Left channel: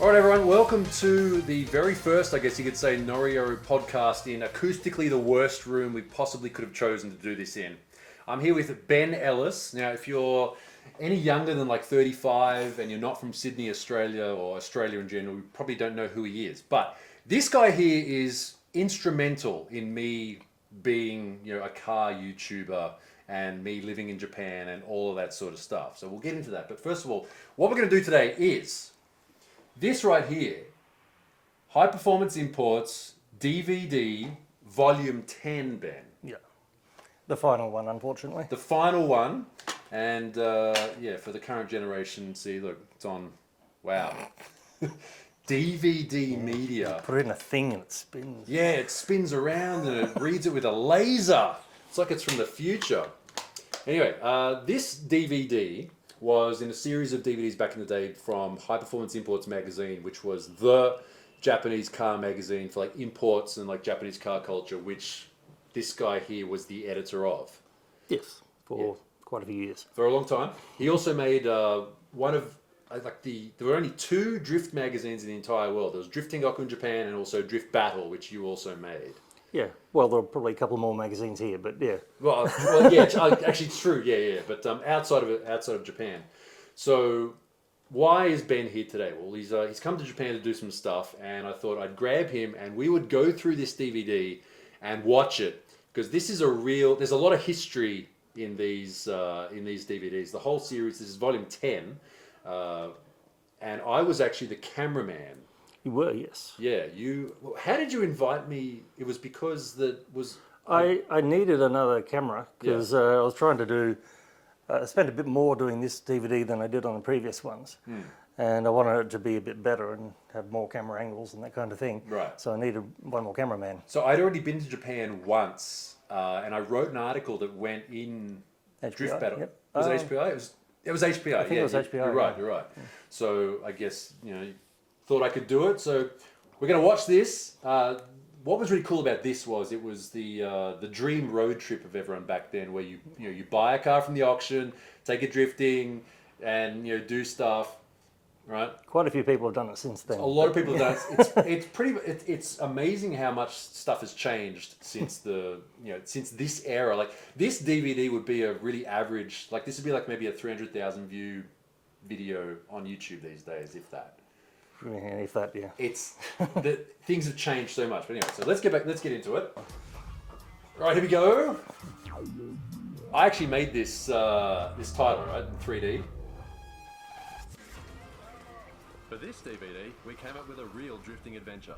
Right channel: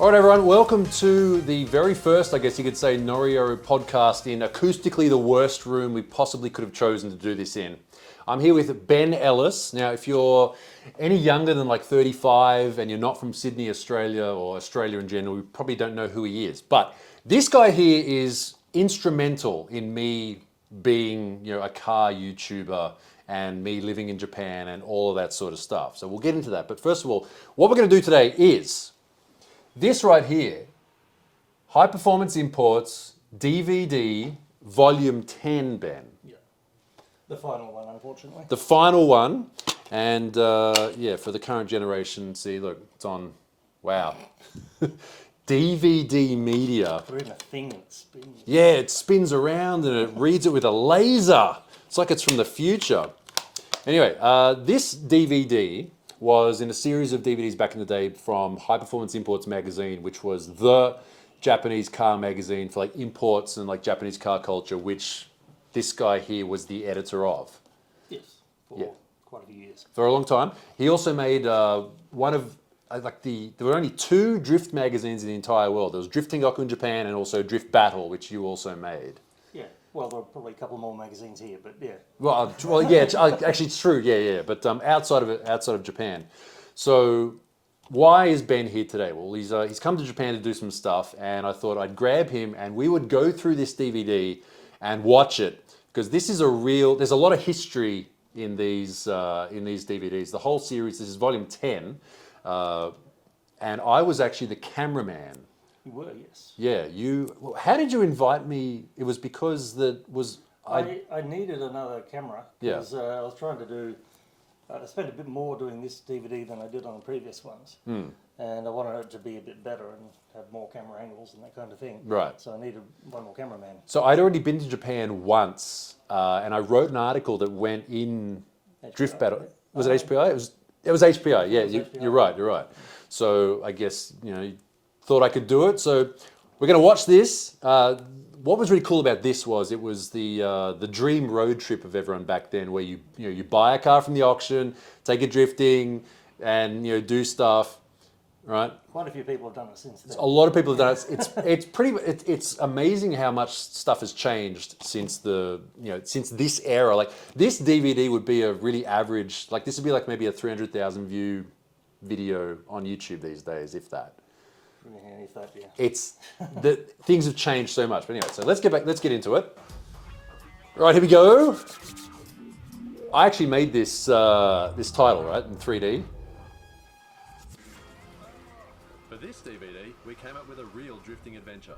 All right, everyone, welcome to the very first, I guess you could say, Norio podcast in acoustically the worst room we possibly could have chosen to do this in. I'm here with Ben Ellis. Now, if you're any younger than like 35 and you're not from Sydney, Australia, or Australia in general, you probably don't know who he is. But this guy here is instrumental in me being, a car YouTuber and me living in Japan and all of that sort of stuff. So we'll get into that. But first of all, what we're going to do today is this right here, High Performance Imports DVD Volume 10, Ben. Yeah, the final one, unfortunately. The final one, and for the current generation, see, look, it's on, wow. DVD media. Put it in a thing and it spins. Yeah, it spins around and it reads it with a laser. It's like it's from the future. Anyway, this DVD was in a series of DVDs back in the day from High Performance Imports magazine, which was the Japanese car magazine for like imports and like Japanese car culture, which this guy here was the editor of. Yes, for quite a few years. For a long time. He also made one of, there were only two drift magazines in the entire world. There was Drift Tengoku in Japan and also Drift Battle, which you also made. Yeah, well, there were probably a couple more magazines here, but yeah. Well, yeah, actually it's true, yeah. But outside of Japan. So why is Ben here today? Well, he's come to Japan to do some stuff, and I thought I'd grab him and we would go through this DVD and watch it, because this is there's a lot of history in these DVDs. The whole series, this is volume 10, and I was actually the cameraman. You were, yes. Yeah, how did you invite me? It was because I needed another camera because I was trying to do, I spent a bit more doing this DVD than I did on the previous ones. And I wanted it to be a bit better and have more camera angles and that kind of thing. Right. So I needed one more cameraman. So I'd already been to Japan once, and I wrote an article that went in HPI, Drift Battle. Yep. Was it HPI? It was HPI, yeah. it was HPI, You're right. So I guess, thought I could do it. So we're going to watch this. What was really cool about this was it was the dream road trip of everyone back then, where you buy a car from the auction, take it drifting, and do stuff, right? Quite a few people have done it since then. A lot of people have done it. It's amazing how much stuff has changed since since this era. Like this DVD would be a really average, like this would be like maybe a 300,000 view video on YouTube these days, if that. Yeah, if that, yeah. It's things have changed so much. But anyway, so let's get into it. Right, here we go. I actually made this title, right, in 3D. For this DVD, we came up with a real drifting adventure.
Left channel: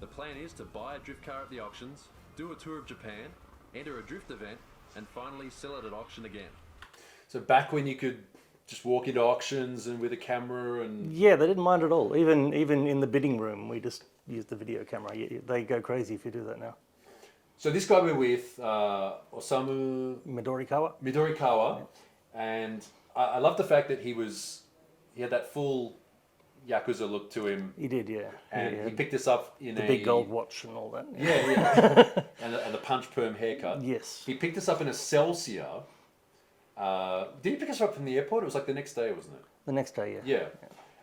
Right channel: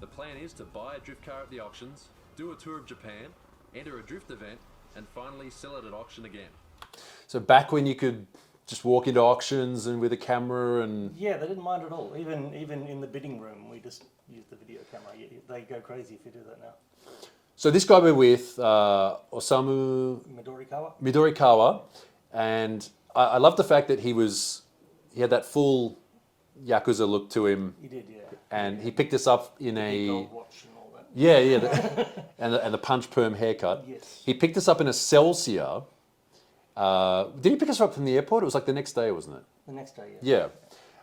The plan is to buy a drift car at the auctions, do a tour of Japan, enter a drift event, and finally sell it at auction again. So back when you could just walk into auctions and with a camera and... Yeah, they didn't mind at all. Even in the bidding room, we just used the video camera. They go crazy if you do that now. So this guy we're with, Osamu Midorikawa, and I love the fact that he had that full Yakuza look to him. He did, yeah. And he picked us up in the big gold watch and all that. Yeah. and the punch perm haircut. Yes. He picked us up in a Celsior. Did he pick us up from the airport? It was like the next day, wasn't it? The next day, yeah.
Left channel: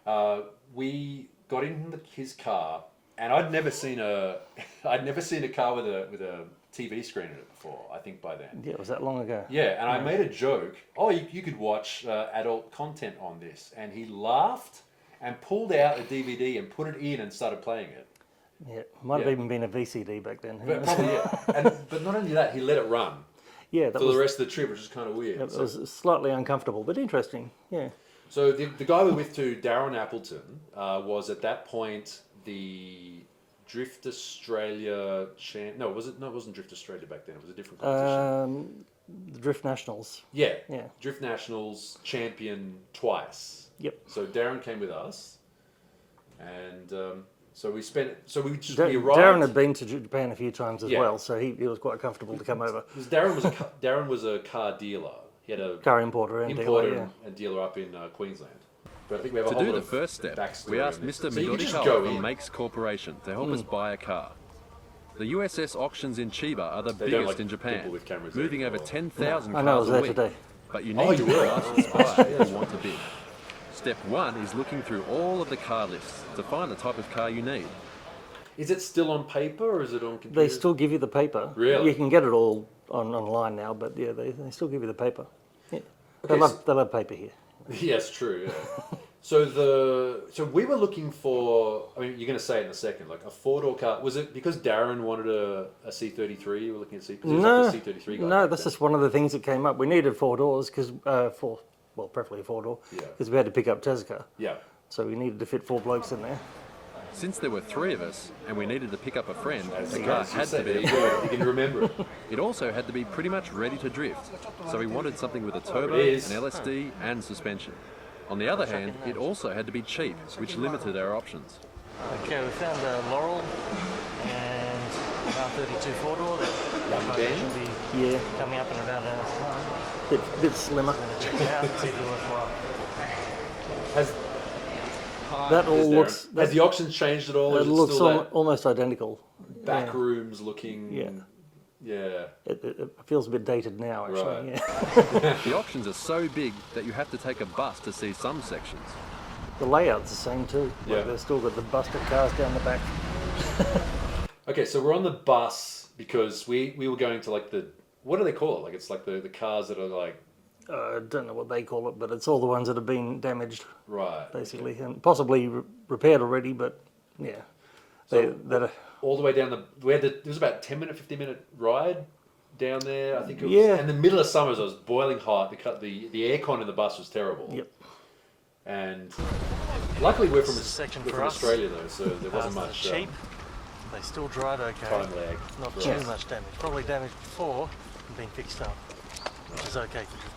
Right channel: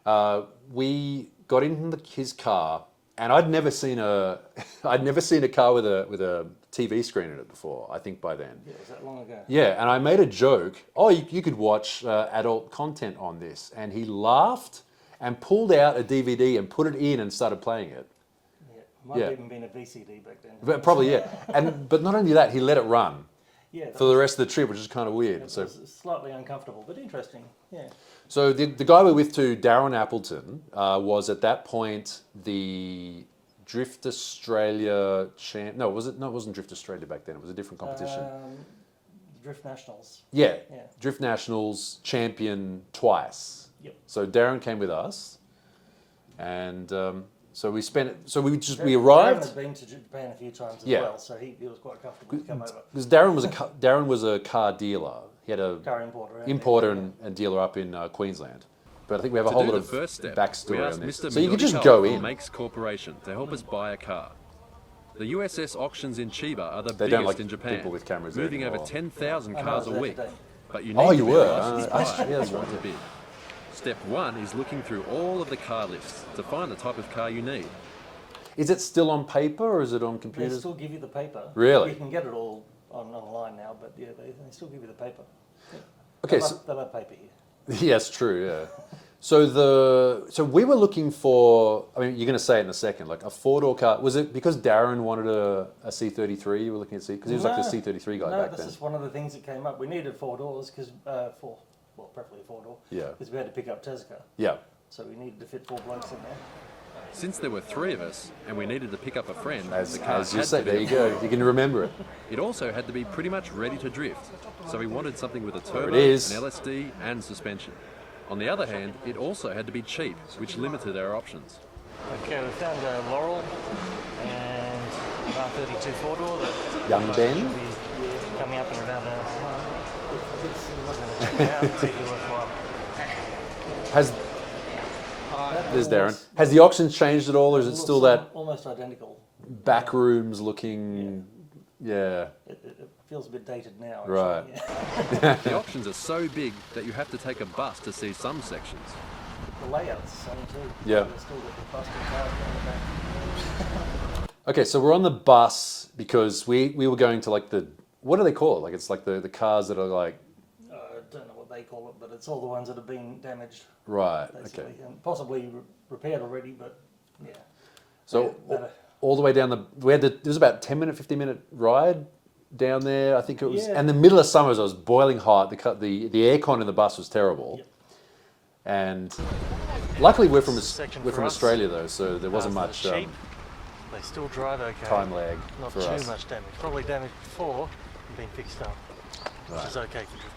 Yeah. We got in his car, and I'd never seen a car with a TV screen in it before. I think by then. Yeah, it was that long ago. Yeah, and I made a joke. Oh, you could watch adult content on this, and he laughed and pulled out a DVD and put it in and started playing it. Yeah, might have even been a VCD back then. But probably, yeah. But not only that, he let it run. Yeah, for the rest of the trip, which is kind of weird. It was slightly uncomfortable, but interesting. Yeah. So the guy we're with too, Darren Appleton, was at that point the Drift Australia champ. No, was it? No, it wasn't Drift Australia back then. It was a different competition. The Drift Nationals. Yeah. Drift Nationals champion twice. Yep. So Darren came with us, and so we arrived. Darren had been to Japan a few times as well, so he was quite comfortable to come over. Because Darren was a car dealer. He had a car importer and dealer up in Queensland. But I think we have a whole lot of the first step, backstory. We asked Mr. So you can just Midorikawa go from in. Makes Corporation to help us buy a car. The USS auctions in Chiba are the biggest in Japan, moving over 10,000 cars a week. But you need to be a licensed buyer if you want to bid. Step 1 is looking through all of the car lists to find the type of car you need. Is it still on paper or is it on They computer? still give you the paper. Really? You can get it all online now, but yeah, they still give you the paper. Yeah. Okay, They'll have paper here. Yes, true. Yeah. So we were looking for. I mean, you're going to say it in a second. Like a 4-door car. Was it because Darren wanted a C33? You were looking at C because he was like the C33 guy. No, that's just one of the things that came up. We needed 4 doors because preferably a 4-door. Yeah. Because we had to pick up Tezuka. Yeah. So we needed to fit 4 blokes in there. Since there were 3 of us and we needed to pick up a friend, the car As you had say, to there be you go. You can remember it. It also had to be pretty much ready to drift, so we wanted something with a turbo, It an is. LSD and suspension. On the other hand, it also had to be cheap, which limited our options. Okay, we found a Laurel and about 32 4-door. Young Ben? Should be coming up in about an hour's time. A bit slimmer. I'm going to check it out and see if it's worthwhile. Has That all There's looks, Darren. Has the options changed at all, or it is it looks still that almost identical. back rooms looking? Yeah. It feels a bit dated now, actually. Right. Yeah. The options are so big that you have to take a bus to see some sections. The layout's the same too. Yeah. They've still got the busted cars down the back. Okay, so we're on the bus because we were going to like the, what do they call it? Like it's like the cars that are like, I don't know what they call it, but it's all the ones that have been damaged, right. basically, and possibly repaired already, but yeah. So all the way down it was about 10-minute, 15-minute ride down there. I think it was. Yeah. And the middle of summers, it was boiling hot. The aircon in the bus was terrible. Yep. And luckily we're from Section we're for from us. Australia though, so there wasn't Cars much that are cheap. They still drive okay. time lag. Not for too us. much damage. Probably damaged before and been fixed up, which is okay for drifting.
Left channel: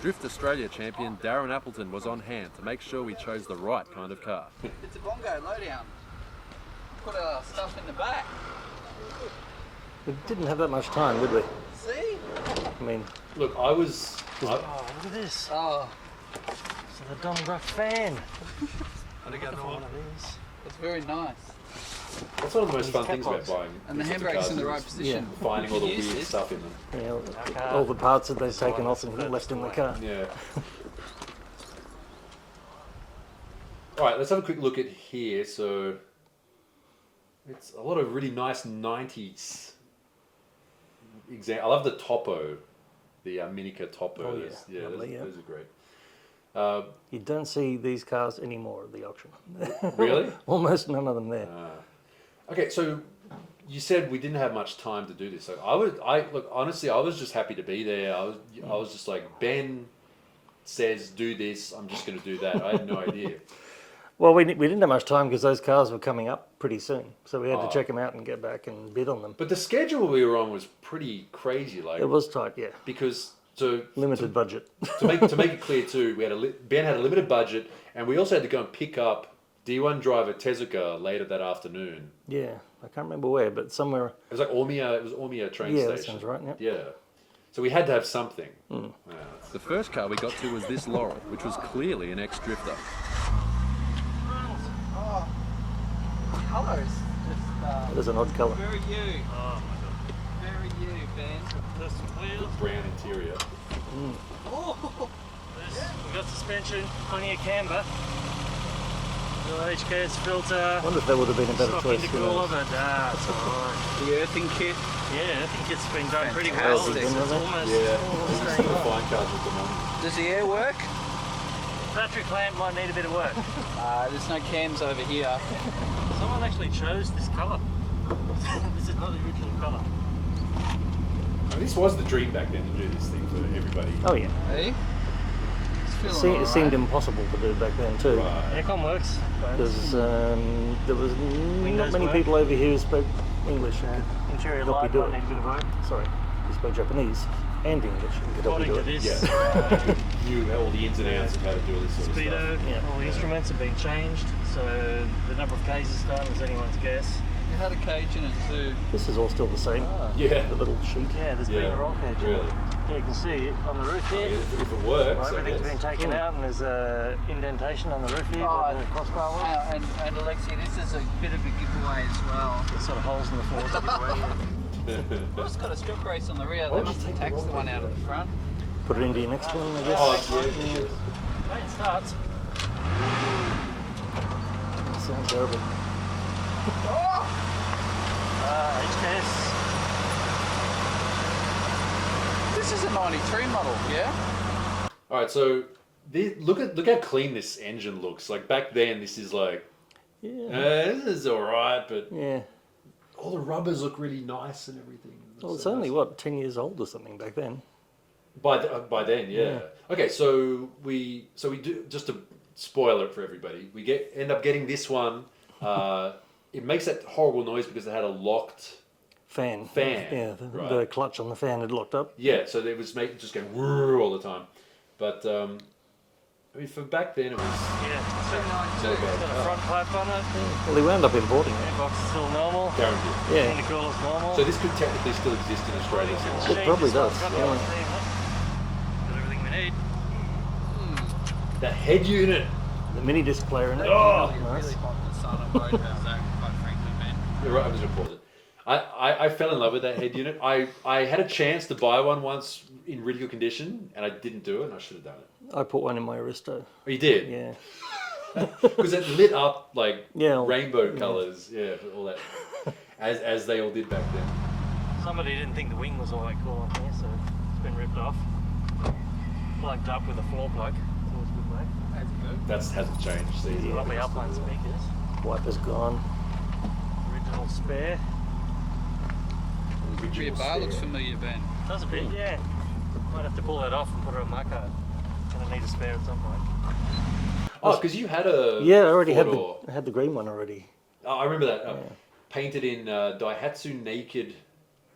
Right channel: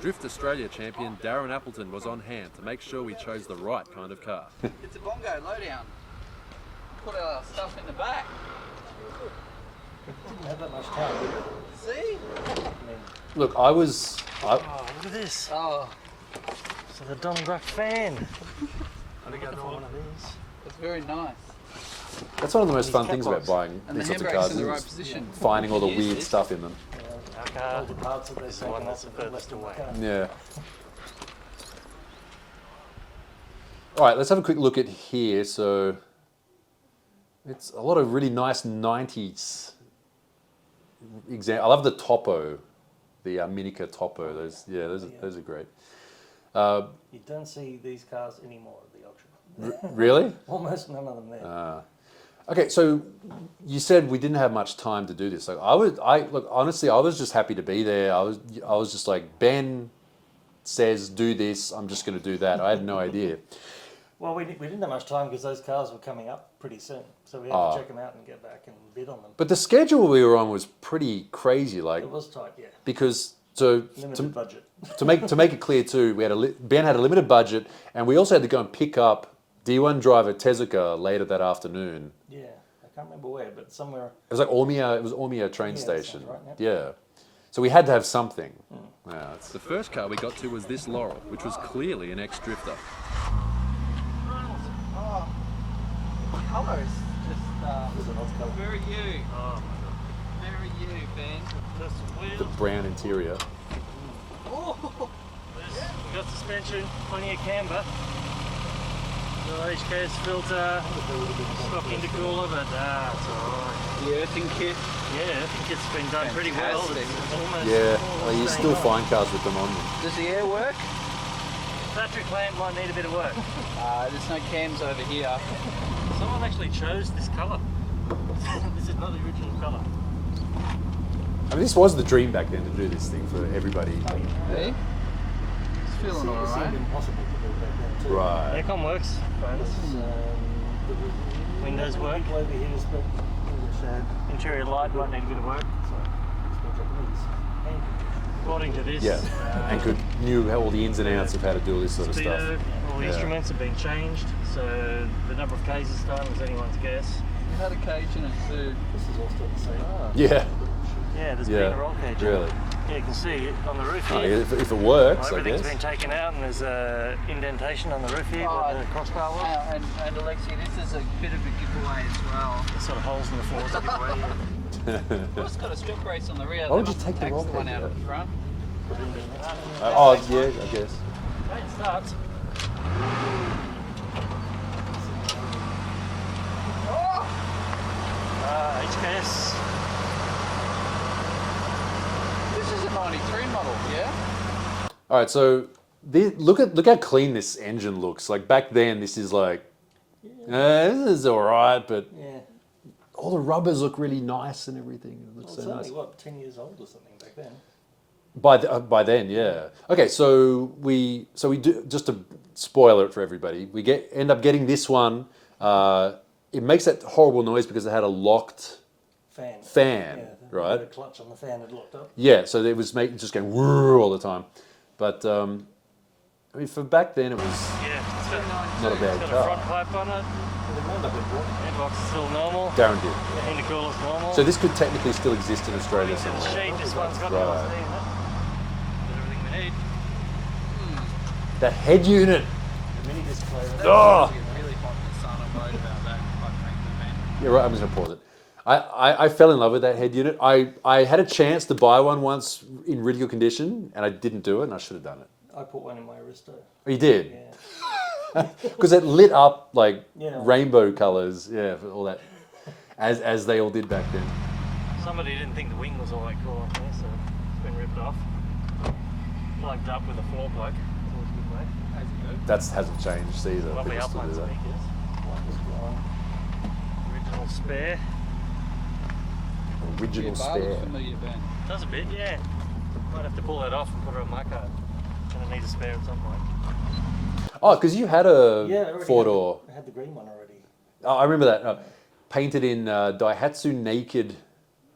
Drift Australia champion Darren Appleton was on hand to make sure we chose the right kind of car. It's a bongo lowdown. Put our stuff in the back. We didn't have that much time, did we? See? I mean, Look, oh, look at this. Oh, It's a Don Bruff fan. I'm looking for one of these. it's very nice. that's one of the most fun Cat things about box. buying. And the these sorts of handbrake's cars in the is right position. Finding all the Use weird this. stuff in them. Yeah, all the parts that they've taken off and left in the car. Yeah. All right, let's have a quick look at here. So it's a lot of really nice 90s. I love the Topo, the Minica Topo. Oh, those, yeah. those are great. You don't see these cars anymore at the auction. Really? Almost none of them there. Okay, so you said we didn't have much time to do this. Like look, honestly, I was just happy to be there. I was just like, Ben says do this, I'm just going to do that. I had no idea. Well, we didn't have much time because those cars were coming up pretty soon. So we had to check them out and get back and bid on them. But the schedule we were on was pretty crazy. Like It was tight, yeah. because so Limited budget. to make it clear too, we had Ben had a limited budget, and we also had to go and pick up D1 driver Tezuka later that afternoon. Yeah, I can't remember where, but somewhere. It was like Ormia. It was Ormia train Yeah, that station. sounds right, yep. Yeah. So we had to have something. Yeah, it's- The first car we got to was this Laurel, which was clearly an ex-drifter. Oh, colours just There's an odd colour. very you. Oh my god. Very you, Ben. There's some wheels. brown interior. Oh, We've got suspension, plenty of camber. No HKS filter. I wonder if that would have been a better place. Intercooler, but it's alright. the earthing kit. Yeah, I think it's been done pretty well. Fantastic. It's almost Yeah, you staying still on. find cars with them on. Does the air work? Battery clamp might need a bit of work. There's no cams over here. Someone actually chose this colour. This is not the original colour. I mean, this was the dream back then to do this thing for everybody. Oh yeah. Hey? It's feeling It seemed alright. impossible to do back then too. Right. Aircon works. There was Windows not many people over here who spoke English. Interior light might need a bit of work. Sorry, I spoke Japanese and English. According to this, Yeah. Knew all the ins and outs of how to do this sort of speedo, stuff. all the instruments have been changed. So the number of cases done is anyone's guess. You had a cage in it too. This is all still the same. Yeah. The little sheet. Yeah, there's been a roll cage. Really? Yeah, you can see it on the roof Oh, here. yeah, if it works. Well, I everything's guess. been taken out and there's a indentation on the roof here Oh, where the crossbar was. And Alexi, this is a bit of a giveaway as well. There's sort of holes in the floor to give away. We've just got a stock race on the rear. Oh, They just must take have them taxed the off. one out of the front. Put it into your next one. Oh, yeah, yes. Okay, it starts. HKS. This is a 93 model, yeah? All right, so look how clean this engine looks. Like back then, this is like, this is all right, but Yeah. all the rubbers look really nice and everything. It looks Well, it's so only, nice. what, 10 years old or something back then? By then, yeah. Okay, so we do, just to spoil it for everybody. We end up getting this one. It makes that horrible noise because it had a locked Fan. fan, Yeah, right? the clutch on the fan had locked up. Yeah, so it was just going whirr all the time. But I mean, for back then, it was. Yeah. Got Got a front pipe on it. Well, they wound up importing. Airbox is still normal. Guaranteed. Yeah. Intercooler's normal. So this could technically still exist in Australia. This Probably one's got the does. LSD in it. Got everything we need. The head unit. The mini disc player in it. Oh! Really hot in the sun. I'm worried about that, quite frankly, man. You're right, I'm just going to pause it. I fell in love with that head unit. I had a chance to buy one once in really good condition, and I didn't do it, and I should have done it. I put one in my Aristo. Oh, you did? Yeah. Because it lit up like Yeah. rainbow colours, yeah, for all that, as they all did back then. Somebody didn't think the wing was all that cool on here, so it's been ripped off. Plugged up with a floor plug. It's always a good way. As you do. That hasn't changed either. Lovely upline speakers. Wiper's gone. Original spare. Rear bar looks familiar, Ben. Does a bit, yeah. Might have to pull that off and put it on my car. Gonna need a spare at some point. Oh, because you had a Yeah, I already had four-door. I had the green one already. Oh, I remember that. Painted in Daihatsu Naked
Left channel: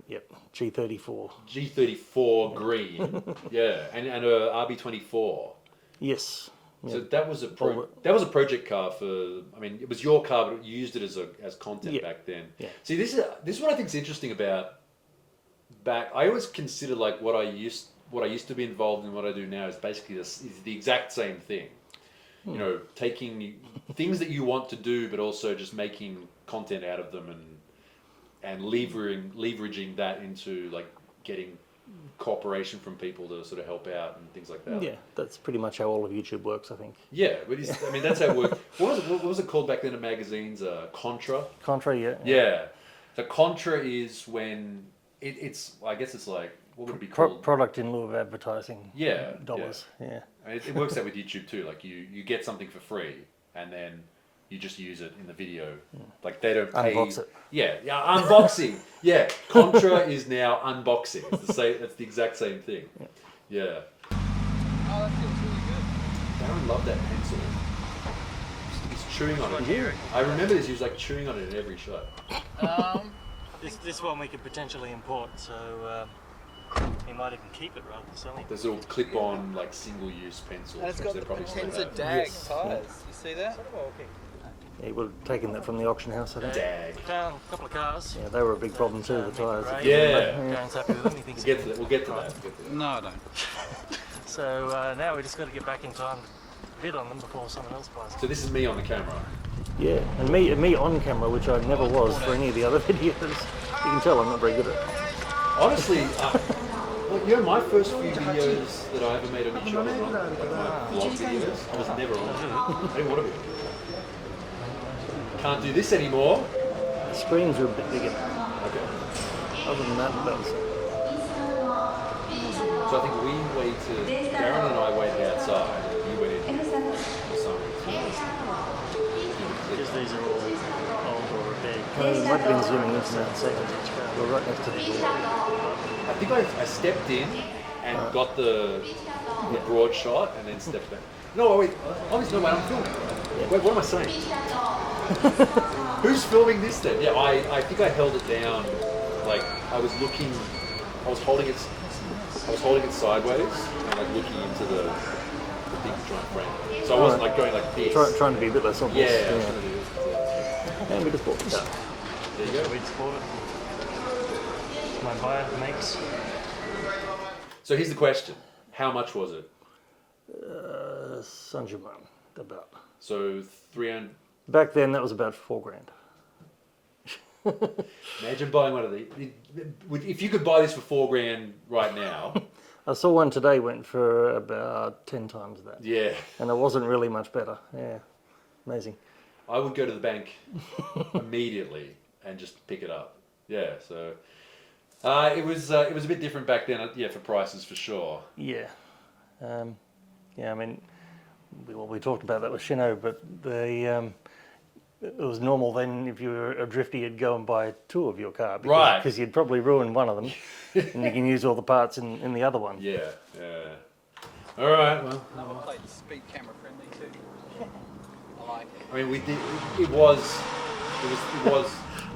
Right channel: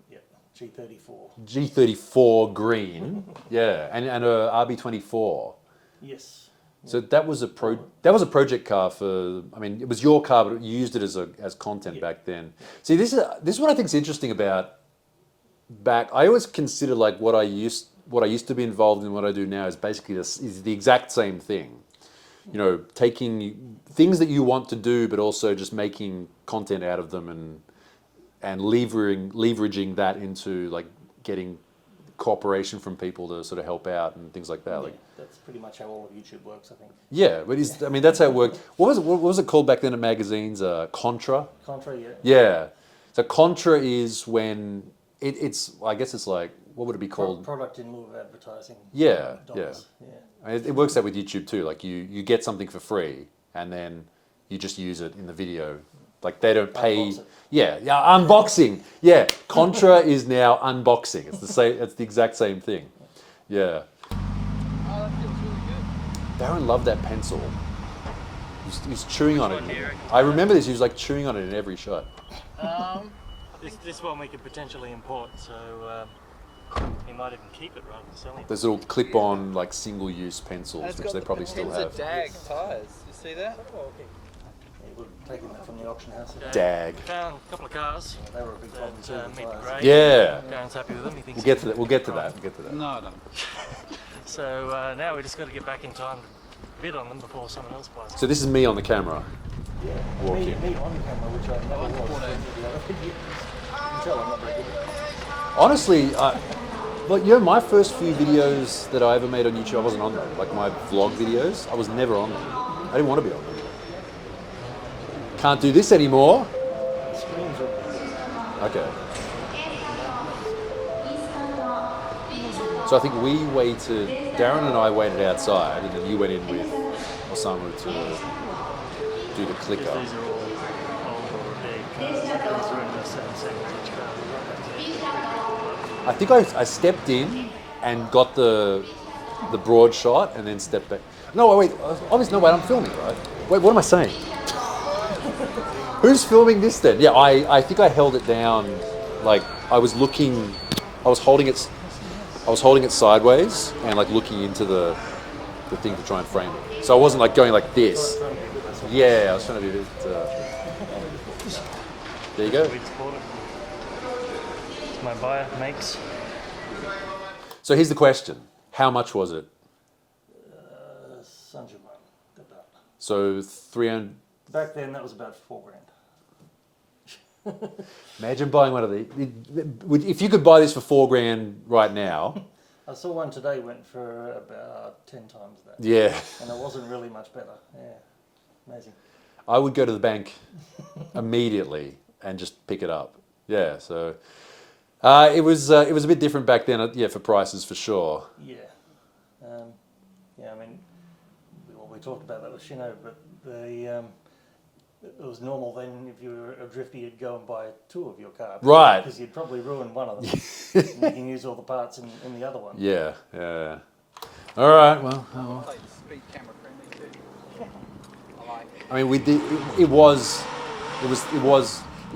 Yep, G34. G34 green. Yeah, and a RB24. Yes. So that was a project car for. I mean, it was your car, but you used it as content Yeah. back then. Yeah. See, this is what I think is interesting about back. I always consider like what I used to be involved in, what I do now is basically is the exact same thing. You know, taking things that you want to do, but also just making content out of them and leveraging that into like getting cooperation from people to sort of help out and things like that. Yeah, that's pretty much how all of YouTube works, I think. Yeah, but I mean that's how it worked. What was it called back then in magazines? Contra. Contra, yeah. Yeah. So Contra is when it's. I guess it's like what would it be called? Product in lieu of advertising. Yeah, Dollars. Yeah. It works out with YouTube too. Like you get something for free and then you just use it in the video. Like they don't pay. Unbox it. Yeah, unboxing. Yeah, Contra is now unboxing. It's the same. It's the exact same thing. Yeah. Oh, that feels really good. Darren loved that pencil. He's chewing on one do you it. reckon? I remember this. He was like chewing on it in every shot. This one we could potentially import, so he might even keep it rather than selling it. There's little clip-on like single-use pencils, And it's which got they the probably still Potenza have. DAG tyres. You see that? He would have taken that from the auction house. Dag. We found a couple of cars. Yeah, they were a big problem too. The meet the tyres. Yeah. grade. Darren's happy with them. He thinks We'll get to that. No, I don't. So now we just got to get back in time to bid on them before someone else buys them. So this is me on the camera. Yeah, and me on camera, which I never was for any of the other videos. You can tell I'm not very good at it. Honestly, like my first few videos that I ever made on YouTube, I wasn't on them. Like my vlog videos, I was never on them. I didn't want to be on them. Can't do this anymore. The screens are a bit bigger. Okay. Other than that, So I think we waited. Darren and I went outside, and then you went in or somewhere to do the clip. because these are all old or big. Like been doing this 7 seconds each car, but right next to the edge. I think I stepped in and got the broad shot and then stepped back. No, wait. Obviously, no, wait. I'm filming. Wait, what am I saying? Who's filming this then? Yeah, I think I held it down. Like I was holding it sideways and like looking into the thing to try and frame it. So I wasn't like going like this. Trying to be a bit less obvious. Yeah, I was trying to do this. There you go. We just bought it. My buyer makes. So here's the question: how much was it? Saint-Germain, about. So 300. Back then, that was about $4,000. Imagine buying one of these. If you could buy this for $4,000 right now, I saw one today went for about 10 times that. Yeah. And it wasn't really much better. Yeah, amazing. I would go to the bank immediately and just pick it up. Yeah, so it was a bit different back then. Yeah, for prices for sure. Yeah, I mean, we talked about that with Shino, but it was normal then if you were a drifter, you'd go and buy two of your car. Right. Because you'd probably ruin one of them, and you can use all the parts in the other one. Yeah. All right. Well, I like speed camera friendly too. I like it. I mean, we did. It was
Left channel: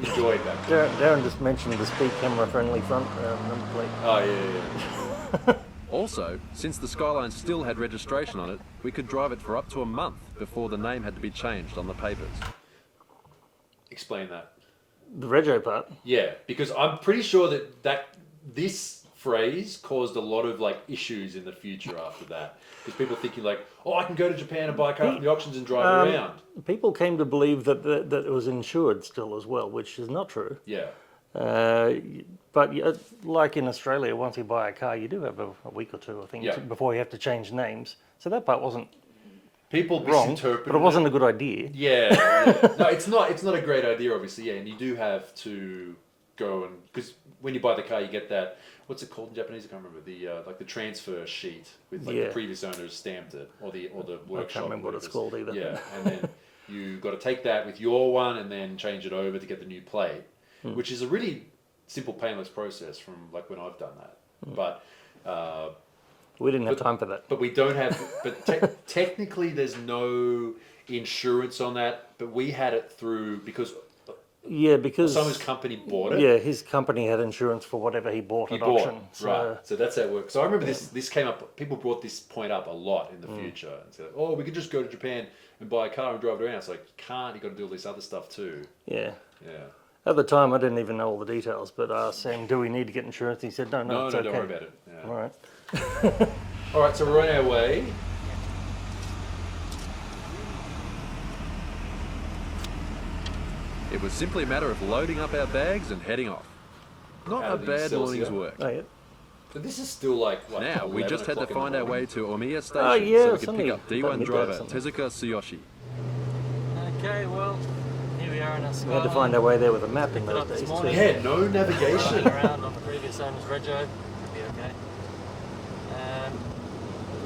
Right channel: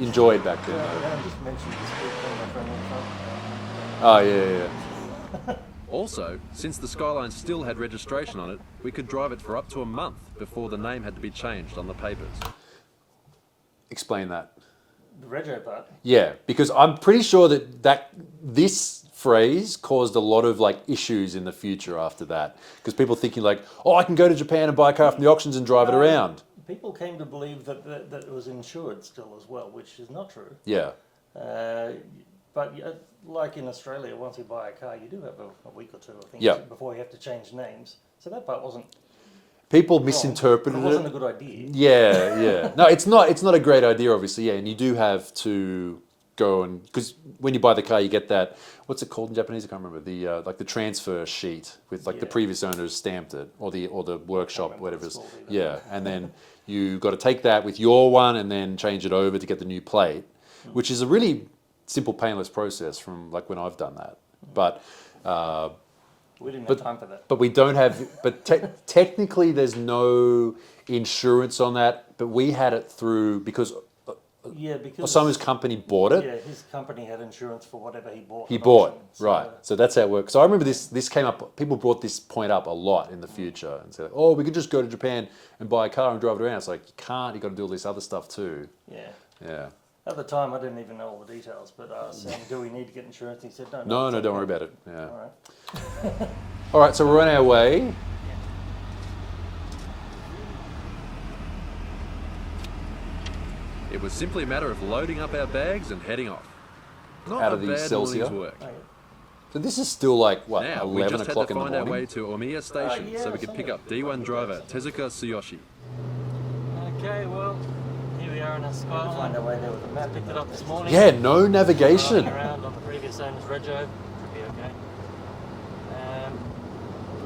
enjoyed back then. Darren just mentioned the speed camera friendly front. Oh yeah. Also, since the Skyline still had registration on it, we could drive it for up to a month before the name had to be changed on the papers. Explain that. The rego part. Yeah, because I'm pretty sure that this phrase caused a lot of like issues in the future after that, because people thinking like, oh, I can go to Japan and buy a car from the auctions and drive it around. People came to believe that it was insured still as well, which is not true. Yeah. But like in Australia, once you buy a car, you do have a week or two, I think, Yeah. before you have to change names. So that part wasn't People wrong, misinterpreted but it wasn't a good idea. Yeah. No, it's not a great idea, obviously. Yeah, and you do have to go and because when you buy the car, you get that. What's it called in Japanese? I can't remember. The like the transfer sheet with like the Yeah. previous owners stamped it, or the workshop, remember what whatever it's called either. Yeah, and then you got to take that with your one and then change it over to get the new plate, which is a really simple, painless process from like when I've done that. But We didn't have time for that. but we don't have. But technically, there's no insurance on that. But we had it through because Yeah, because someone's company bought it. yeah, his company had insurance for whatever he bought. He at bought, auction, so- right. So that's how it works. So I remember this came up, people brought this point up a lot in the future and said, oh, we could just go to Japan and buy a car and drive it around. It's like, you can't, you've got to do all this other stuff too. Yeah. Yeah. At the time, I didn't even know all the details, but I asked Sam, do we need to get insurance? He said, no, No, it's don't okay." worry about it. Yeah. All right. All right, so we're on our way. It was simply a matter of loading up our bags and heading off. Not Out a of the bad Celsius. morning's work. Oh, yeah. So this is still like, what, Now, we 11 just had to o'clock in the find our morning? way to Omiya Station yeah, so we could somebody pick up let D1 me driver go. Tezuka Tsuyoshi. Okay, well, here we are in our We had to Skyline. find our way there with a map. Picked it up this morning. Yeah, no Driving navigation. around on the previous owner's rego. Should be okay.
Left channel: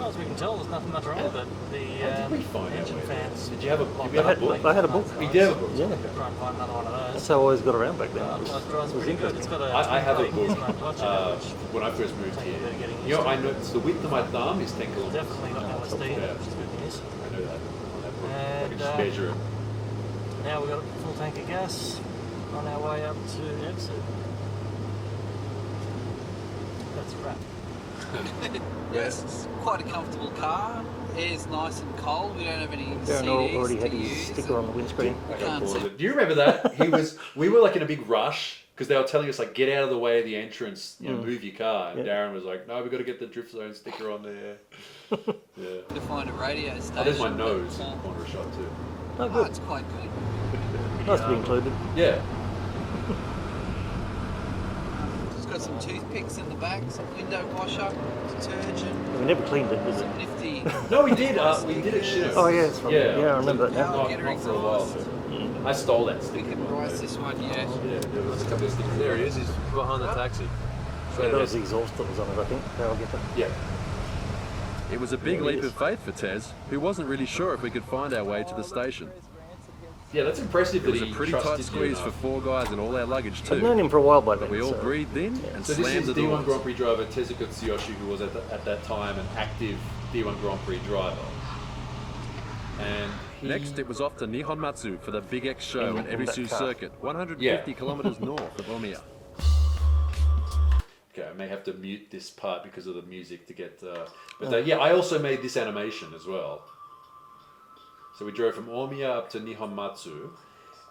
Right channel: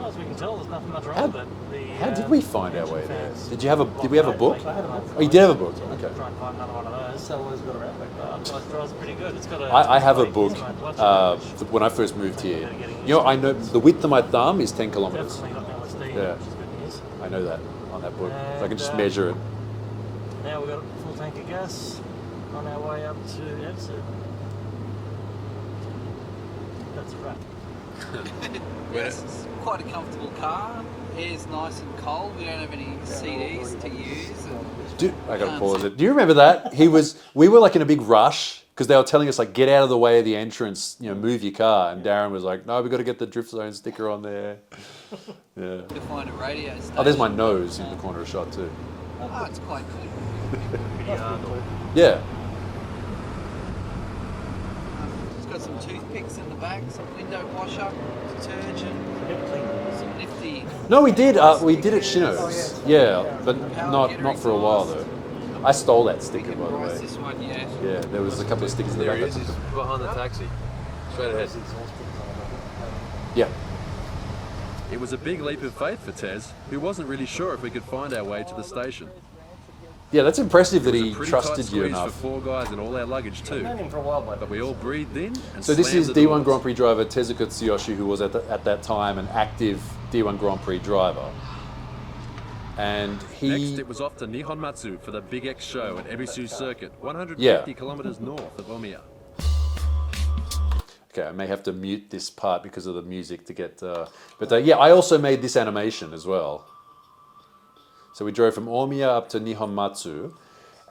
As far as we can tell, there's nothing much wrong with it. The How did we find our engine way there? fans Did we have a locked book? up, I had a book. We did have a book. Yeah, try and find another one of those. That's how I always got around back then. Otherwise, drives pretty good. It's got a. I have a 28 book instrument clutch in it, which when I first moved here. better getting You know, used I know the width of my thumb is 10 kilometers. definitely got an LSD in Yeah. it, which is good news. I know that on that book. I can just And, measure it. Now we've got a full tank of gas on our way up to Epsu. That's a wrap. Yes, it's quite a comfortable car. Air's nice and cold. We don't have any CDs to use. I gotta Can't pause see. it. Do you remember that? We were like in a big rush because they were telling us like, get out of the way of the entrance, you know, move your car. And Darren was like, no, we got to get the drift zone sticker on there. Yeah. To find a radio station. Oh, there's my nose but, in the corner of shot too. Oh, it's quite good. Must be included. Yeah. It's got some toothpicks in the back, some window washer, detergent, We never cleaned it. some nifty. No, we did. We did at Shino's. Oh, yeah. Yeah, Yeah, I but remember. not for a while though. I stole that We sticker. can price this one yet. Yeah, there was a couple of stickers There there. he is. He's behind the taxi. Straight Those ahead. exhaust things on it, I think. Yeah. It was a big leap of faith for Tez, who wasn't really sure if we could find our way to the station. Yeah, that's impressive It that was he a pretty tight trusted you squeeze for enough. 4 guys and all our luggage I've known too. him for a while by But then, we all so- breathed in and So this slammed is the D1 doors. Grand Prix driver Tezuka Tsuyoshi, who was at that time an active D1 Grand Prix driver. And he... Next, it was off to Nihon Matsu for the Big X show at Ebisu Circuit, 150 kilometers north of Omiya. Okay, I may have to mute this part because of the music to get... yeah, I also made this animation as well. So we drove from Omiya up to Nihon Matsu.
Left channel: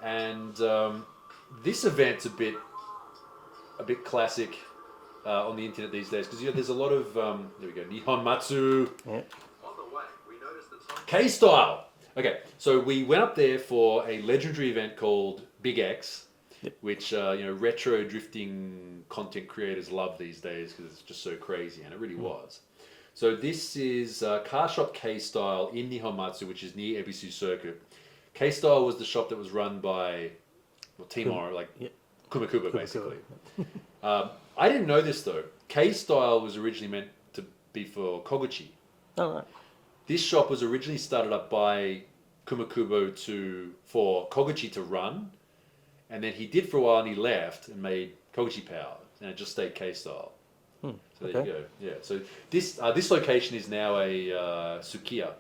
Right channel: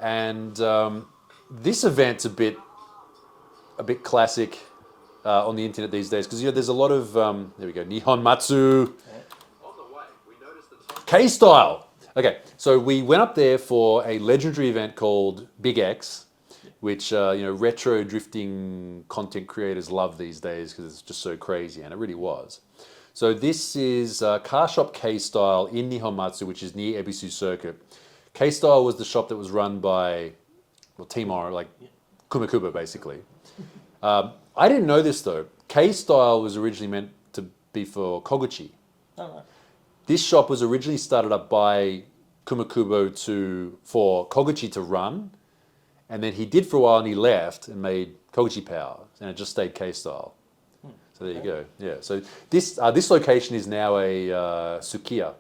And this event's a bit classic on the internet these days because, you know, there's a lot of... there we go, Nihon Matsu. K-Style. Okay, so we went up there for a legendary event called Big X, which retro drifting content creators love these days because it's just so crazy, and it really was. So this is Car Shop K-Style in Nihonmatsu, which is near Ebisu Circuit. K-Style was the shop that was run by Timor, like Kumakuba, basically. I didn't know this though. K-Style was originally meant to be for Koguchi. Oh, right. This shop was originally started up by Kumakubo for Koguchi to run, and then he did for a while and he left and made Koguchi Power, and it just stayed K-Style. So there you go. Yeah. So this location is now a Sukiya,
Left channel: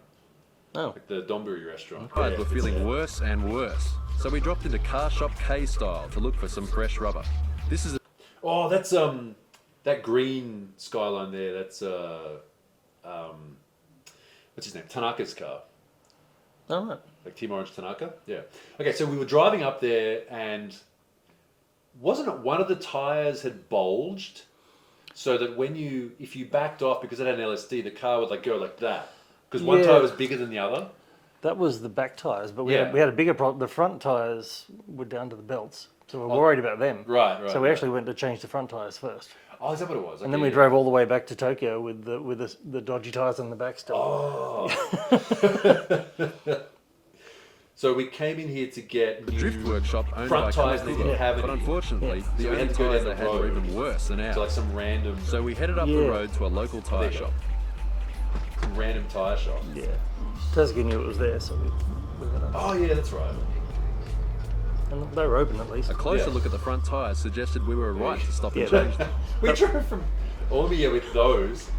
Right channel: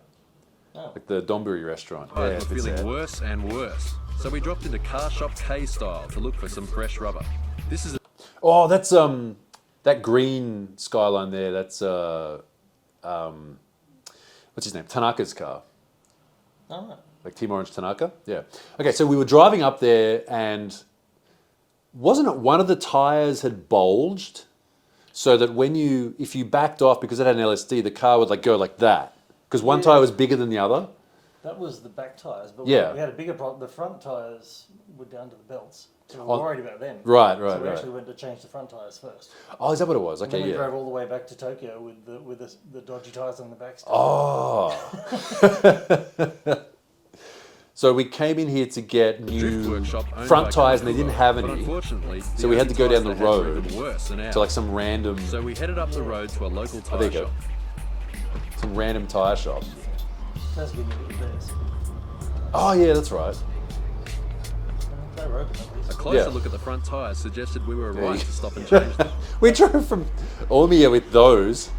like the donburi restaurant. Guys were feeling worse and worse, so we dropped into Car Shop K-Style to look for some fresh rubber. This is Oh, that's that green Skyline there. That's what's his name? Tanaka's car. All right. Like Team Orange Tanaka? Yeah. Okay, so we were driving up there and wasn't it one of the tires had bulged so that if you backed off because it had an LSD, the car would go like that? Because one tire was bigger than the other? That was the back tyres, but we had a bigger problem. The front tyres were down to the belts, so we were worried about them. Right. So we actually went to change the front tyres first. Oh, is that what it was? Okay, And then we drove all the way back to Tokyo with the dodgy tyres on the back still. Oh. So we came in here to get the drift workshop owned front by tyres and they didn't have any. But unfortunately, the So we only had to go down tyres the they had were road even worse than ours. to some random So we headed up the road to a local tyre there you go. shop. tyre shop. Yeah. Tezuka knew it was there, so Oh yeah, that's right. and they were open at least. A closer Yeah. look at the front tyres suggested we were right to stop and change them. We drove from Omiya with those.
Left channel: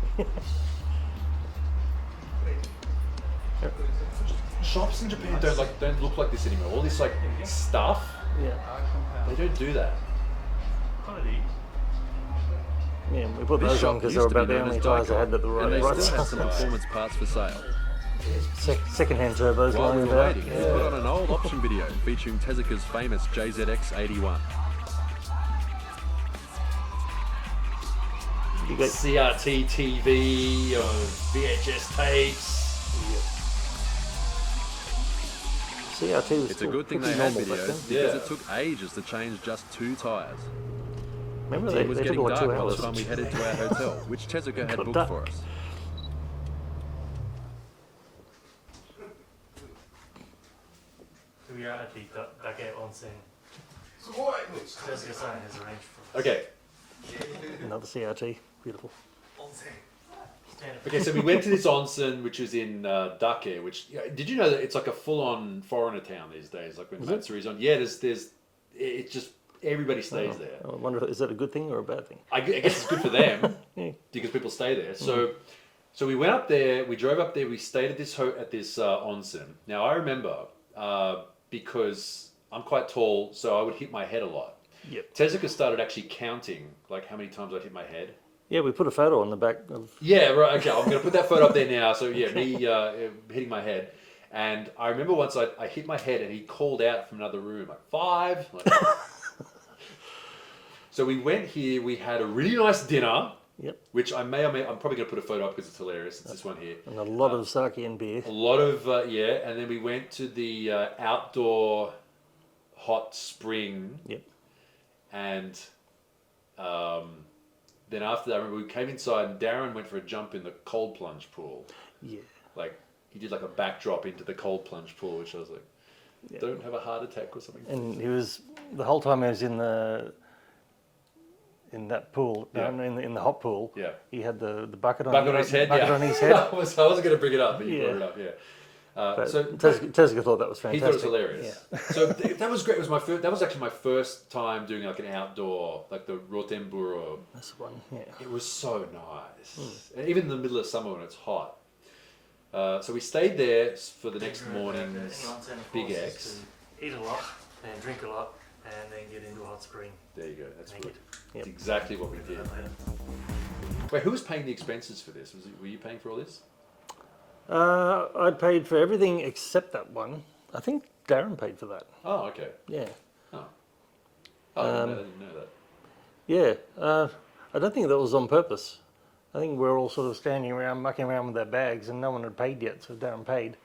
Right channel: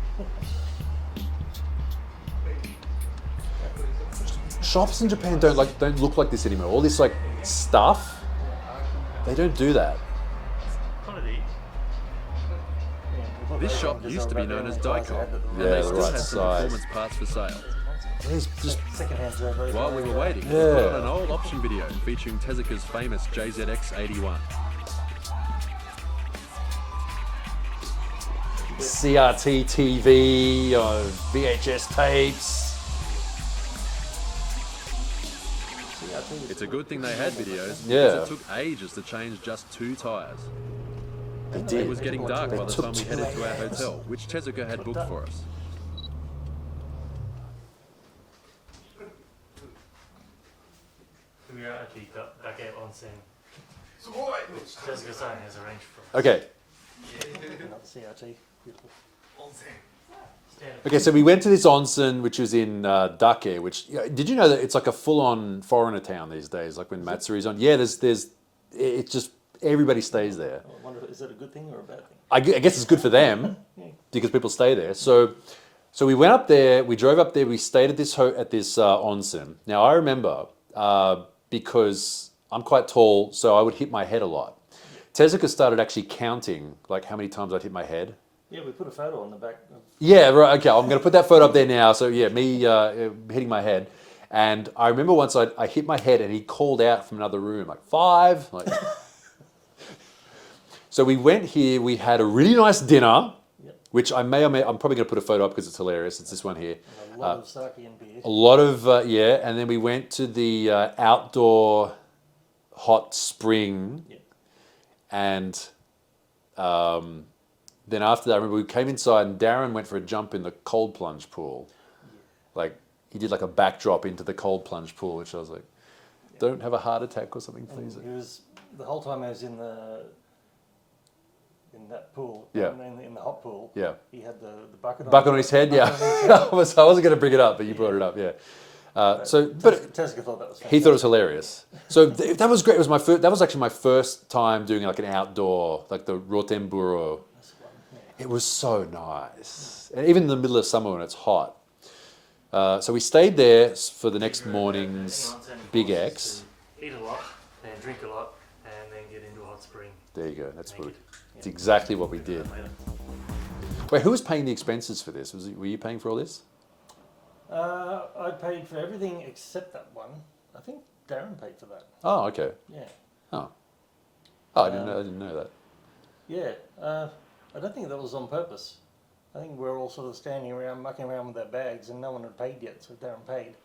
Shops in Japan don't look like this anymore. All this stuff, they don't do that. Yeah, we put This those on shop 'cause used to they be were known about as the only tyres they Daiko, had that were and they right. still had some Right. performance parts for sale. Here's second-hand turbos. While we were lying waiting, around. we put on an old option video featuring Tezuka's famous JZX-81. CRT TV or VHS tapes. CRT was It's a still good thing they pretty had normal back videos then. because Yeah. it took ages to change just 2 tyres. Remember It was they getting took about dark 2 by the hours. time we headed to our hotel, which Tezuka had booked for us. We are actually Dake Onsen. Which Tezuka-san has arranged for us. Okay. Another CRT, beautiful. Okay, so we went to this onsen, which was in Dake. Which did you know that it's like a full-on foreigner town these days? Like when Matsuri's on, yeah. It's just everybody stays there. I wonder, is that a good thing or a bad thing? I guess it's good for them Yeah. because people stay there. So we went up there. We drove up there. We stayed at this onsen. Now I remember because I'm quite tall, so I would hit my head a lot. Yep. Tezuka started actually counting how many times I'd hit my head. Yeah, we put a photo on the back of. Yeah, right. Okay, I'm going to put that photo up there now. So yeah, me hitting my head, and I remember once I hit my head, and he called out from another room 5. So we went here. We had a really nice dinner, Yep. which I'm probably going to put a photo up because it's hilarious. It's this one here. And a lot of sake and beer. A lot of and then we went to the outdoor hot spring. Yep. And then after that, I remember we came inside and Darren went for a jump in the cold plunge pool. Yeah. He did a backdrop into the cold plunge pool, which I was like, don't have a heart attack or something. And he was, the whole time he was in that pool, in the hot pool, he had the bucket on his head, bucket yeah. on his head. I wasn't going to bring it up, but you brought it up, yeah. Tezuka thought that was fantastic. He thought it was hilarious. Yeah. So that was great. It was that was actually my first time doing an outdoor, the Rotenburo. That's one, yeah. It was so nice. And even in the middle of summer when it's hot. So we stayed there for the next morning's Big X. Eat a lot and drink a lot and then get into a hot spring. There you go. That's Naked. That's exactly what we did. Later. Wait, who was paying the expenses for this? Were you paying for all this? I paid for everything except that one. I think Darren paid for that. Oh, okay. Yeah. Oh, I didn't know that. Yeah. I don't think that was on purpose. I think we were all sort of standing around, mucking around with our bags, and no one had paid yet, so Darren paid.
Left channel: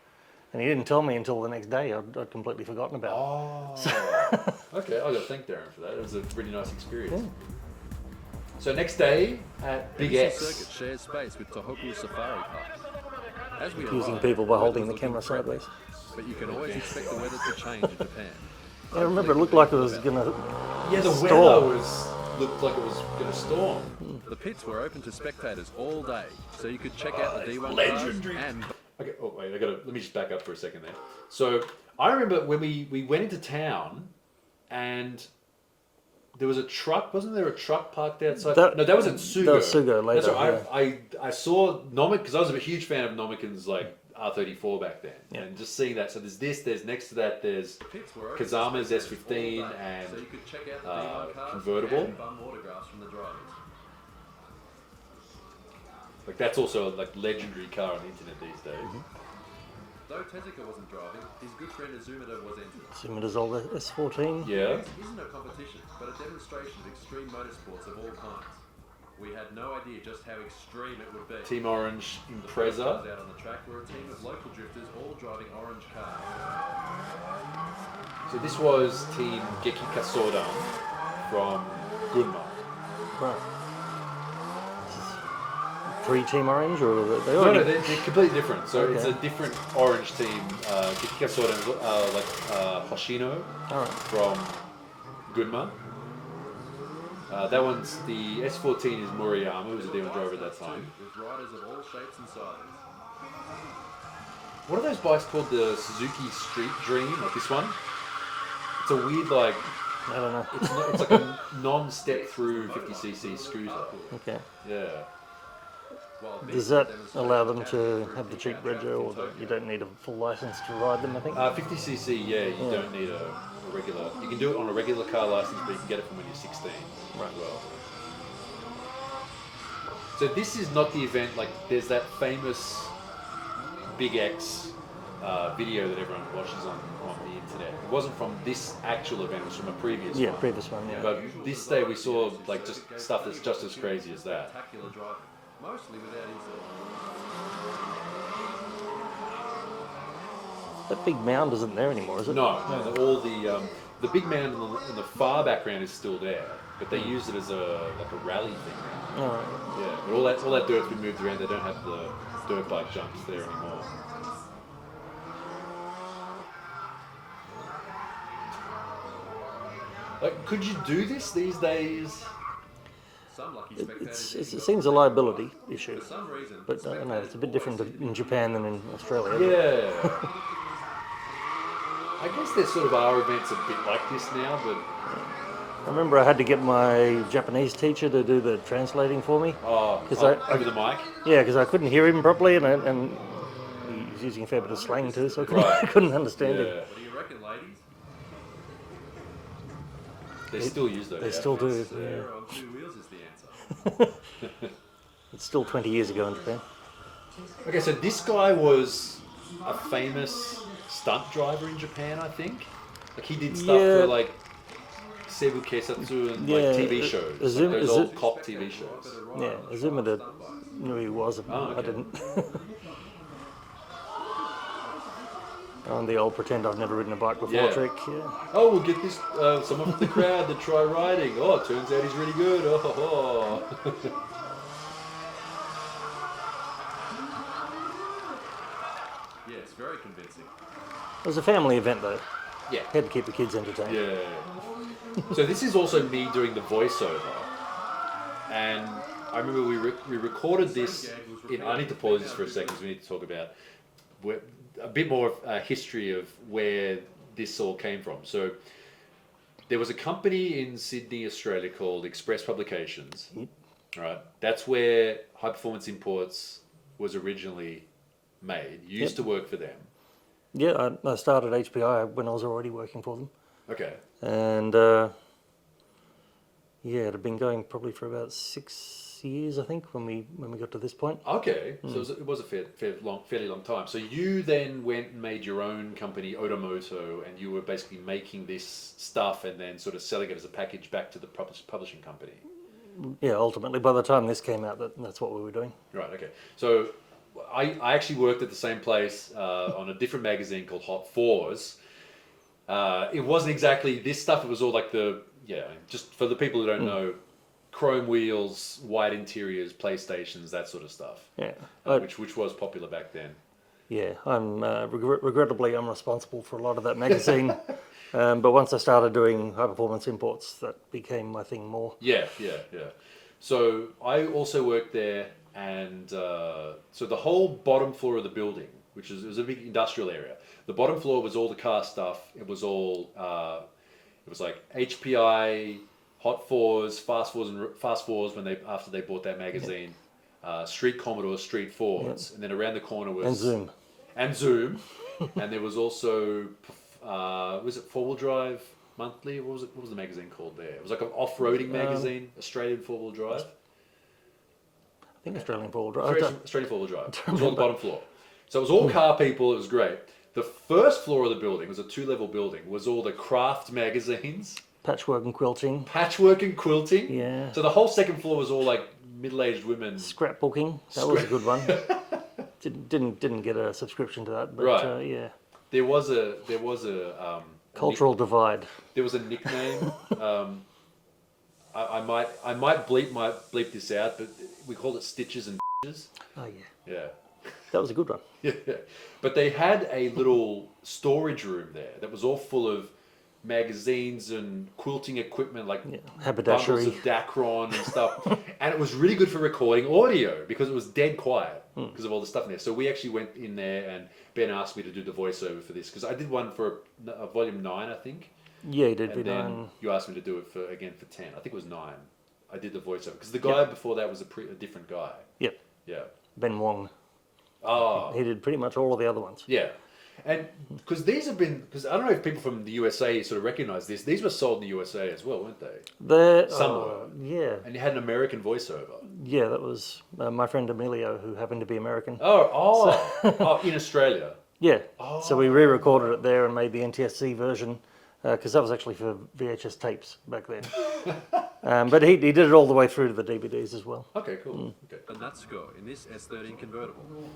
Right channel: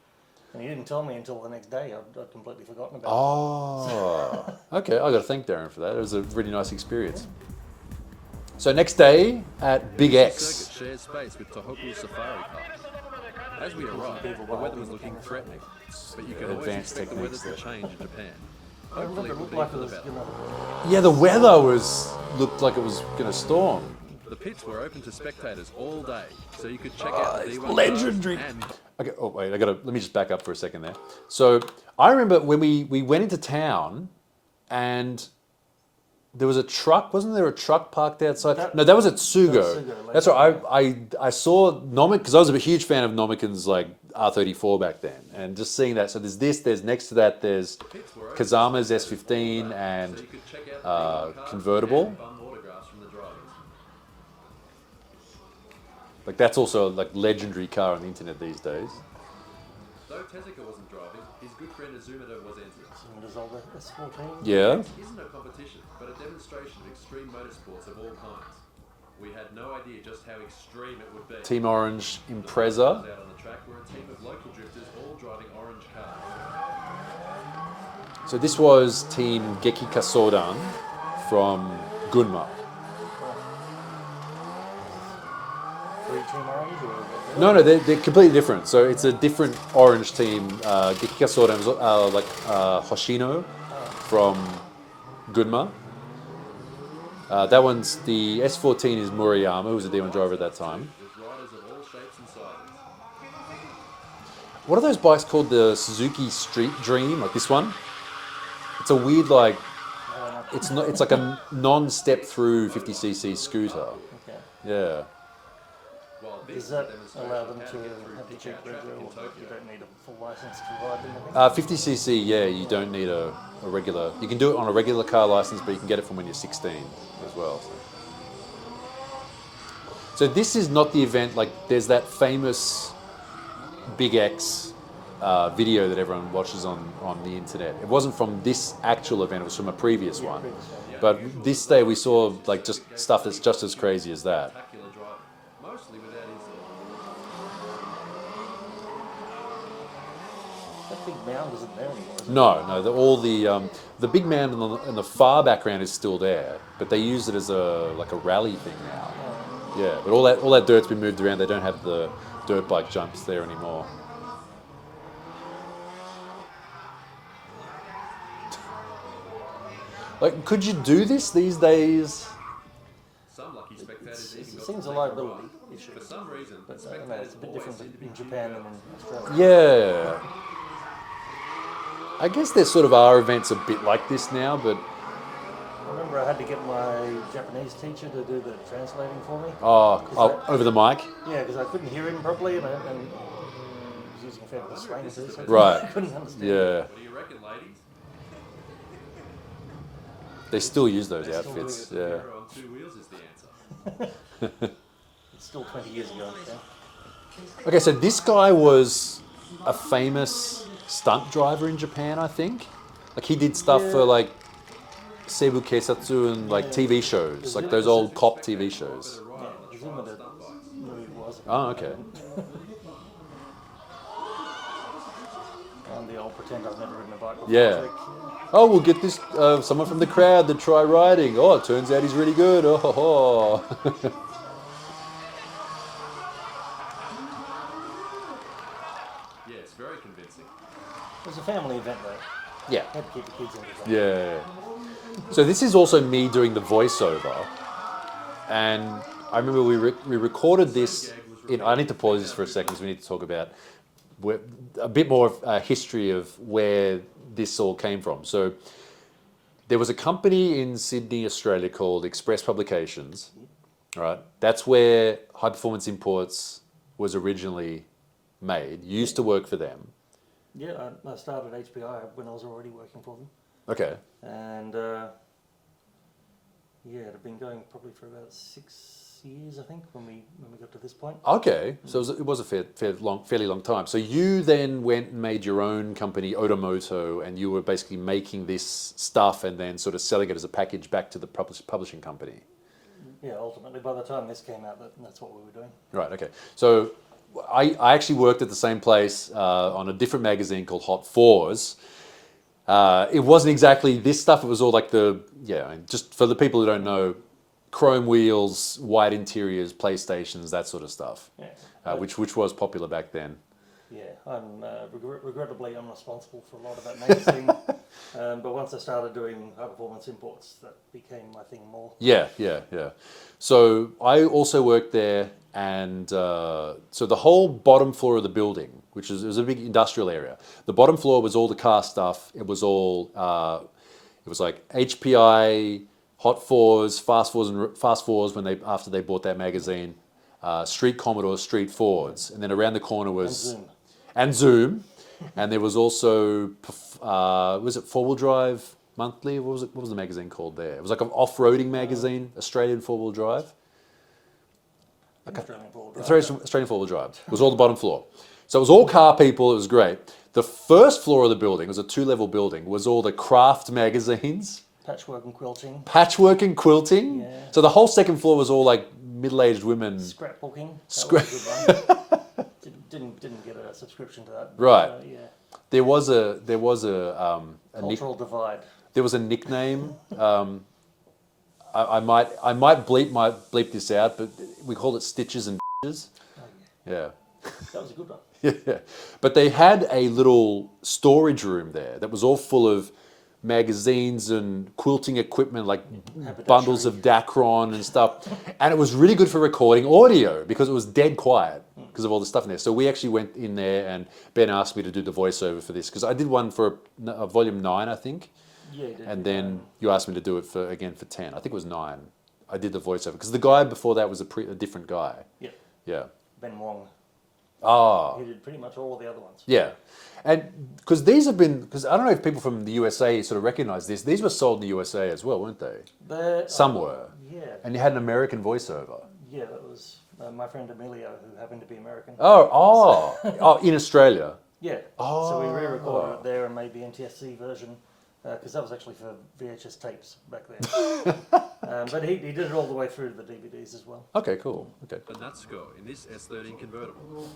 And he didn't tell me until the next day. I'd completely forgotten about Oh, okay. I got to thank Darren for that. It was a really nice experience. So next day at Big This X. circuit shares space with Tohoku Safari Park. As we Using arrive, people the by weather holding was the looking camera friendly, sideways. but you can always Advanced expect the weather to change in Japan. I remember it Hopefully looked for like it the was better. going to... Yeah, the weather looked like it was going to storm. The pits were open to spectators all day, so you could check out the D1 legendary. cars and Okay. Oh wait, let me just back up for a second there. So I remember when we went into town, and there was a truck. Wasn't there a truck parked outside? No, that was at Sugo. That was Sugo That's later, right. I saw Nomic because I was a huge fan of Nomican's like R34 back then, and just seeing that. So there's next to that there's pits were open to Kazama's spectators all S15 day, and so you could check out the D1 cars convertible. and bum autographs from the drivers. Like that's also like legendary car on the internet these days. Though Tezuka wasn't driving, his good friend Azumida was entered. Similar's old S14. Yeah. This isn't a competition, but a demonstration of extreme motorsports of all kinds. We had no idea just how extreme it would be. Team Orange The first Impreza. cars out on the track were a team of local drifters all driving orange cars. So this was Team Geki Kasodan from Gunma. Three Team Orange, or they No, they're completely different. So it's a different orange team. Geki Kasodan is like Hoshino from Gunma. That one's the S14 is Murayama, who was a D1 driver at that time. With riders of all shapes and sizes. What are those bikes called? The Suzuki Street Dream, like this one? It's a weird like. I don't know. It's not. It's like a non-step through 50cc scooter. Okay. Yeah. While Does this that demonstration allow them can to get through have the Big cheap Cat traffic rego, in or Tokyo. you don't need a full license to ride them, I think? 50cc, yeah, you don't need a regular. You can do it on a regular car license, but you can get it from when you're 16 as well. So this is not the event. Like, there's that famous Big X video that everyone watches on the internet. It wasn't from this actual event; it was from a previous Yeah, one. previous one. Yeah. But this day we saw like just stuff that's just as crazy as that. Spectacular driving, mostly without incident. That big mound isn't there anymore, is it? No, all the big man in the far background is still there, but they use it as a rally thing now. No. Yeah, but all that dirt's been moved around. They don't have the dirt bike jumps there anymore. Like, could you do this these days? Some lucky spectators It even got seems to a take liability part. issue. For some reason, But I don't know, spectators it's a bit always different seem to be in Japan than in Australia. Yeah. I guess there sort of are events a bit like this now, but I remember I had to get my Japanese teacher to do the translating for me. over the mic. Yeah, because I couldn't hear him properly, and he was using a fair bit of slang too, so I couldn't, Right. I couldn't understand it. Yeah, What do you reckon, ladies? they still use those. They still do. outfits, The Yeah. hero on two wheels is the answer. It's still 20 years ago in Japan. Okay, so this guy was a famous stunt driver in Japan, I think. Like he did stuff Yeah. for like Seibu Keisatsu and like Yeah, TV shows, like those Azuma- old cop TV shows. Yeah, Azumida knew who he was. Oh, I okay. didn't. On the old pretend I've never ridden a bike before Yeah. trick. Yeah. Oh, we'll get this someone from the crowd to try riding. Oh, it turns out he's really good. Oh, ho, ho. Yes, very convincing. It was a family event though. Yeah. Had to keep the kids entertained. Yeah. So this is also me doing the voiceover, and I remember we recorded this. I need to pause this for a second because we need to talk about a bit more of history of where this all came from. So there was a company in Sydney, Australia called Express Publications. Right. That's where High Performance Imports was originally made. You used to work for them. Yeah, I started HPI when I was already working for them. Okay. And yeah, it had been going probably for about 6 years, I think, when we got to this point. Okay, so it was a fairly long time. So you then went and made your own company, Otomoto, and you were basically making this stuff and then sort of selling it as a package back to the publishing company. Yeah, ultimately, by the time this came out, that's what we were doing. Right. Okay. So I actually worked at the same place on a different magazine called Hot Fours. It wasn't exactly this stuff. It was all like just for the people who don't know, chrome wheels, white interiors, PlayStations, that sort of stuff. Yeah. Which was popular back then. Yeah, I'm regrettably I'm responsible for a lot of that magazine. But once I started doing high performance imports, that became my thing more. Yeah. So I also worked there, and so the whole bottom floor of the building, which it was a big industrial area. The bottom floor was all the car stuff. It was all it was like HPI, Hot Fours, Fast Fours when after they bought that magazine, Street Commodores, Street Fords, and then around the corner was Zoom, and there was also was it 4-wheel drive monthly? What was the magazine called there? It was like an off-roading magazine, Australian 4-wheel drive. I think Australian 4-wheel drive. Australian 4-wheel drive. It was all the bottom floor. So it was all car people. It was great. The first floor of the building, it was a 2-level building, was all the craft magazines. Patchwork and quilting. Patchwork and quilting. Yeah. So the whole second floor was all like middle-aged women. Scrapbooking. That was a good one. Didn't get a subscription to that. But, Right. yeah. There was a Cultural divide. There was a nickname. I might bleep this out, but we called it Stitches and Bitches. Oh yeah. Yeah. That was a good one. Yeah. But they had a little storage room there that was all full of magazines and quilting equipment, like bundles of Dacron and stuff. And it was really good for recording audio because it was dead quiet because of all the stuff in there. So we actually went in there, and Ben asked me to do the voiceover for this because I did one for volume 9, I think. Yeah, you did. And then you asked me to do it for 10. I think it was 9. I did the voiceover because the guy before that was a different guy. Yep. Yeah. Ben Wong. Oh. He did pretty much all of the other ones. Yeah. And because because I don't know if people from the USA sort of recognize this, these were sold in the USA as well, weren't they? Some were. Yeah. And you had an American voiceover. Yeah, that was my friend Emilio, who happened to be American. Oh, in Australia. Yeah. So we re-recorded it there and made the NTSC version because that was actually for VHS tapes back then. But he did it all the way through to the DVDs as well. Okay, cool. Okay. The nut score in this S13 convertible.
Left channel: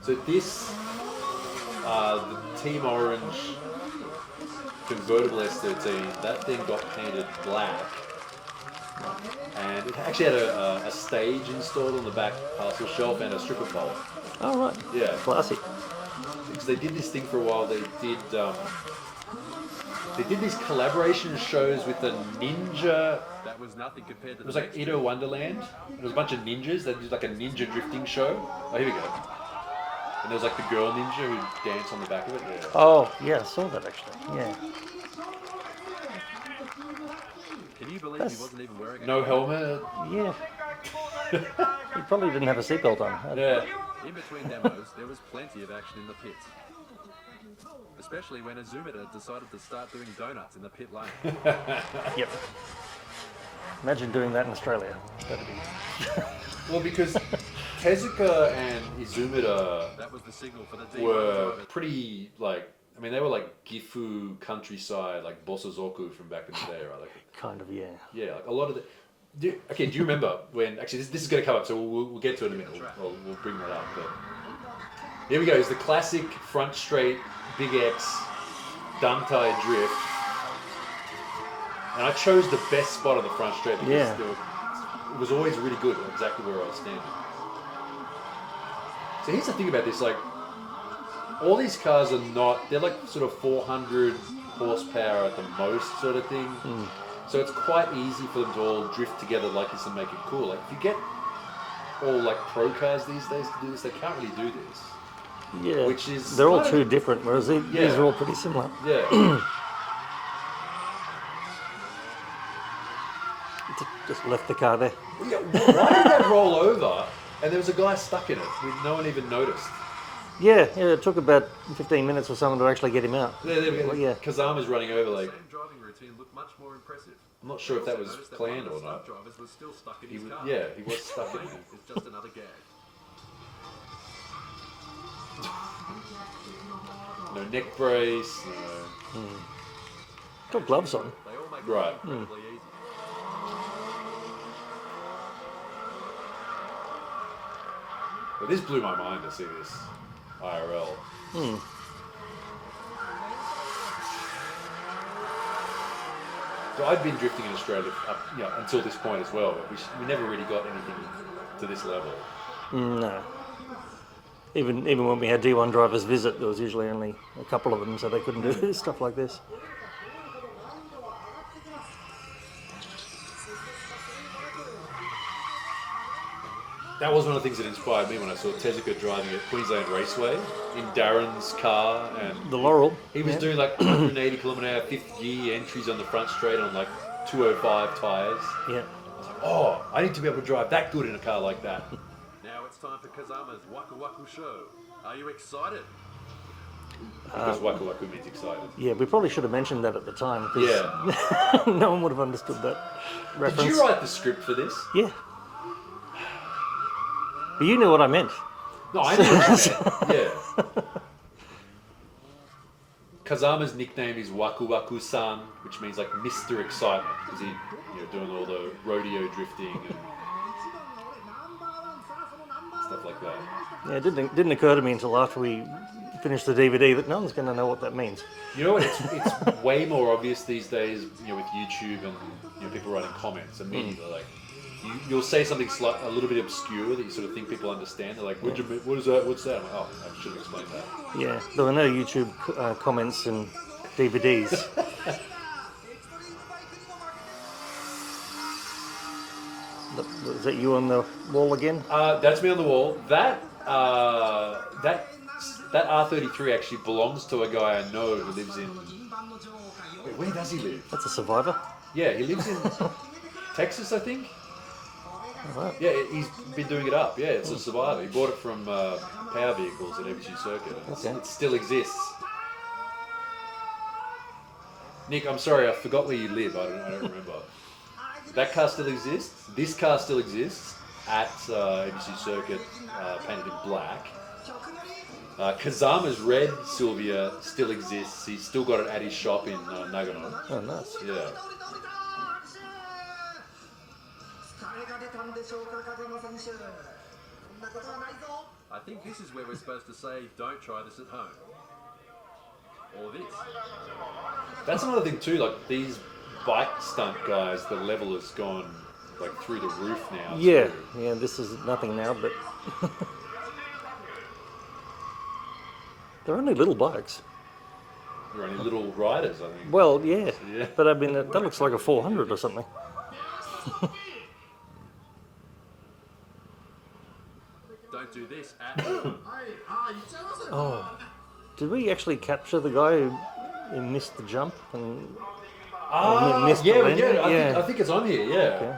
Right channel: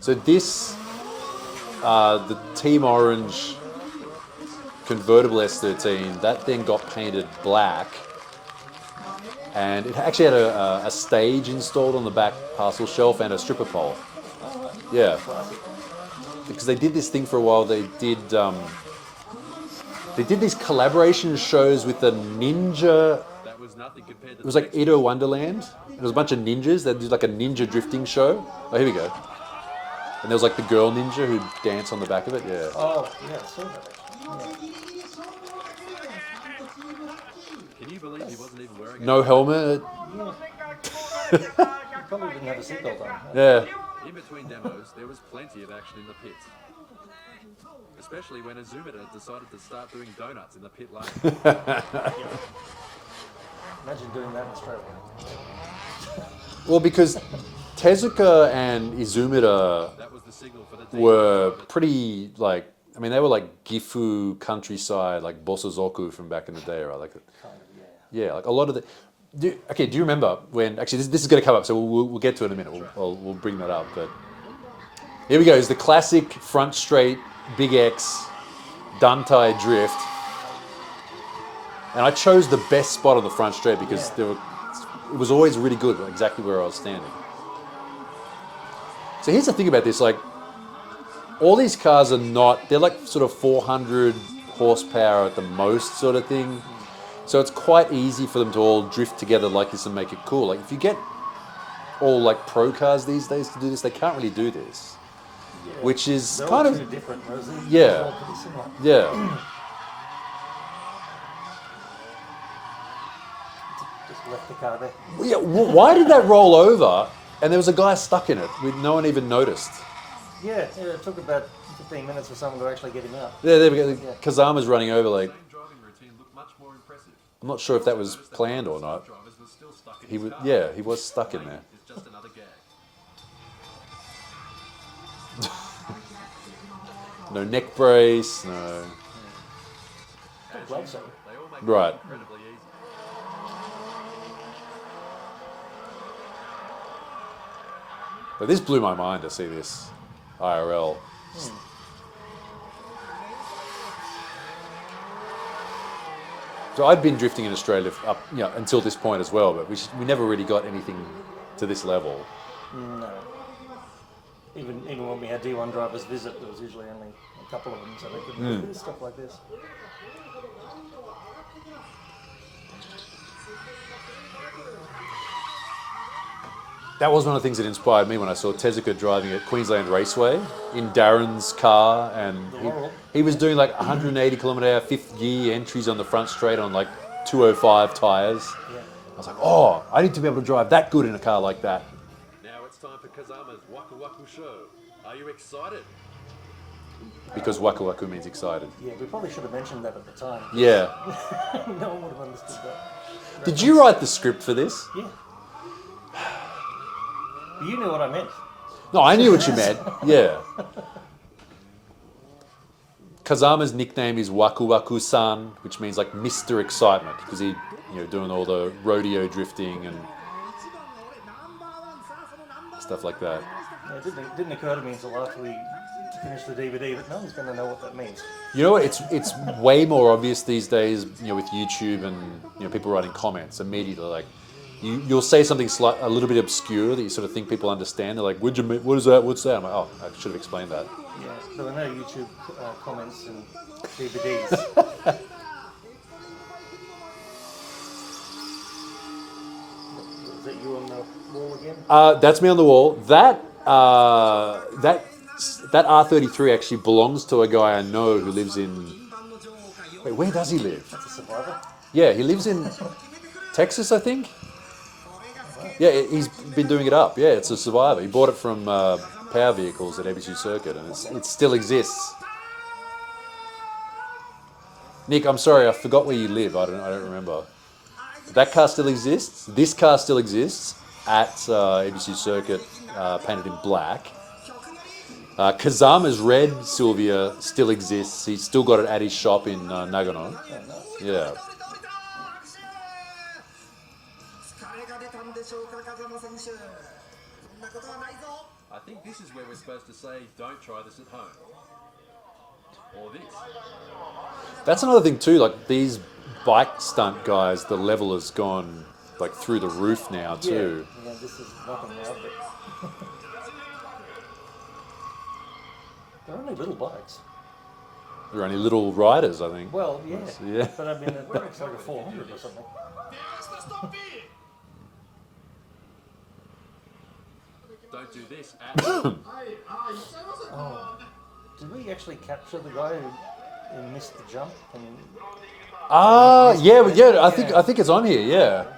So this, the Team Orange convertible S13, that thing got painted black, and it actually had a stage installed on the back parcel shelf and a stripper pole. Oh, right. Yeah. Classic. Because they did this thing for a while. They did these collaboration shows with the ninja. That was nothing compared to It was like Edo Wonderland. There was a bunch of ninjas. They did like a ninja drifting show. Oh, here we go. And there was like the girl ninja who'd dance on the back of it. Yeah. Oh, yeah, I saw that actually. Yeah. Can you believe he wasn't even wearing No helmet. Yeah. He probably didn't have a seatbelt on. Yeah. In between demos, there was plenty of action in the pits. Especially when a Zoomer decided to start doing donuts in the pit lane. Yep. Imagine doing that in Australia. Well, because Tezuka and Izumida That was the signal for the were driver. pretty they were like Gifu countryside, like Bosozoku from back in the day, right? Like, Kind of, yeah. yeah, like a lot of the. Do you remember when? Actually, this is going to come up, so we'll get to it in a minute. We'll bring that up. But here we go. It's the classic front straight Big X Dantai drift, and I chose the best spot on the front straight because it was always really good, exactly where I was standing. So here's the thing about this: like, all these cars are they're like sort of 400 horsepower at the most, sort of thing. So it's quite easy for them to all drift together like this and make it cool. Like if you get all like pro cars these days to do this, they can't really do this. Yeah. Which is they're all too different, whereas these are all pretty similar. Yeah. Just left the car there. Yeah. Why did that roll over? And there was a guy stuck in it. No one even noticed. Yeah, it took about 15 minutes or something to actually get him out. Yeah, there we go. Yeah. Kazama's running over like. Same driving routine looked much more impressive. I'm not sure if that was Noticed that planned one or of the not. stunt drivers was still stuck in He his was, car. yeah, he was stuck in there. It's just another gag. No neck brace, no. Got gloves on. They all make Right. it incredibly easy. But this blew my mind to see this IRL. So I'd been drifting in Australia up, until this point as well, but we never really got anything to this level. No. Even when we had D1 drivers visit, there was usually only a couple of them, so they couldn't do stuff like this. That was one of the things that inspired me when I saw Tezuka driving at Queensland Raceway in Darren's car, and The Laurel. he was doing like 180 km/h fifth gear entries on the front straight on like 205 tyres. Yeah. I was like, oh, I need to be able to drive that good in a car like that. Now it's time for Kazama's Waku Waku show. Are you excited? Because Waku Waku means excited. Yeah, we probably should have mentioned that at the time. 'cause Yeah. no one would have understood that. Did you write the script for this? Yeah. But you knew what I meant. No, I knew what you meant. Yeah. Kazama's nickname is Waku Waku San, which means like Mr. Excitement, because he, doing all the rodeo drifting and stuff like that. Yeah, it didn't occur to me until after we finished the DVD that no one's going to know what that means. You know what? It's way more obvious these days, with YouTube and people writing comments immediately. Like, you'll say something a little bit obscure that you sort of think people understand. They're like, "What is that? What's that?" I'm like, "Oh, I should have explained that." Yeah, there were no YouTube comments and DVDs. Is that you on the wall again? That's me on the wall. That R33 actually belongs to a guy I know who lives in. Wait, where does he live? That's a Survivor. Yeah, he lives in Texas, I think. Yeah, he's been doing it up. Yeah, it's a Survivor. He bought it from Power Vehicles at ABC Circuit, and it still exists. Nick, I'm sorry, I forgot where you live. I don't remember. That car still exists. This car still exists at ABC Circuit, painted in black. Kazama's red Sylvia still exists. He's still got it at his shop in Nagano. Oh, nice. Yeah. I think this is where we're supposed to say, don't try this at home. Or this. That's another thing too, like these bike stunt guys, the level has gone like through the roof now too. Yeah, this is nothing now, but they're only little bikes. They're only little riders, I think. Well, yeah, Yeah. but I mean, that looks like a 400 or something. Don't do this at home. Oh, did we actually capture the guy who missed the jump? And I think it's on here, yeah.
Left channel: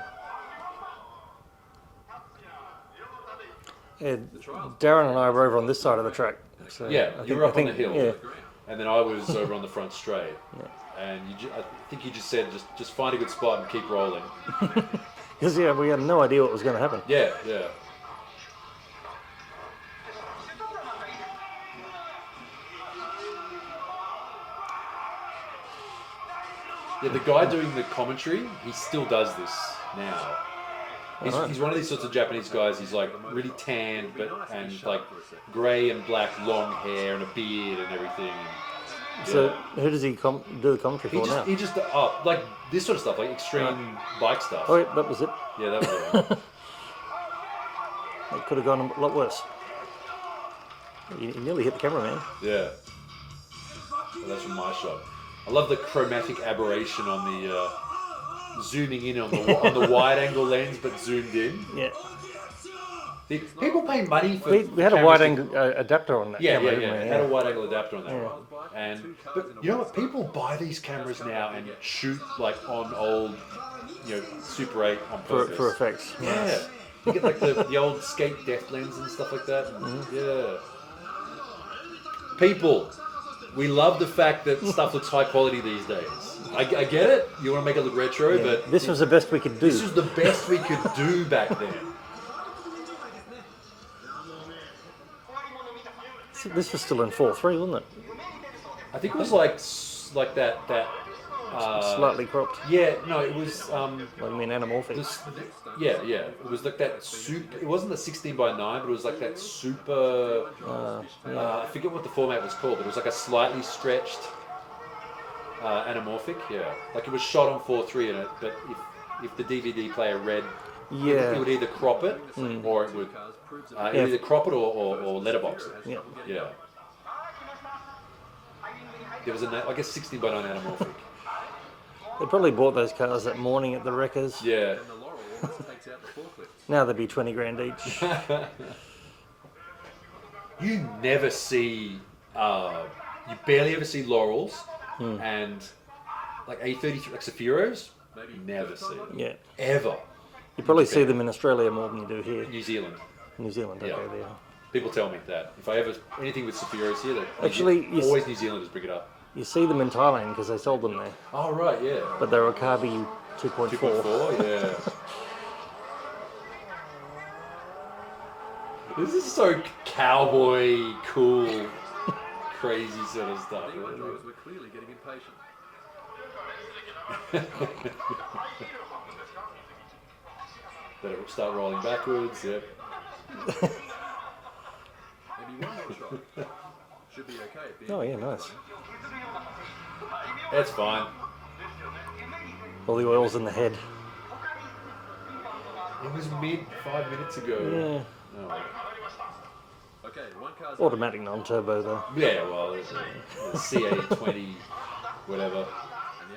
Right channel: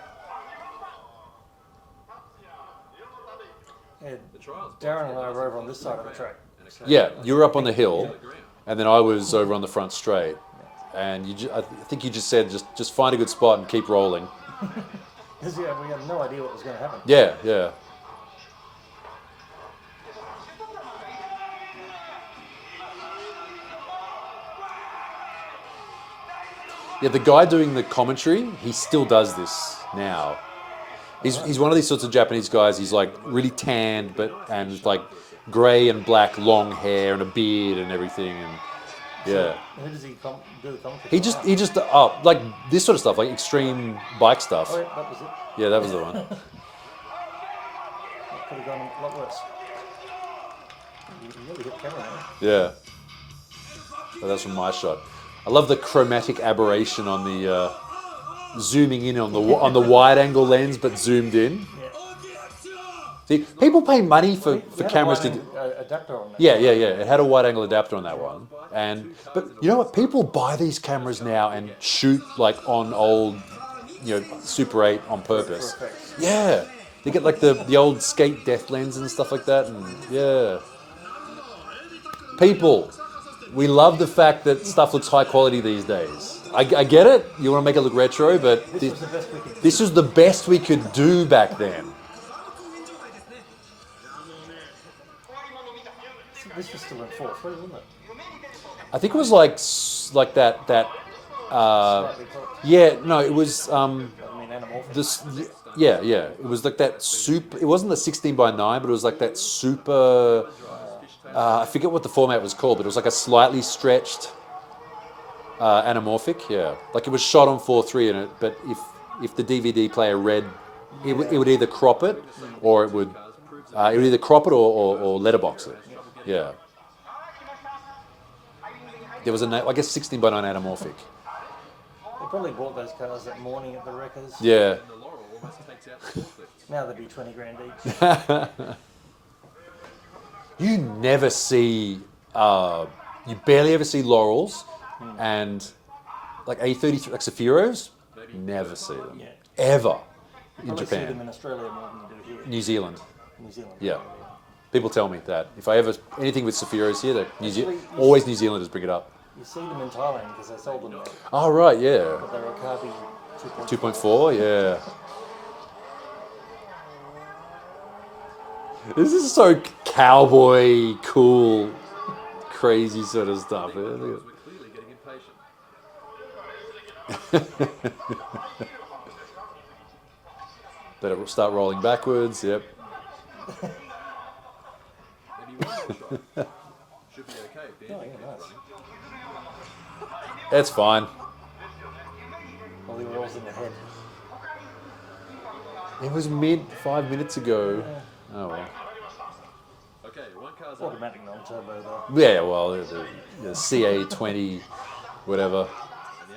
yeah, The trials. Darren and I were over on this side of the track. So Yeah, you were up on the think- hill, yeah. and then I was over on the front straight. And I think you just said, just find a good spot and keep rolling. Because we had no idea what was going to happen. Yeah, yeah. Yeah, the guy doing the commentary, he still does this now. He's one of these sorts of Japanese guys. He's like really tanned, and like grey and black, long hair and a beard and everything. And So who does he do the commentary he for just now? he just like this sort of stuff, like extreme bike stuff. Oh, yeah, that was it. Yeah, that was the one. It could have gone a lot worse. You nearly hit the camera, man. Yeah. So that's from my shot. I love the chromatic aberration on the zooming in on the wide angle lens, but zoomed in. Yeah. See, people pay money for, We for had a cameras wide to. angle adapter on that. Yeah, camera, yeah. didn't It we? had a wide angle adapter on that one. But you know what? People buy these cameras now and shoot like on old, Super 8 on purpose. For effects. Yeah. You get like the old skate depth lens and stuff like that. And, yeah. People, we love the fact that stuff looks high quality these days. I get it. You want to make it look retro, but This was the best we could do. this was the best we could do back then. This was still in 4.3, wasn't it? I think it was like that. Slightly cropped. Yeah, no, it was. I mean, anamorphic. Yeah. It was like that super. It wasn't the 16:9, but it was like that super. I forget what the format was called, but it was like a slightly stretched anamorphic. Yeah, like it was shot on 4:3 in it, but if the DVD player read, it would either crop it or it would either crop it or letterbox it. Yeah. There was like a 16:9 anamorphic. They probably bought those cars that morning at the wreckers. Yeah. And the Laurel almost takes out the forklift. Now they'd be 20 grand each. You never see, you barely ever see Laurels and like A33, like Sephiros, never see them. Yeah. Ever. You probably Japan. see them in Australia more than you do here. New Zealand. New Zealand. Yeah. Okay, yeah. People tell me that. If I ever, anything with Sephiros here, Actually, you always New Zealanders bring it up. You see them in Thailand because they sold them there. Oh, right, yeah. But they're a Carby 2.4. 2.4, yeah. This is so cowboy, cool, crazy sort of stuff. D1 drivers were clearly getting impatient. Better start rolling backwards, yep. Maybe one more shot. Should be okay if the Oh, engine yeah, keeps nice. running. It's fine. All the oil's in the head. It was mid 5 minutes ago. Oh, well. Okay, one car's Automatic non-turbo though. Yeah, well, the CA20, whatever.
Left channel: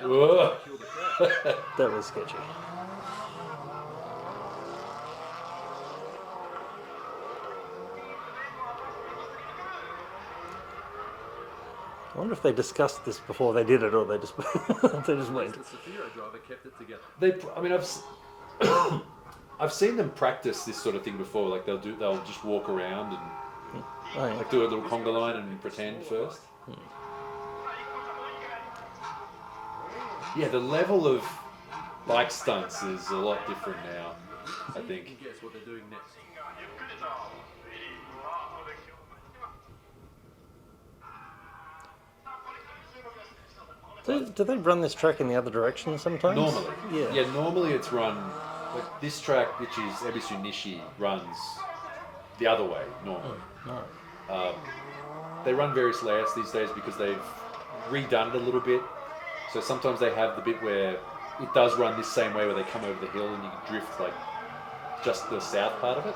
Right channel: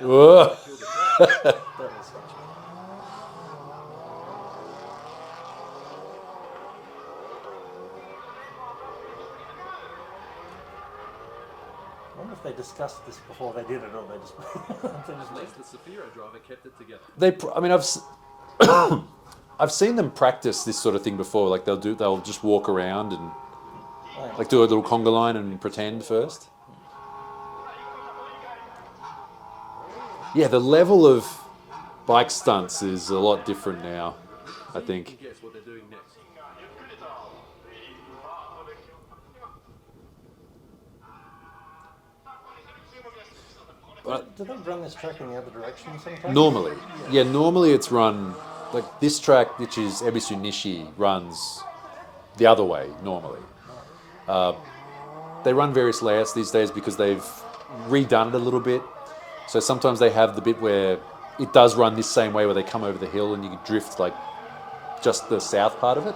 and the other one killed the crowd. That was sketchy. I wonder if they discussed this before they did it, or they just they just At went. least the Safiro driver kept it together. I mean, I've seen them practice this sort of thing before. Like they'll just walk around and like do a little conga line and pretend first. Yeah, the level of bike stunts is a lot different now, I See if you think. can guess what they're doing next. Do they run this track in the other direction sometimes? Normally, Yeah. normally it's run like this track, which is Ebisu Nishi, runs the other way normally. They run various layouts these days because they've redone it a little bit. So sometimes they have the bit where it does run this same way, where they come over the hill and you can drift like just the south part of it,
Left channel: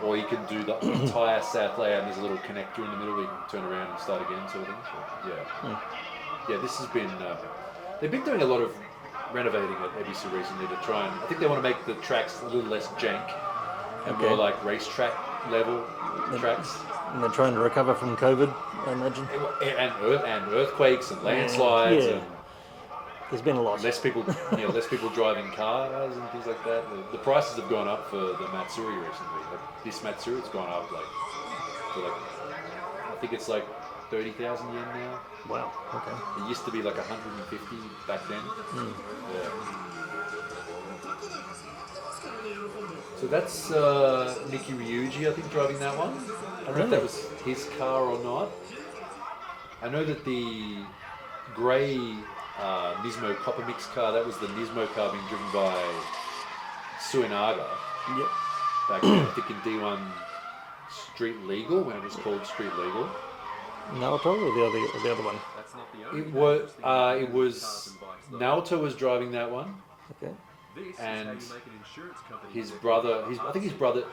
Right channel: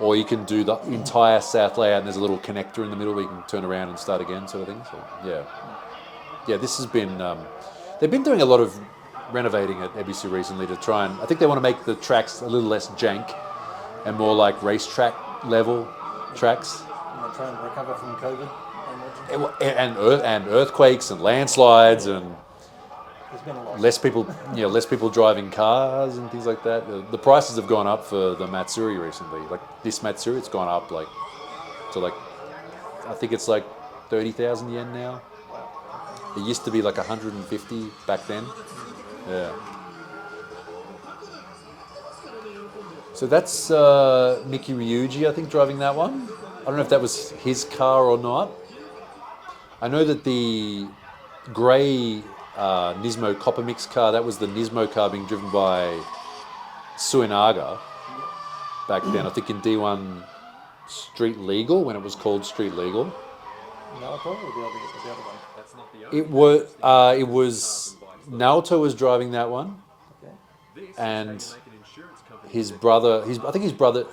or you can do the entire south layout and there's a little connector in the middle where you can turn around and start again, sort of thing. So, yeah, this has been. They've been doing a lot of renovating at Ebisu recently to try and. I think they want to make the tracks a little less jank and more like racetrack level tracks. And they're trying to recover from COVID, I imagine. And earthquakes and landslides Yeah. and There's been a lot. less people, less people driving cars and things like that. The prices have gone up for the Matsuri recently. Like this Matsuri, it's gone up like to like, I think it's like 30,000 yen now. Wow. It used to be like 150 back then. Yeah. So that's Miki Ryuji, I think, driving that one. I don't know if that was his car or not. I know that the grey Nismo Copper Mix car, that was the Nismo car being driven by Suinaga Yep. back then. I think in D1 Street Legal, when it was called Street Legal. Naoto or the other one? That's not the only It was cars and bikes, though. Naoto was driving that one. Okay. This and is how you make an insurance company His executive. brother,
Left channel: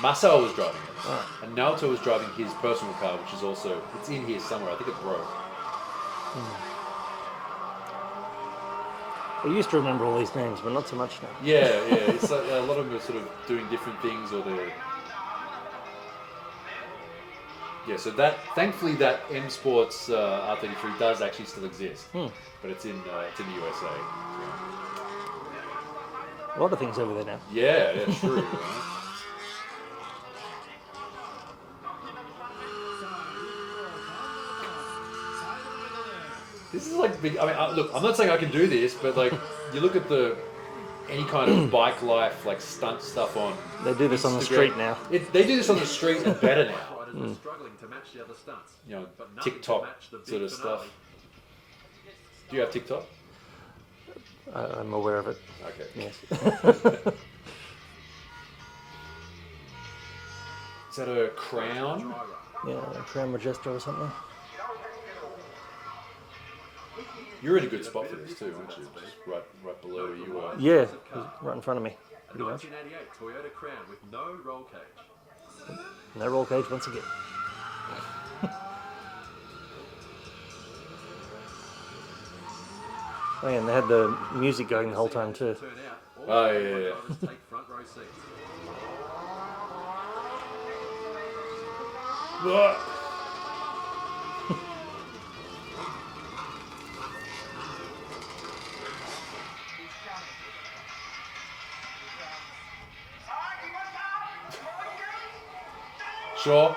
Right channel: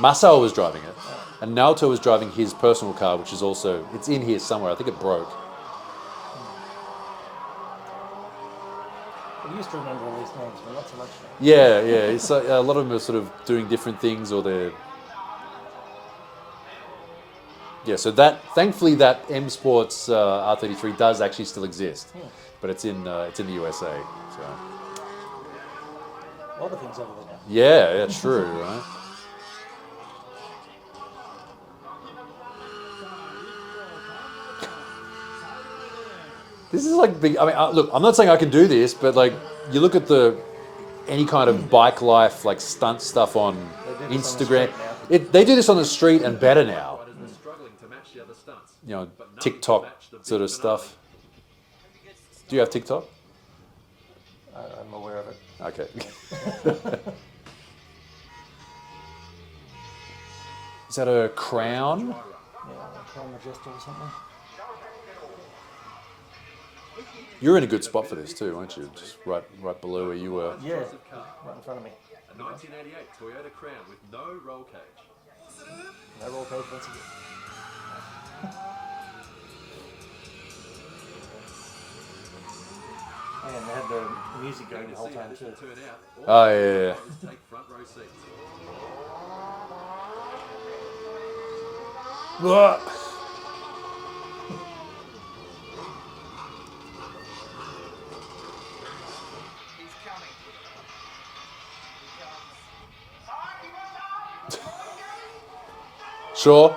Masao was driving it, and Naoto was driving his personal car, which is also, it's in here somewhere. I think it broke. We used to remember all these names, but not so much now. Yeah. It's like, a lot of them are sort of doing different things, or they're. Yeah, so thankfully that M Sports R33 does actually still exist, but it's in the USA. So. A lot of things over there now. Yeah, true, right? This is like big. I mean, look, I'm not saying I can do this, but like, you look at any kind of bike life, like stunt stuff on They do this Instagram. on the street now. They do this on the street and better now. Riders were struggling to match the other stunts. You know, But nothing to TikTok match the big sort of finale. stuff. Do you have TikTok? I'm aware of it. Okay. Is that a Crown? Yeah, Crown Majesta or something. You're in a good spot for this too, aren't you? Just right below where you were. Yeah, right in front of me. A 1988 Toyota Crown with no roll cage. No roll cage once again. Oh, yeah, and they had the music going the whole time too. Turn out, all Oh, yeah. drivers take front row seats. Sure.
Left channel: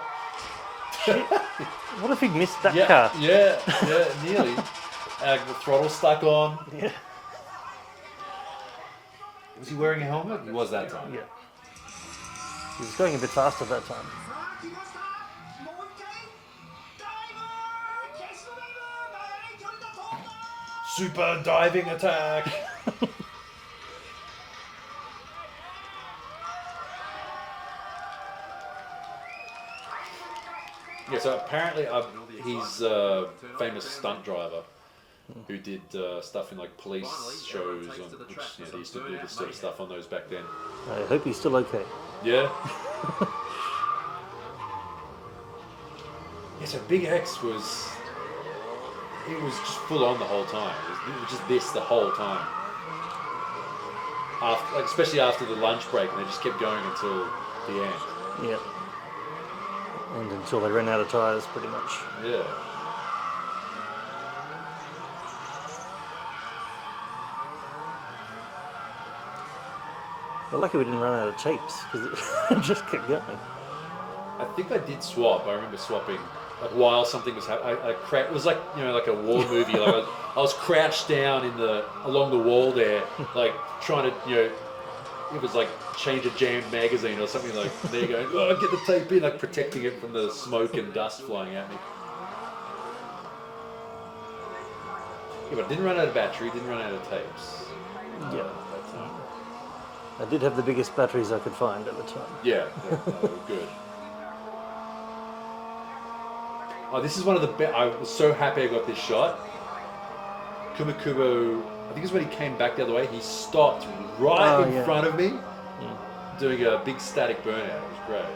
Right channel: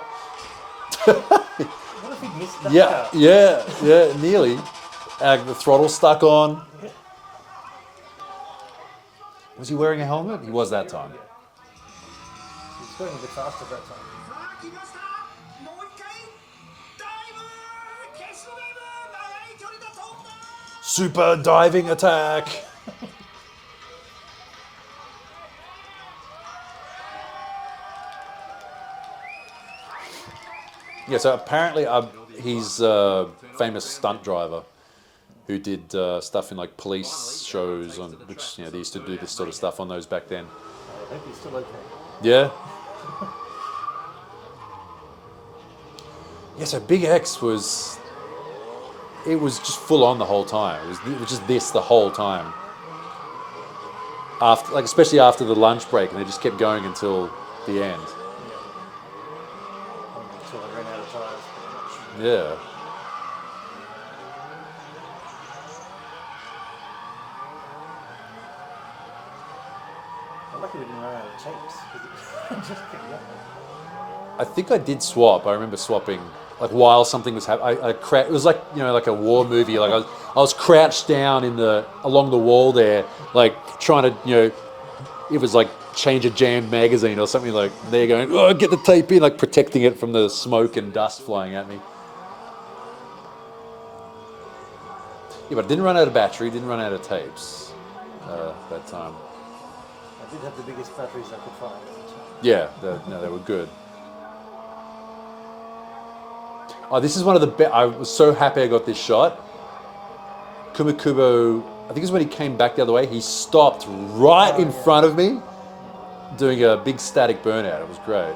What if he missed that Yeah, car? yeah, nearly. The throttle stuck on. Yeah. Was he wearing a helmet? He was that time. Yeah. He was going a bit faster that time. Super diving attack. Yeah, so apparently he's a famous stunt driver who did stuff in like police shows, which they used to do this sort of stuff on those back then. I hope he's still okay. Yeah. Yeah, so Big X was just full on the whole time. It was just this the whole time. Especially after the lunch break, and they just kept going until the end. Yeah. And until they ran out of tyres, pretty much. Yeah. We're lucky we didn't run out of tapes, because it just kept going. I think I did swap. I remember swapping, like while something was happening. It was like like a war movie. Like I was crouched down along the wall there, like trying to it was like change a jammed magazine or something. Like they're going, oh, get the tape in, like protecting it from the smoke and dust flying at me. Yeah, but I didn't run out of battery. Didn't run out of tapes. That time. I did have the biggest batteries I could find at the time. Yeah, they were good. Oh, this is one of the best. I was so happy I got this shot. Kumakubo, I think it's when he came back the other way, he stopped right in front of me, doing a big static burnout. It was great.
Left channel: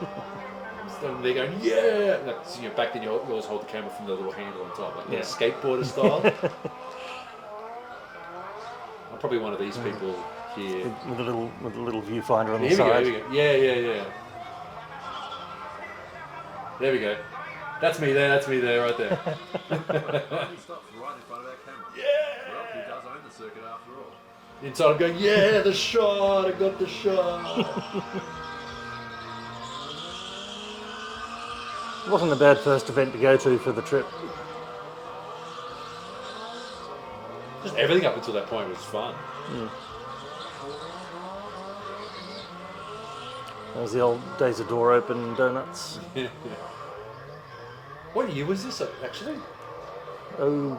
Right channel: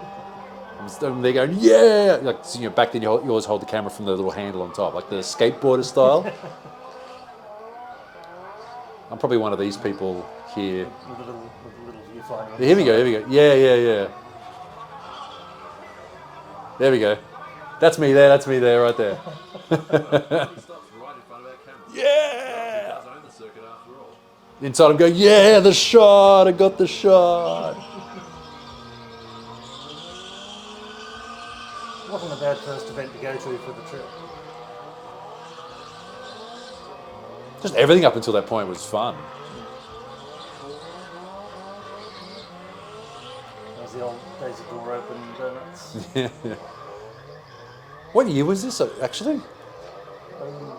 And they're going, yeah! Like, so, back then you always hold the camera from the little handle on top, like the skateboarder style. I'm probably one of these people here. With a little viewfinder on the Here side. we go. Yeah. There we go. That's me there, right there. He stops right in front of our camera. Yeah! Well, he does own the circuit after all. Inside I'm going, yeah, the shot, I got the shot. It wasn't a bad first event to go to for the trip. Just everything up until that point was fun. It was the old days of door open donuts. What year was this, actually? Oh,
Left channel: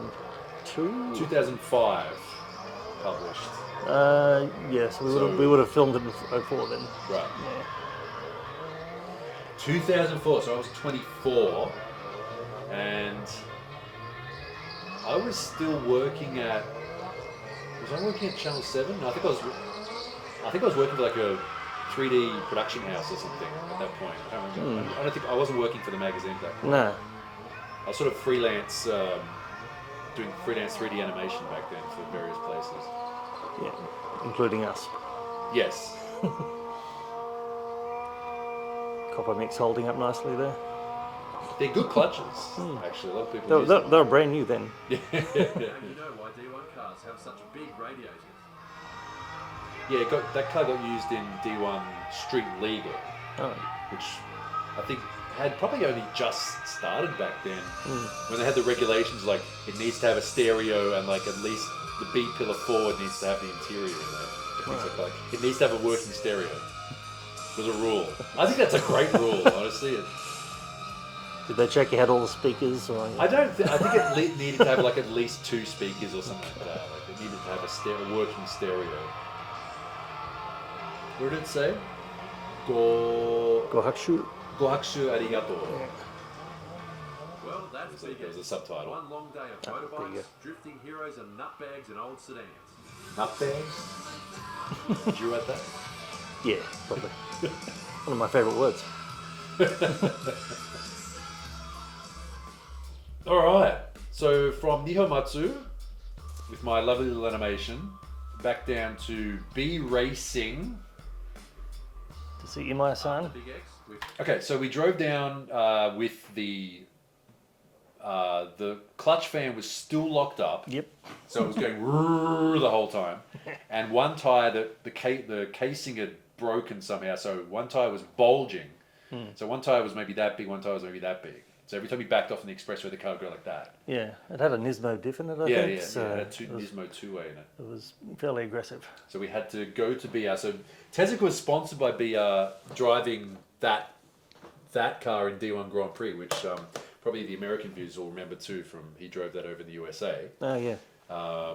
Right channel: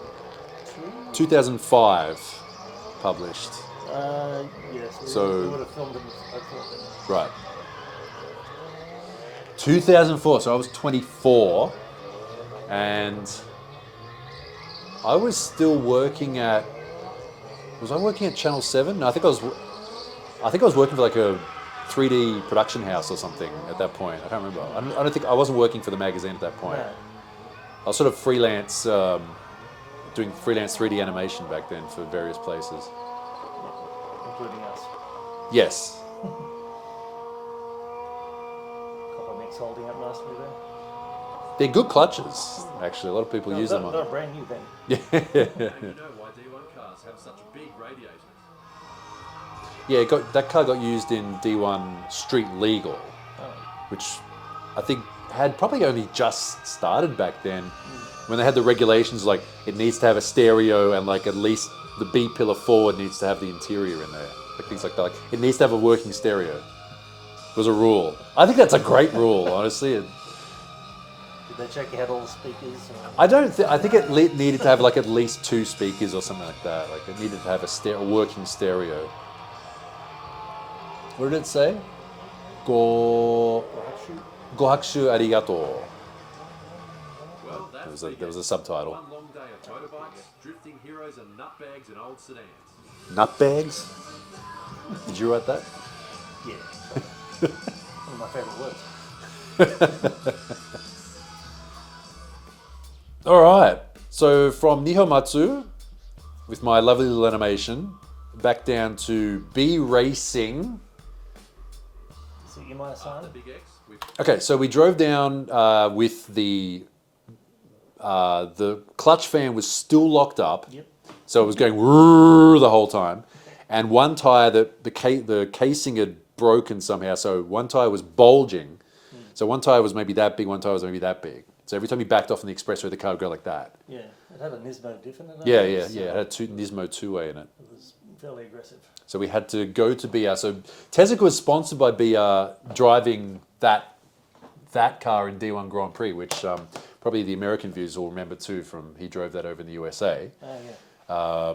2005 published. Yes, So- we would have filmed it before then. Right. 2004, so I was 24, and I was still working at. Was I working at Channel 7? No, I think I was working for like a 3D production house or something at that point. I can't remember. I don't think I wasn't working for the magazine at that point. No. I was sort of freelance, doing freelance 3D animation back then for various places. Yeah, including us. Yes. Copper mix holding up nicely there. They're good clutches, actually. A lot of people use them. They were brand new then. Now you know why D1 cars have such big radiators. Yeah, that car got used in D1 Street Legal, which I think had probably only just started back then, when they had the regulations like it needs to have a stereo and like at least the B pillar forward needs to have the interior in there, like things like that. Like, it needs to have a working stereo. It was a rule. I think that's a great rule, honestly. Did they check you had all the speakers? Or... I think it needed to have like at least 2 speakers or something like that. Like it needed to have a working stereo. What did it say? Gohakushu. Gohakushu arigato. Well, that's There was a subtitle. One long day of motorbikes, drifting heroes and nutbags and old sedans. Nutbags? Did you write that? Yeah, probably. One of my favourite words. All right. So from Nihomatsu, with my lovely little animation, back down to B Racing. To see my sign. Big X, we've Okay, so we drove down with the clutch fan was still locked up. Yep. So it was going the whole time, and one tire the casing had broken somehow. So one tire was bulging. So one tire was maybe that big, one tire was maybe that big. So every time you backed off on the expressway, the car would go like that. Yeah, it had a Nismo diff in it. I Yeah, think, yeah, so yeah. It had Nismo 2-way in it. It was fairly aggressive. So we had to go to BR. So Tezuka was sponsored by BR, driving that car in D1 Grand Prix, which probably the American viewers will remember too. He drove that over in the USA. Oh yeah.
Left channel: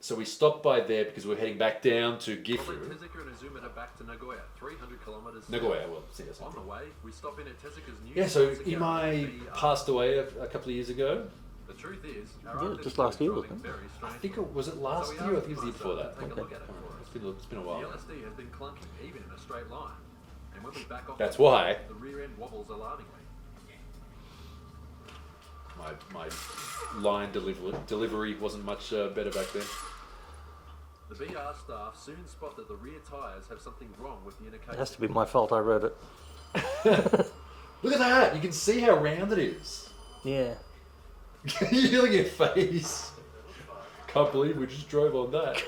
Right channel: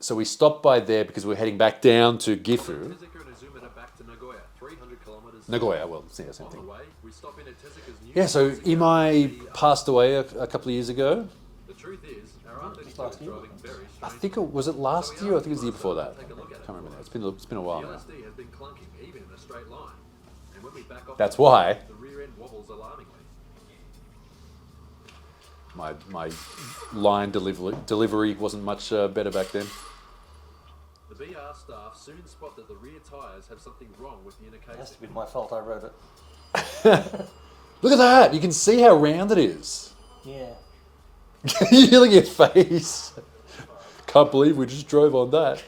So we stopped by there because we're heading back down to Gifu. Tezuka and Azumata back to Nagoya, 300 kilometers. Nagoya, well, yeah, same On thing. the way, we stop in at Tezuka's new. Yeah, so Tezuka Imai BR. passed away a couple of years ago. The truth is, our Yeah, R32 just last is year. driving very I strange. think was it last year or I think it was the year before that. Take a look at it. Can't remember. It's been a while. The now. LSD has been clunking, even in a straight line. And when we back off, That's why the rear end wobbles alarmingly. my line delivery wasn't much better back then. The BR staff soon spot that the rear tyres have something wrong with the inner It has to casing. be my fault. I wrote it. Look at that! You can see how round it is. Yeah. You look at your face. Can't believe we just drove on that.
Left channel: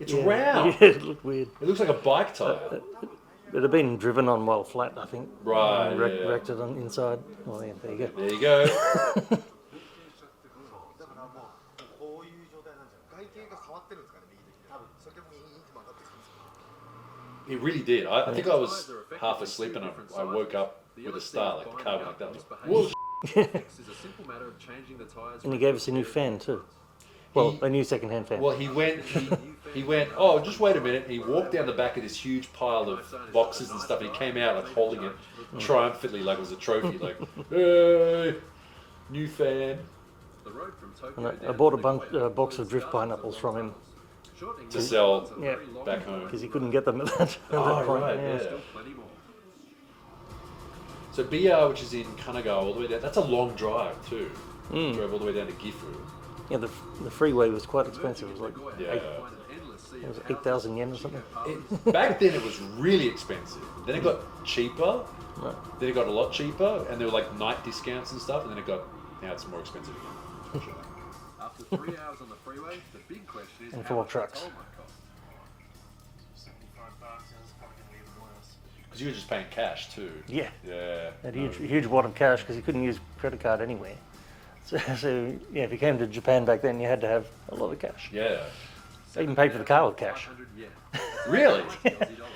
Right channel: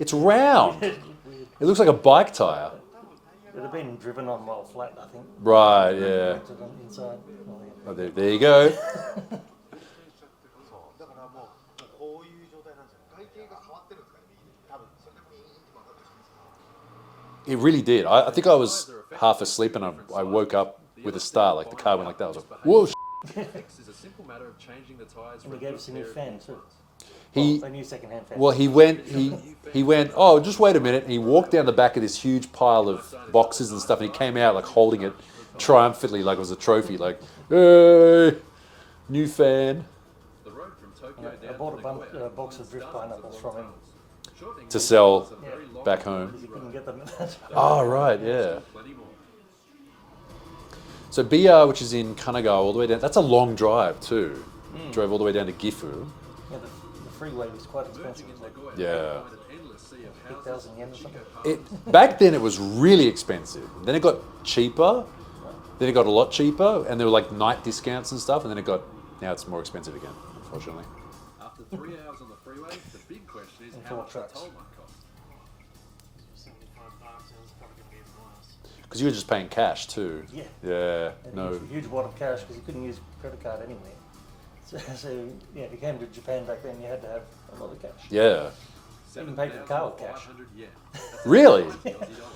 It's round. Yeah, it looked weird. It looks like a bike tire. It had been driven on while flat, I think. Right, Wrecked- yeah. Wrecked it on inside. Oh, yeah, there you go. There you go. だからもうこういう状態なんじゃない外形が変わってるんですかね右に多分それでもいいって曲がってきたんですよ It really did. I think I was half asleep and I woke up with a start, like the car went like that. I was like, whoa. Fix is a simple matter of changing the tyres. And he for gave us a new repair fan too. He- Well, a new second-hand fan. Well, he went, oh, just wait a minute. And he walked down the back of this huge pile of boxes and stuff. And he came out like holding it triumphantly like it was a trophy. Like, hey, new fan. The road from Tokyo I down bought to a Nagoya box of includes drift dozens pineapples long from him. tunnels. Shortening To the sell tunnels are very long back and home. Because he couldn't get them at that time. Oh, right, yeah. Still plenty more. So BR, which is in Kanagawa, all the way down. That's a long drive too. Drove all the way down to Gifu. Yeah, the freeway was quite expensive. Emerging It was in like Nagoya, Yeah. you find an endless sea of 8,000 yen or houses, something. Shinko Back then, it was really expensive. Then it got cheaper. Then it got a lot cheaper, and there were like night discounts and stuff. And then now it's more expensive again, unfortunately. After 3 hours on the freeway, the big question is And how four much the trucks. toll might cost. 75 bucks, it was probably going to be even worse. Because you were just paying cash too. Yeah. Yeah. Had No. a huge wad of cash because you couldn't use credit card anywhere. So yeah, if you came to Japan back then, you had to have a lot of cash. Yeah. They even paid for the car with cash. 7,500 yen. That's Really? 60 Aussie dollars.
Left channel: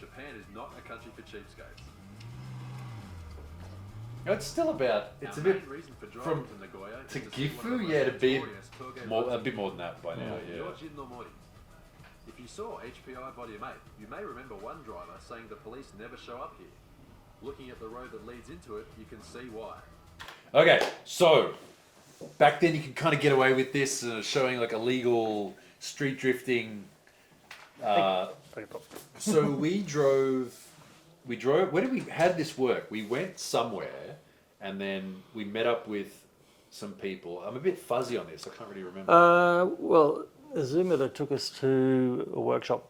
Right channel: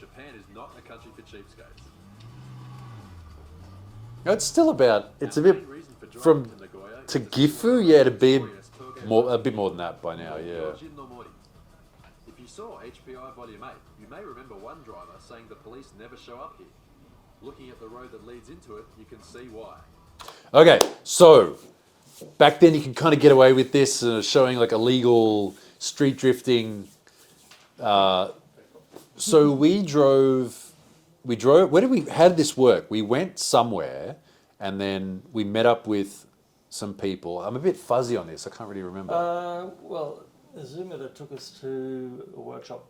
Japan is not a country for cheapskates. No, it's still about. It's a Our bit main reason for driving from to Nagoya is to to see Gifu. what Yeah, the to be notorious Toge more, a bit more than that by now. Yeah. Yojin no Mori. If you saw HPI Volume 8, you may remember one driver saying the police never show up here. Looking at the road that leads into it, you can see why. Okay, so back then you could kind of get away with this, showing like illegal street drifting. So we drove. How did this work? We went somewhere, and then we met up with some people. I'm a bit fuzzy on this. I can't really remember. Well, Azumata took us to a workshop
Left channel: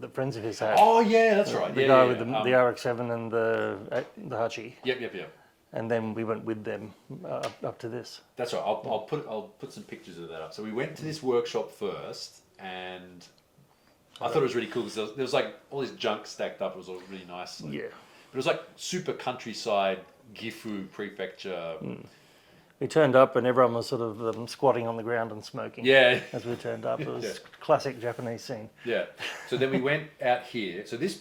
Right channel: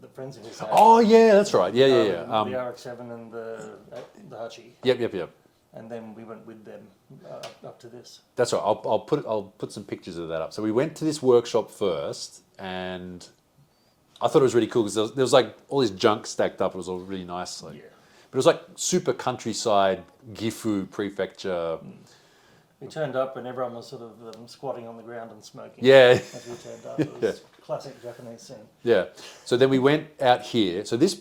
that friends of his had. Oh yeah, that's right. The Yeah, guy yeah, with yeah. the RX-7 and the Hachi. Yep. And then we went with them up to this. That's right. I'll put some pictures of that up. So we went to this workshop first, and I thought it was really cool because there was like all this junk stacked up. It was all really nicely. Yeah. But it was like super countryside Gifu prefecture. We turned up and everyone was sort of squatting on the ground and smoking. Yeah. As we turned up, it was Yeah. classic Japanese scene. Yeah. So then we went out here. So this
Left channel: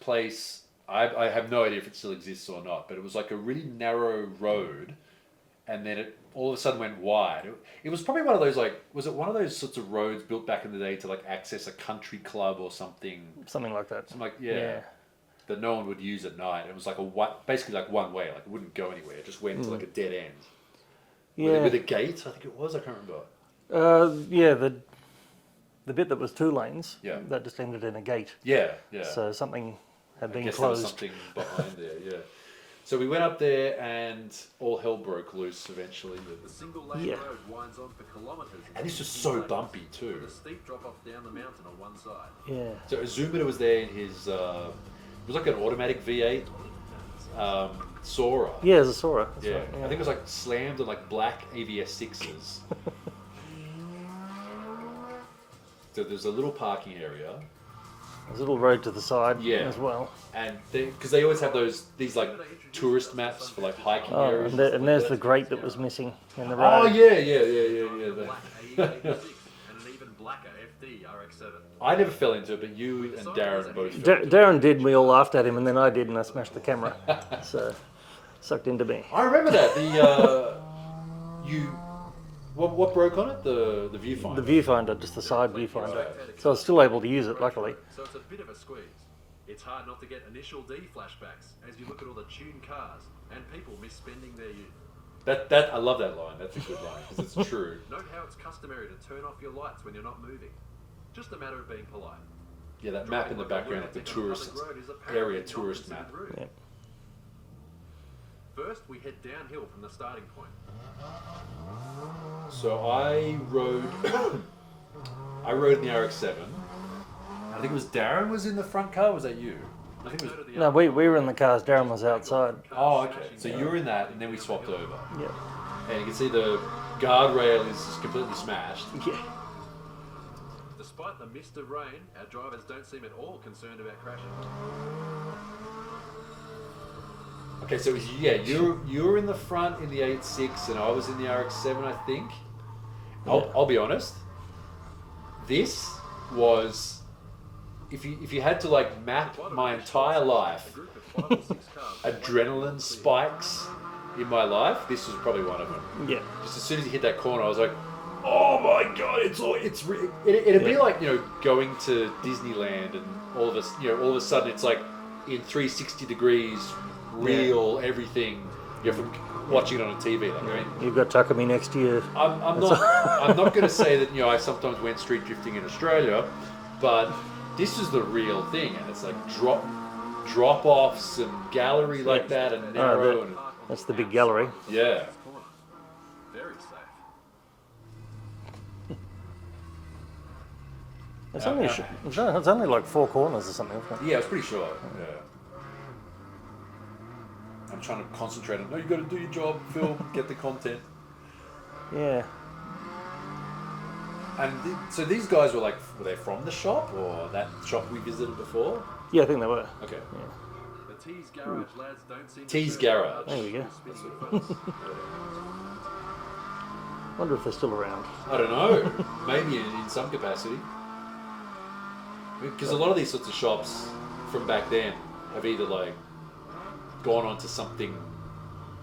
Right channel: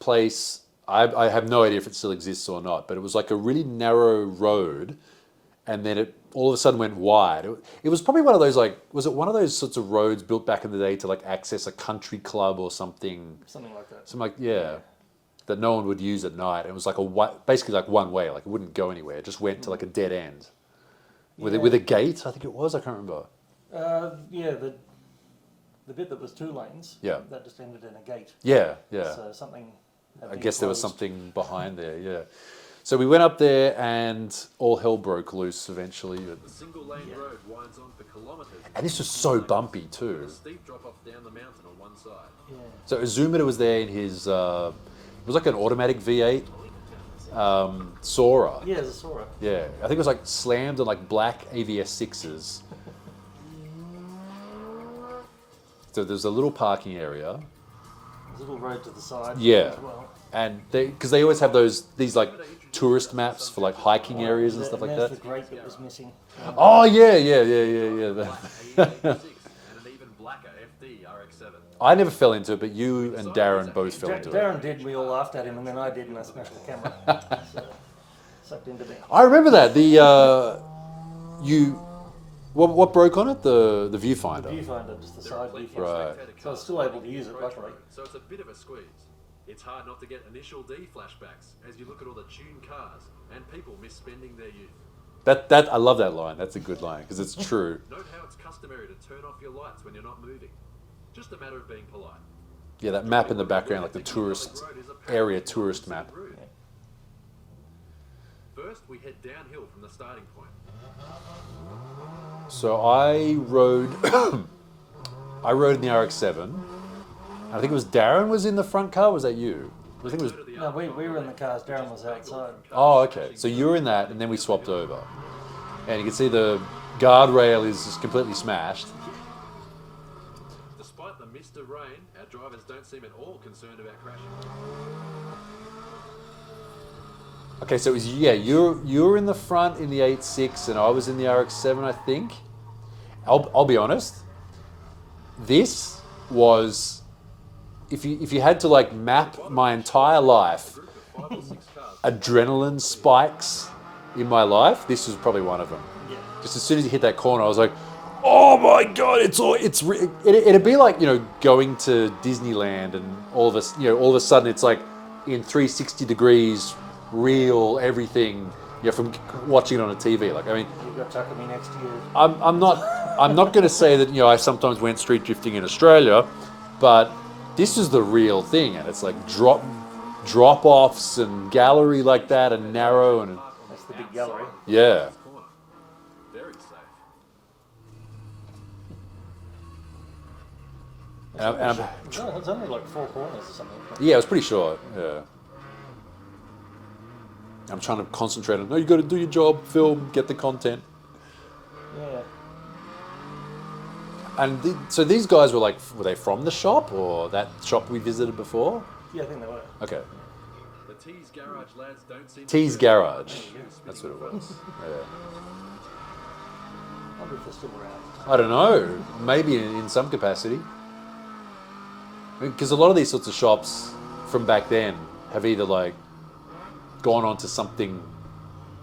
place, I have no idea if it still exists or not, but it was like a really narrow road, and then it all of a sudden went wide. It was probably one of those was it one of those sorts of roads built back in the day to like access a country club or something? Something like that. Something that no one would use at night. It was like basically like one way, like it wouldn't go anywhere. It just went to like a dead end. With a gate, I think it was. I can't remember. The bit that was 2 lanes. Yeah. That just ended in a gate. Yeah. So something had been I guess closed. there was something behind there. Yeah. So we went up there and all hell broke loose eventually. The single lane road winds on for kilometres. And this was so bumpy too. With a steep drop off down the mountain on one side. Yeah. So Azumida was there in his, it was like an automatic V8 Sora. Yeah, it's a Sora. Yeah, I think it was like slammed on like black AVS 6s. So there's a little parking area. There's a little road to the side as well. And because they always have these like tourist maps for like hiking areas and stuff And like there's that. the grate that was missing. In the Oh road. yeah. Black AE86 and an even blacker FD RX-7. I never fell into it, but you and Darren both fell into it. Darren did, we all laughed at him, and then I did, and I smashed the camera. So, sucked into me. I remember that. What broke on it? The viewfinder. The viewfinder, just the side viewfinder. So I was still able to use it, luckily. So it's a bit of a squeeze. It's hard not to get initial D flashbacks as you look at all the tuned cars and people misspending their youth. That I love that line. That's a good line because it's true. Note how it's customary to turn off your lights when you're not moving. Just a matter of being polite. Yeah, that map in the background, like the tourist area tourist map. Yeah. First, we head downhill from the starting point. So I rode in the RX-7. I think it was Darren was in the front car. Was that you? I think it was. No, we were in the cars, Darren was outside. Oh, okay. So you were in that, and then we swapped over. And you can see the guardrail is just completely smashed. Yeah. Despite the mist of rain, our drivers don't seem at all concerned about crashing. Okay, so it was you were in the front in the 8.6, and I was in the RX-7, I think. I'll be honest. This was. If you had to like map my entire life, adrenaline spikes in my life, this was probably one of them. Yeah. Just as soon as you hit that corner, I was like, "Oh my god!" It'd be like going to Disneyland and all of a sudden it's like in 360 degrees, real everything. From watching it on a TV. Like I mean, You've got Takumi next to you. I'm not going to say that I sometimes went street drifting in Australia, but this is the real thing, and it's like drop offs and gallery like that, and narrow and That's the big gallery. yeah. Very safe. It's only like 4 corners or something. Isn't it? Yeah, I was pretty sure. Yeah. I'm trying to concentrate on. No, you got to do your job, film, get the content. Yeah. And so these guys were they from the shop or that shop we visited before? Yeah, I think they were. Okay. The T's Garage lads don't seem T's to Garage. There you go. That's what Wonder if they're still around. I don't know. Maybe in some capacity. Because a lot of these sorts of shops from back then have either gone on to something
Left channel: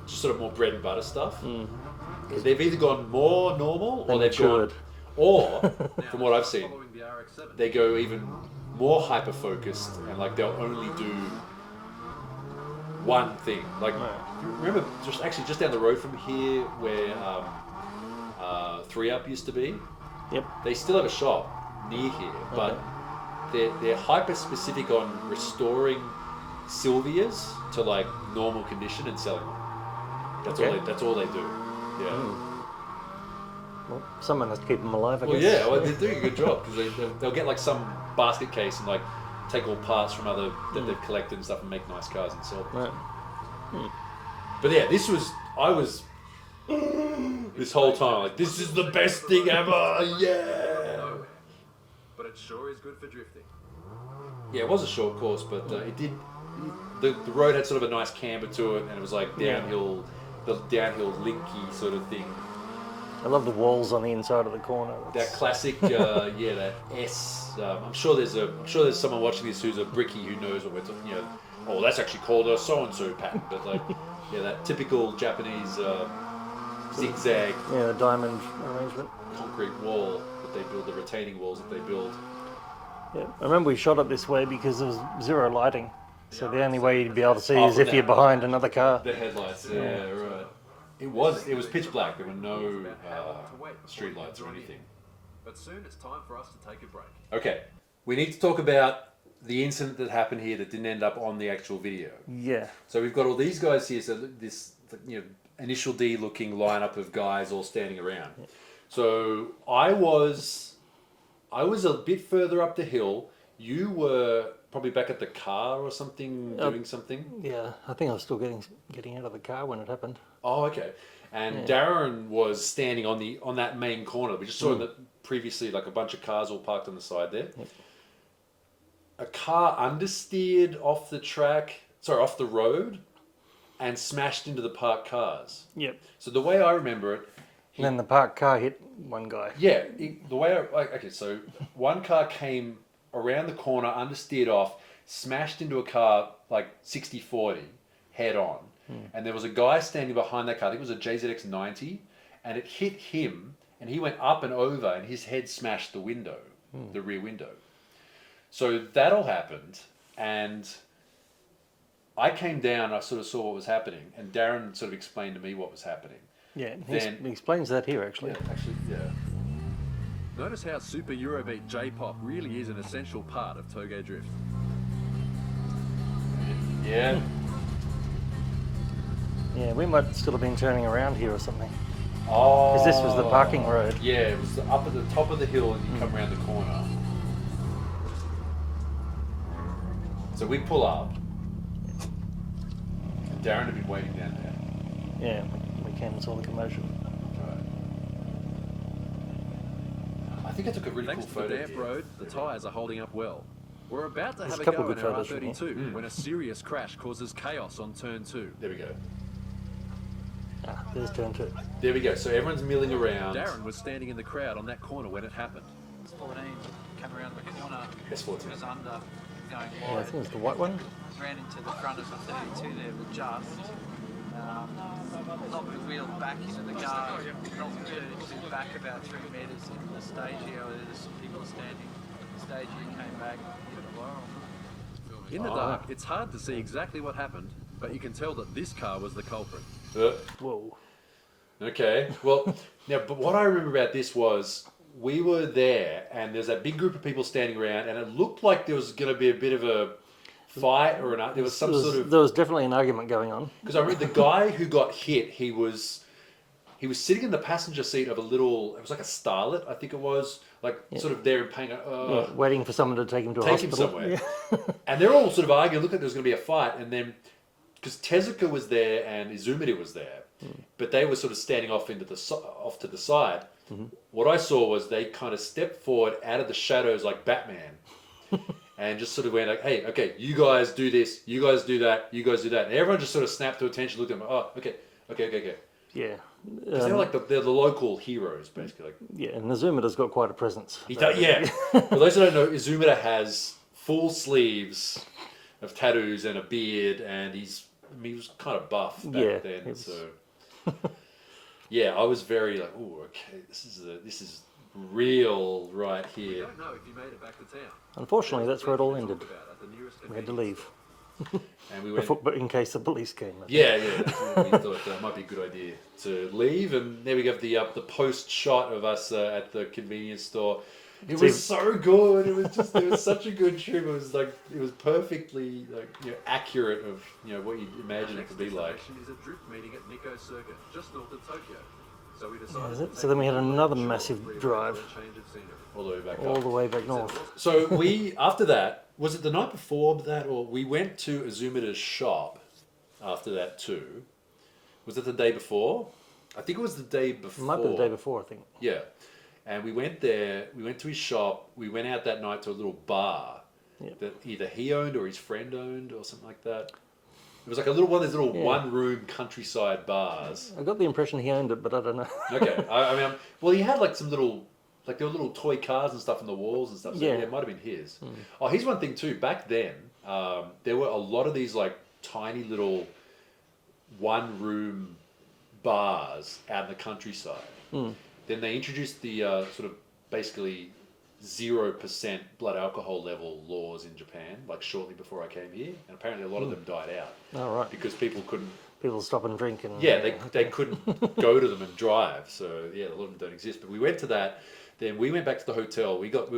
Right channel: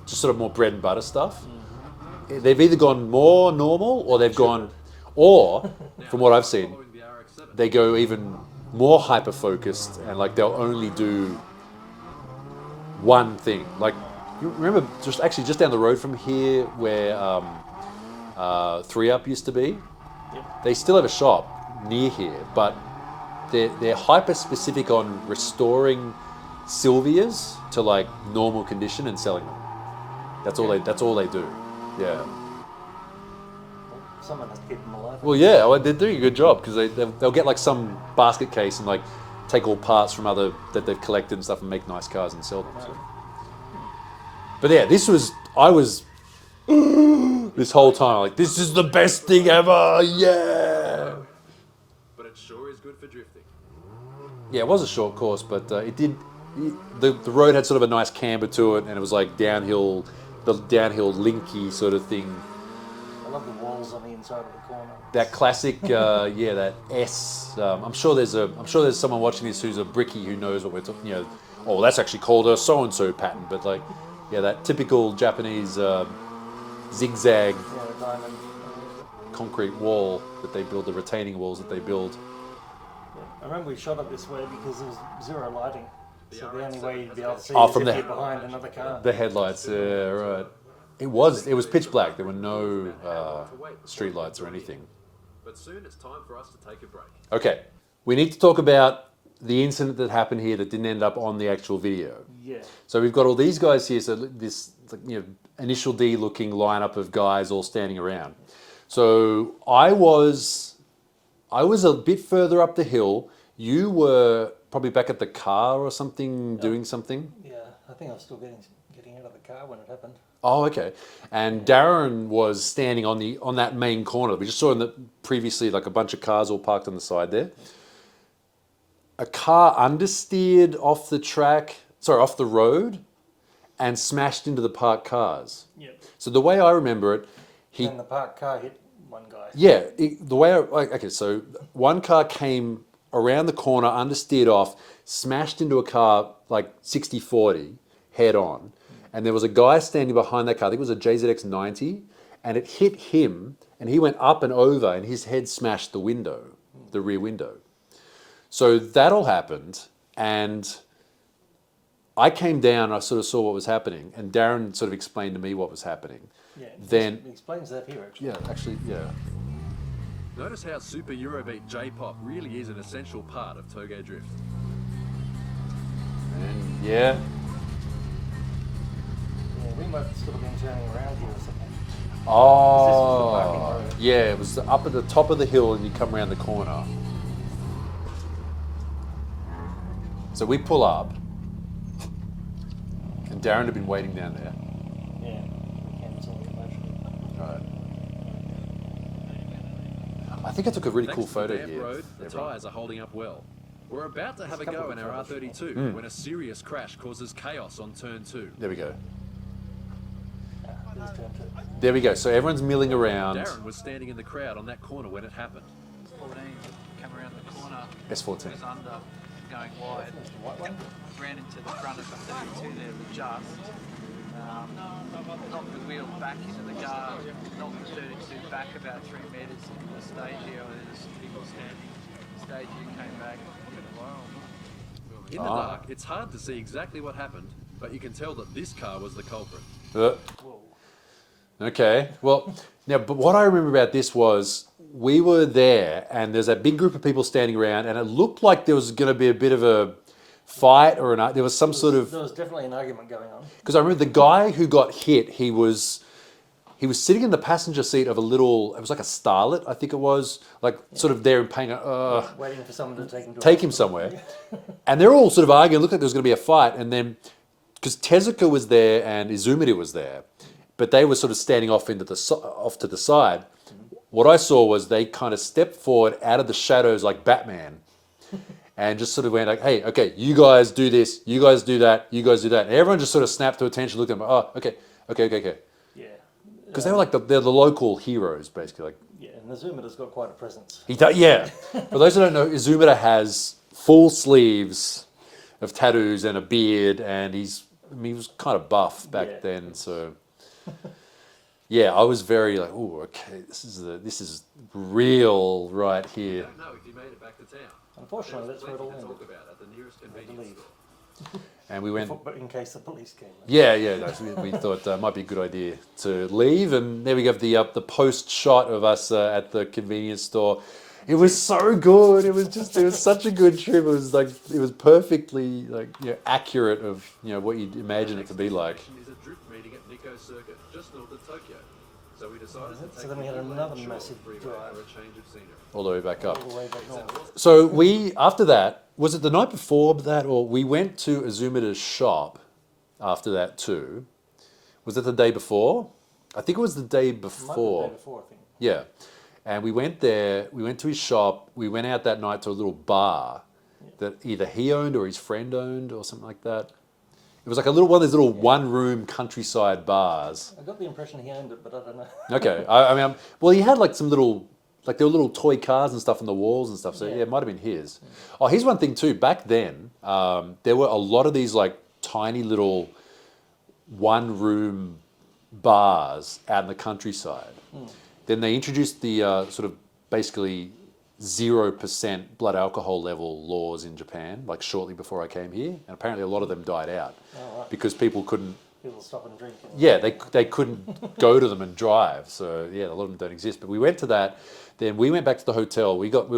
just sort of more bread and butter stuff. They've either gone more normal or they've gone, or from what I've seen, following the RX-7. they go even more hyper focused and they'll only do one thing. You remember just down the road from here where 3 Up used to be? Yep. They still have a shop near here, but they're hyper specific on restoring Sylvias to normal condition and selling them. That's all they do. Yeah. Well, someone has to keep them alive. I Well, guess. yeah, they're doing a good job because they'll get some basket case and take all parts from other that they've collected and stuff and make nice cars and sell them. Right. But yeah, I was this whole time this is the best thing ever. Yeah. But it sure is good for drifting. Yeah, it was a short course, but the road had sort of a nice camber to it, and it was downhill, the downhill linky sort of thing. I love the walls on the inside of the corner. That classic, that S. I'm sure there's someone watching this who's a brickie who knows what we're talking. oh, that's actually called a so-and-so pattern, but like, yeah, that typical Japanese zigzag Yeah, diamond arrangement. concrete wall that they build, the retaining walls that they build. Yeah. I remember we shot it this way because there was zero lighting. So the only way you'd be able to see Oh, is from if the- you're behind another car. The headlights, yeah, right. It was pitch black. There were no street lights or anything. But soon it's time for us to take a break. Okay, we need to talk about the incident that happened here that didn't end up on the actual video. Yeah. So we've got all these guys here. So this, Initial D looking lineup of guys all standing around. So I was a bit further up the hill. You were probably back at the car or something, doing something. Yeah, I think I was still getting out of the car when it happened. Oh, okay. And Darren was standing on that main corner. We just saw previously like a bunch of cars all parked on the side there. Yeah. A car understeered off off the road, and smashed into the parked cars. Yep. So the way I remember it, Then the parked car hit one guy. yeah, so one car came around the corner, understeered off, smashed into a car like 60-40, head on. And there was a guy standing behind that car, I think it was a JZX-90, and it hit him, and he went up and over, and his head smashed the window, the rear window. So that all happened, and I came down, I sort of saw what was happening, and Darren sort of explained to me what was happening. Yeah, Then he explains that here actually. Notice how Super Eurobeat J-Pop really is an essential part of Toge Drift. Yeah. Yeah, we might still have been turning around here or something. Oh. Because this was the parking road. Yeah, it was up at the top of the hill and you come around the corner. So we pull up. And Darren had been waiting down there. Yeah, we came and saw the commotion. I think I took a really Thanks cool to the photo damp here. road, the tyres are holding up well. We're about to have a couple go of in our photos from R32 when a serious crash causes chaos on turn 2. There we go. There's turn 2. There we go. So everyone's milling around. Darren was standing in the crowd on that corner when it happened. 14 came around the corner, S14. was under, going I wide, think it was the white one. ran into the front of the 32 there with just, knocked the wheel back into the guard, knocked the 32 back about 3 metres into the stage here where there's some people standing. The stage here came back, hit the Laurel. In the dark, it's hard to see exactly what happened, but you can tell that this car was the culprit. Whoa. Okay. Well, now, but what I remember about this was we were there and there's a big group of people standing around and it looked like there was going to be a bit of a fight or there was some sort of... There was definitely an argument going on. Because I remember the guy who got hit, he was sitting in the passenger seat of a little, it was like a Starlet, I think it was, like sort of there in pain, Waiting for someone to take him to a take him hospital. somewhere. And they're all sort of arguing, looked like there was going to be a fight. And then, because Tezuka was there and Izumida was there, but they were sort of standing off off to the side. What I saw was they kind of stepped forward out of the shadows like Batman and just sort of went like, hey, okay, you guys do this, you guys do that, you guys do that. And everyone just sort of snapped to attention, looked at them, oh, okay. Yeah. Because they were like they're the local heroes, basically. Like, Yeah, and Nazumida's got quite a presence. he does, yeah. For those who don't know, Izumida has full sleeves of tattoos and a beard, and he was kind of buff back then. So, yeah, I was very like, oh, okay, this is real right We here. don't know if he made it back to town. Unfortunately, There's that's where it all plenty to ended. talk about at the nearest We had to convenience leave. store. And we went. But in case the police came. Yeah, we thought it might be a good idea to leave, and there we go, the post shot of us at the convenience store. It was so good. It was such a good trip. It was perfectly accurate of what you'd imagine it to be like. Next destination is a drift meeting at Nikko Circuit, just north of Tokyo. So we decided to take So then we had the another short massive freeway drive. for a change of scenery. All the way back All up. the way back north. So we, after that, was it the night before that, or we went to Azumida's shop after that too? Was it the day before? I think it was the day before. Might be the day before, I think. Yeah. And we went there, we went to his shop, we went out that night to a little bar that either he owned or his friend owned or something like that. It was like one of those little one-room countryside bars. I got the impression he owned it, but I don't know. Okay. I mean, well, he had like some little Like there were little toy cars and stuff on the walls and stuff. So yeah, Yeah. it might have been his. Oh, here's one thing too. Back then, there were a lot of these like tiny little one-room bars out in the countryside. Then they introduced the sort of basically 0% blood alcohol level laws in Japan, like shortly before I came here, and apparently a lot of them died out Oh, right. because people couldn't. People stop and drink. And, Yeah, they couldn't go to them and drive. So yeah, a lot of them don't exist. But we went to that. Then we went back to the hotel. We got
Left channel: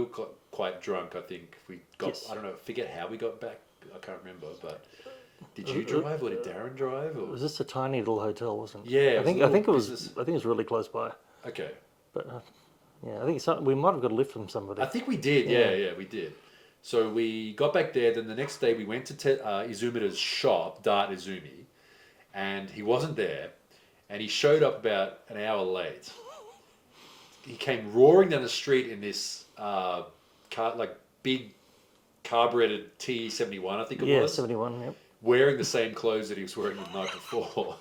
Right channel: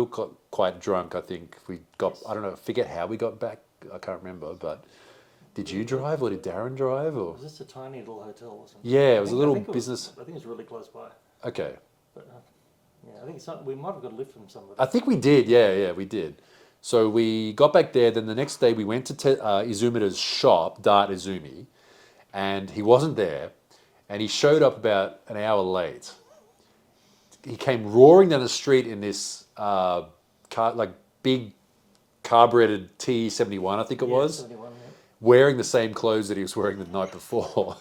quite drunk. I think we got. Yes. I don't know. Forget how we got back. I can't remember. But did you drive or did Darren drive? Or Was this a tiny little hotel, wasn't it? Yeah, it I was think, a little I think it was. business. I think it was really close by. okay. But yeah, I think we might have got a lift from somebody. I think we did. Yeah, we did. So we got back there. Then the next day we went to Izumita's shop, Dart Izumi, and he wasn't there. And he showed up about an hour late. He came roaring down the street in this big carbureted T71, I think it yeah, was, 71. Yep. wearing the same clothes that he was wearing the night before.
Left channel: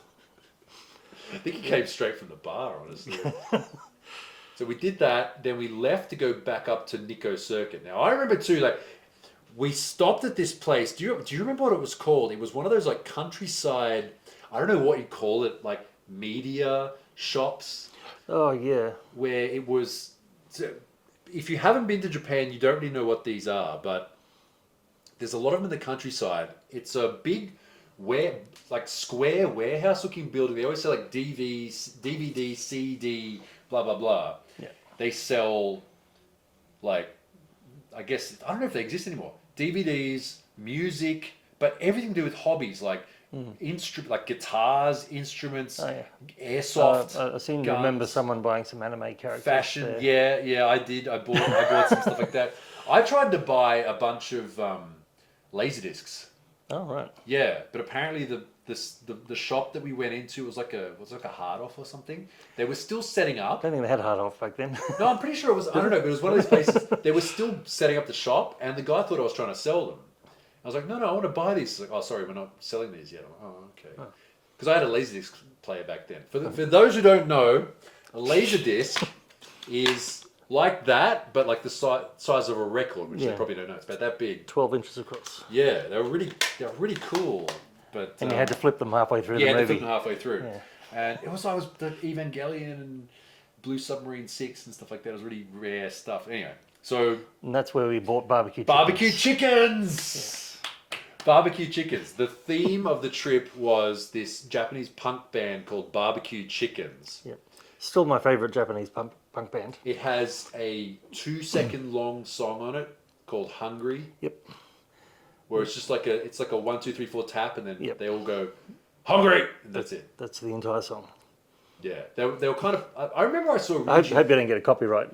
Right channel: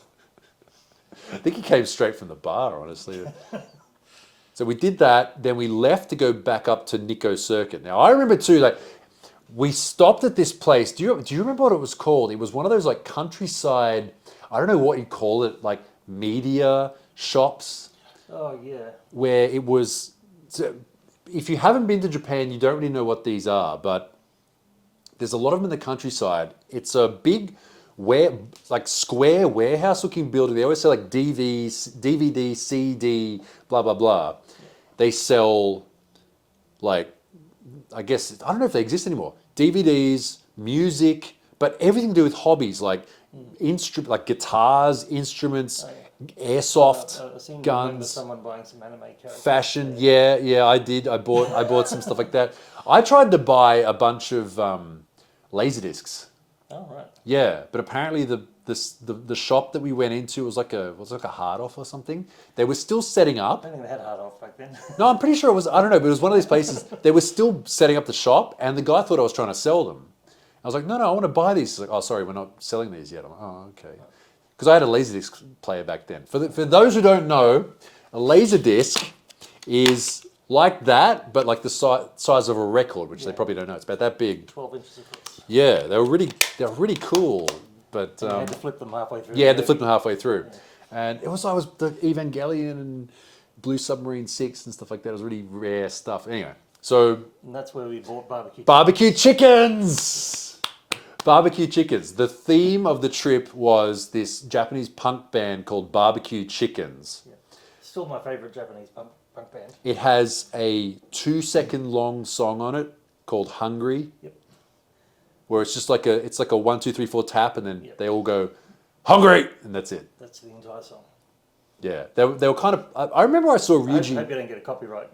I think he came straight from the bar, honestly. So we did that. Then we left to go back up to Nikko Circuit. Now I remember too, like we stopped at this place. Do you remember what it was called? It was one of those like countryside. I don't know what you call it, like media shops. Oh yeah. Where it was, so if you haven't been to Japan, you don't really know what these are, but there's a lot of them in the countryside. It's a big, square warehouse-looking building. They always sell like DVD, CD, blah blah blah. Yeah. They sell, like, I guess I don't know if they exist anymore. DVDs, music, but everything to do with hobbies, like like guitars, instruments, airsoft, I seem to guns. remember someone buying some anime characters. Fashion, there. yeah, I did. I bought some stuff like that. I tried to buy a bunch of laserdiscs. Oh right. Yeah, but apparently the shop that we went into was like a hard off or something. They were still setting I up. don't think they had hard off back then. No, I'm pretty sure it was. I don't know, but it was one of those places. They were still setting up the shop, and the guy thought I was trying to sell them. I was like, no, I want to buy these. He's like, oh, sorry, we're not selling these yet. I'm like, oh, okay. Because I had a Laserdisc player back then. For those who don't know, a Laserdisc is like that, but like the size of a record, which they probably don't know. It's about that big. 12 inches across. Yeah, they were really cool. But And you had to flip them halfway through. yeah, the had to movie. flip them halfway through. Yeah. And it was the Evangelion and Blue Submarine 6 and stuff like that. It was really rare stuff. Anyway, so And that's where we bought barbecue. barbecue chickens. Barbecue chickens. The theme of the trip was this Japanese punk band called Barbecue Chickens. Yeah. Still my favourite Japanese punk band. It has a 2-second long song on it called Hungry, Yep. where it's just like a 1, 2, 3, 4 tap, and then Yep. they all go Hungry, and that's it. That's the entire song. Yeah, they were kind of. I remember I saw I hope Ryuji. you don't get a copyright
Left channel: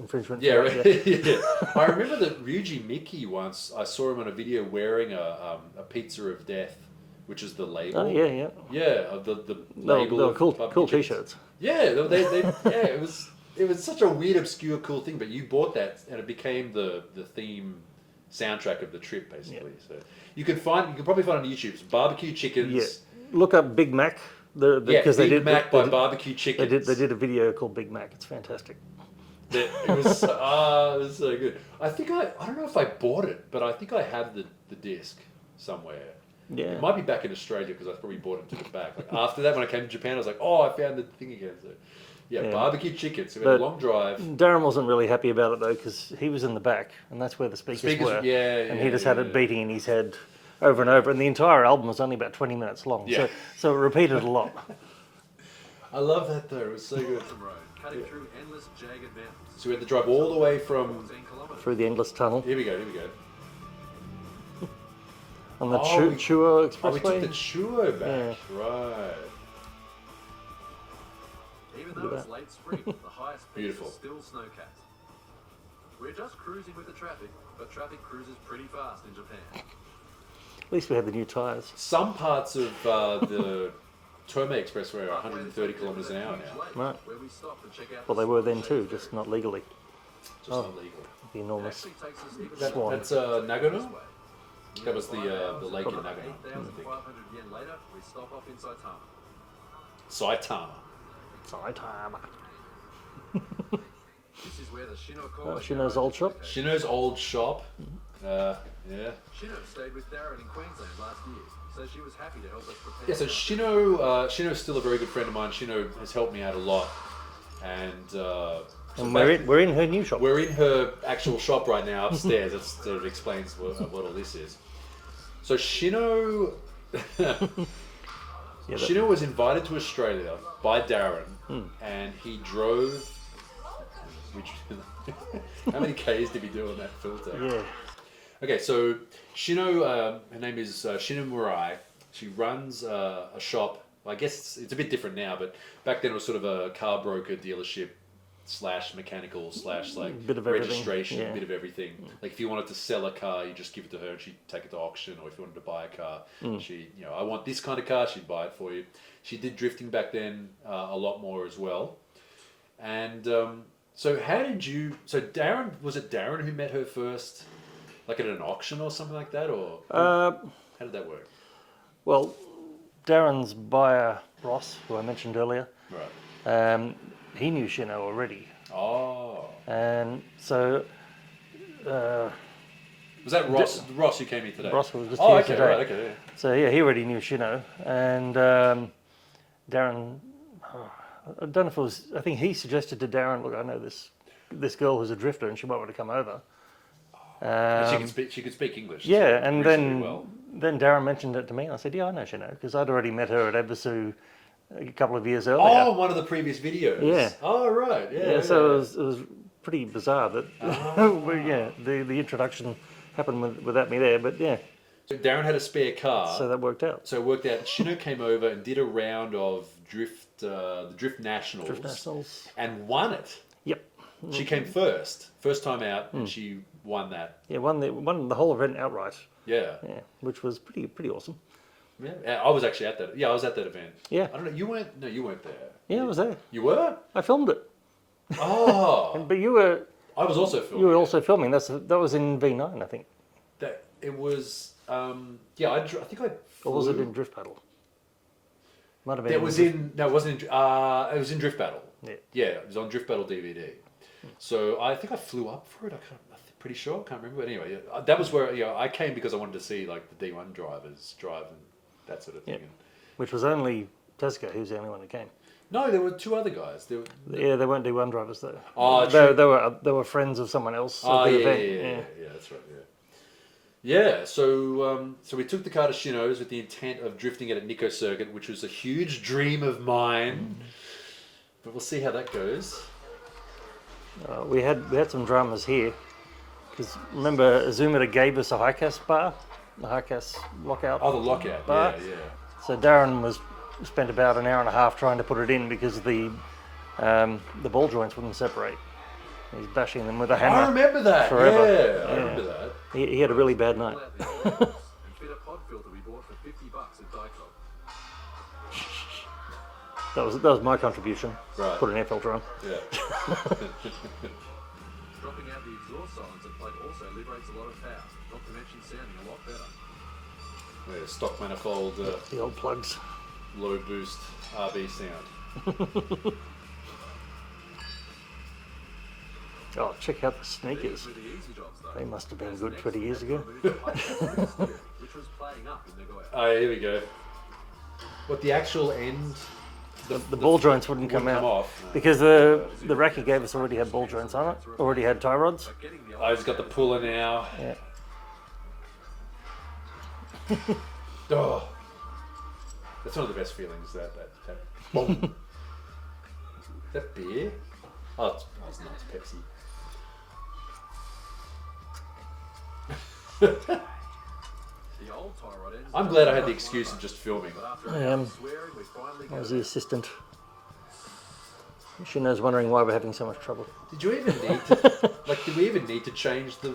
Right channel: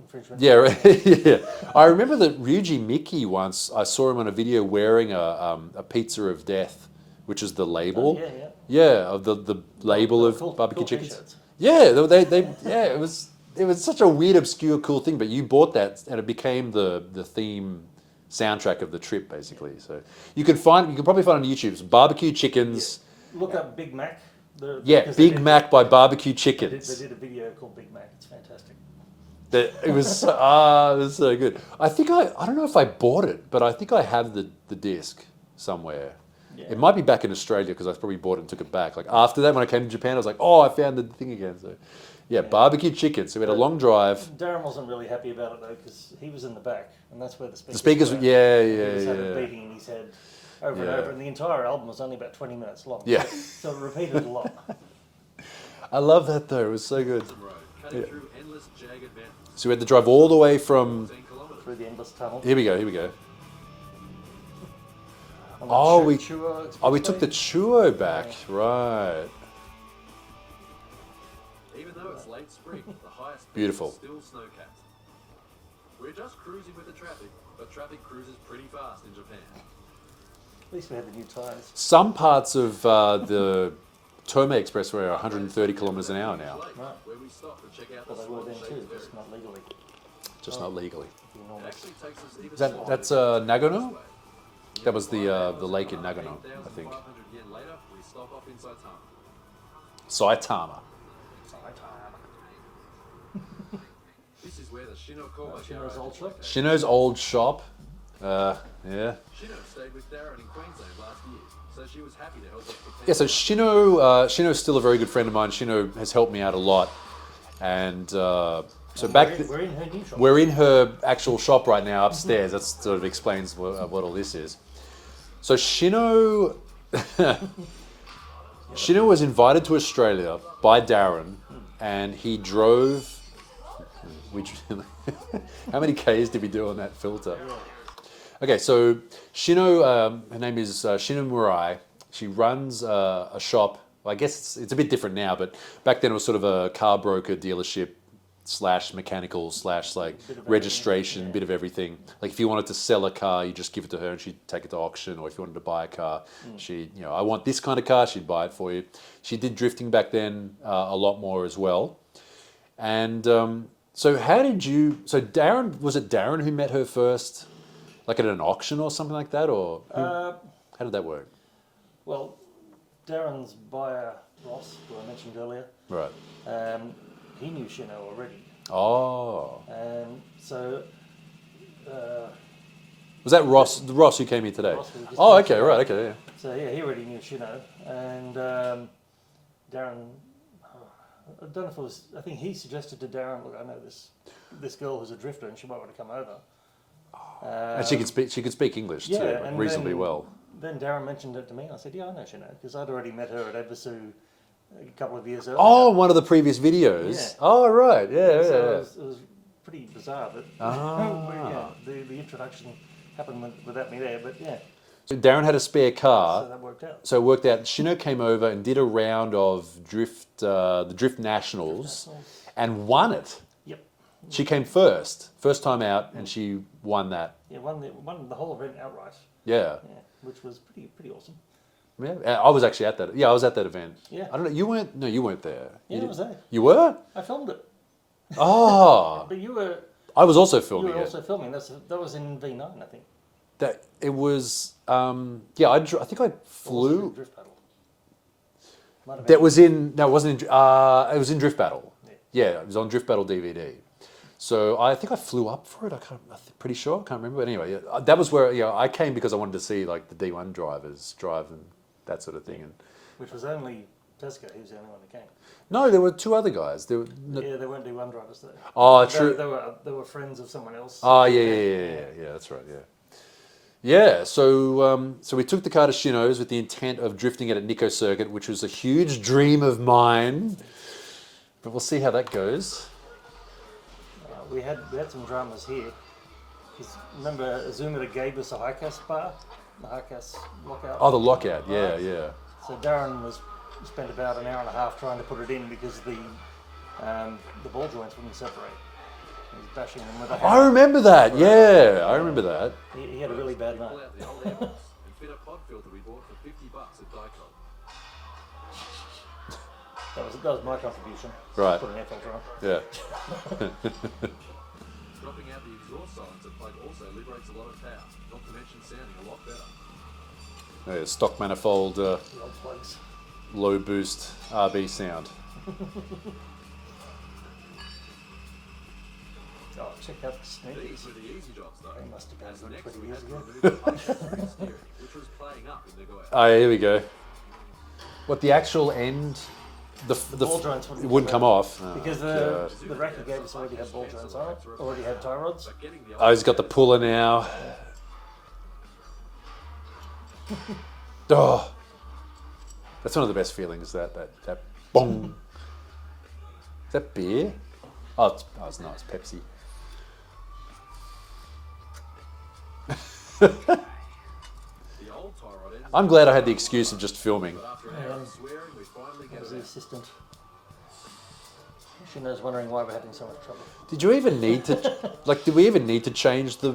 infringement. Yeah, right. Yeah. I remember that Ryuji Miki once. I saw him on a video wearing a Pizza of Death, which is the label. Oh, yeah. Yeah, of the label They were of cool, barbecue cool chickens. t-shirts. Yeah, yeah, it was such a weird, obscure, cool thing. But you bought that, and it became the theme soundtrack of the trip, basically. So you can probably find it on YouTube. It's barbecue chickens. Yeah. Look up Big Mac. Because Big Mac by Barbecue Chickens. They did a video called Big Mac. It's fantastic. It was it was so good. I think I don't know if I bought it, but I think I have the disc somewhere. Yeah. It might be back in Australia because I probably bought it and took it back. Like after that, when I came to Japan, I was like, oh, I found the thing again. So yeah, barbecue chicken. So we had a But long drive. Darren wasn't really happy about it though because he was in the back and that's where the speakers, speakers, were. yeah, And he just had it beating in his head over and over. And the entire album was only about 20 minutes long. Yeah. So it repeated a lot. I love that though. It was so good. Road, cutting through endless jagged mountains. So we had to drive all the way from. 14 kilometres. Through the endless tunnel. Here we go. On the Oh, Chuo Expressway. Oh, we took the Chuo back. Right. Even though it's late spring, the highest peaks Beautiful. are still snow-capped. We're just cruising with the traffic, but traffic cruises pretty fast in Japan. At least we had the new tyres. Some parts of the Tomei Expressway are 130 kilometers an hour now. Right. Where we stop and check out Well, the they were then Swan too, Shades just not legally. Just not legally. The It enormous. actually takes us even That- slower that's, to get Nagano? this way. That was the 5 hours lake in and Nagano, I think. 8,500 yen later, we stop off in Saitama. Saitama. Saitama. This is where the Shino Corvette Shino's garage old is shop. located. Shino's old shop. Yeah. Shino stayed with Darren in Queensland last year, so she was happy to help us prepare. Yeah, so Shino's still a very good friend of mine. Shino has helped me out a lot. And so And back we're in her new shop. we're in her actual shop right now upstairs. That sort of explains what all this is. So Shino, Shino was invited to Australia by Darren, and he drove. Which, how many Ks did we do on that filter? Yeah. Okay, so Shino, her name is Shino Myrone. She runs a shop. Well, I guess it's a bit different now, but back then it was sort of a car broker dealership / mechanical / like Bit of registration, everything, yeah. bit of everything. Like if you wanted to sell a car, you just give it to her and she'd take it to auction. Or if you wanted to buy a car, I want this kind of car, she'd buy it for you. She did drifting back then a lot more as well. And so Darren, was it Darren who met her first? Like at an auction or something like that? Or how did that work? Well, Darren's buyer, Ross, who I mentioned earlier, Right. he knew Shino already. Oh. And so Was that Ross? Ross who came here today? Ross was just Oh, here okay, today. right, okay. Yeah. So yeah, he already knew Shino, and Darren. I don't know if it was. I think he suggested to Darren, "Look, I know this girl who's a drifter, and she might want to come over." And she could speak. She could speak English. Yeah, too, and reasonably then well. then Darren mentioned it to me, and I said, "Yeah, I know Shino because I'd already met her at Ebisu a couple of years earlier." Oh, one of the previous videos. Yeah. Oh, right. Yeah. So it was pretty bizarre that the introduction happened without me there, but yeah, So Darren had a spare car. so that worked out. So it worked out. Shino came over and did a round of the Drift Nationals, Nationals. and won it. Yep. She came first time out, and she won that. Yeah, won the whole event outright. Yeah. Yeah, which was pretty awesome. Yeah. And I was actually at that. Yeah, I was at that event. Yeah. I don't know. You weren't. No, you weren't there. Yeah, I was there. You were? I filmed it, Oh. but you were I was also filming. it. also filming. That was in V9, I think. That it was. I think I Or was it in flew. Drift Paddle? Might have been. That was in. No, it wasn't. It was in Drift Battle. Yeah. Yeah, it was on Drift Battle DVD. So I think I flew up for it. I'm pretty sure. I can't remember. But anyway, yeah, that was where I came because I wanted to see like the D1 drivers drive and that sort of thing. Yeah. And Which was only Tesco. He was the only one who came. no, there were two other guys. There were, Yeah, they weren't D1 drivers though. Oh, true. They were friends of someone else. Oh at the yeah, event. that's right. Yeah. So we took the car to Shino's with the intent of drifting it at Nico Circuit, which was a huge dream of mine. But we'll see how that goes. We had some dramas here because remember Azumida gave us a high-cast bar, the high-cast lockout. Oh, the lockout. bar. Yeah. So Darren spent about an hour and a half trying to put it in because the ball joints wouldn't separate. He's bashing them with a hammer. I remember that. Forever. Yeah, I remember that. He had a really bad night. Pull out the old airbox and fit a pod filter we bought for $50 at Dycog. That was my contribution. Right. Put an air filter on. Yeah. Dropping out the exhaust silencer plug also liberates a lot of power, not to mention sounding a lot better. Yeah, stock manifold, The old plugs. low boost RB sound. Oh, check out the sneakers. These were the easy jobs though. They must have been As good next 20 we years had to ago. remove the high-pressure steering, which was playing up in the Goya. Oh, yeah, here we go. What, the actual end? The ball joints wouldn't come come out. off. Because the rack he gave us already had ball joints on it, already had tie rods. But getting the Oh, he's got the puller now. Oh, that's one of the best feelings. That bong. Is that beer? Oh, it's not. It's Pepsi. the old tie rod ends. I'm glad I had the excuse of just filming. But after an hour of swearing, we finally I get was it the out. assistant. She knows wondering why we're having so much trouble. Did you even need to? Like, did we even need to change the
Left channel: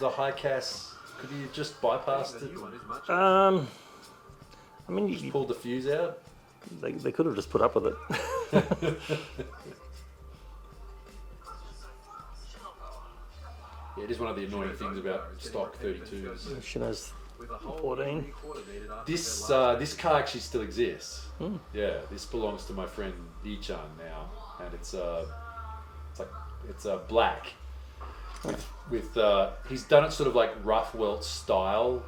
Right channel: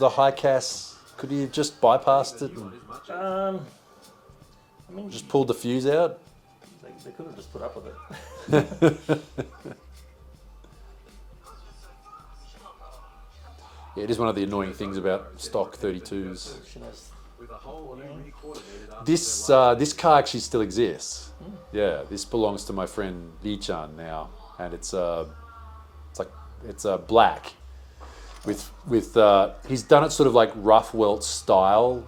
high cast? Could you just bypassed The it? new one is much I mean, Just pulled the fuse out? they could have just put up with it. Yeah, it is one of the annoying things about stock 32s. She knows. with a whole 14. new recorder needed after This their last this car actually still exists. Yeah, this belongs to my friend Lee-chan now, and it's like It's black. With he's done it sort of like rough welt style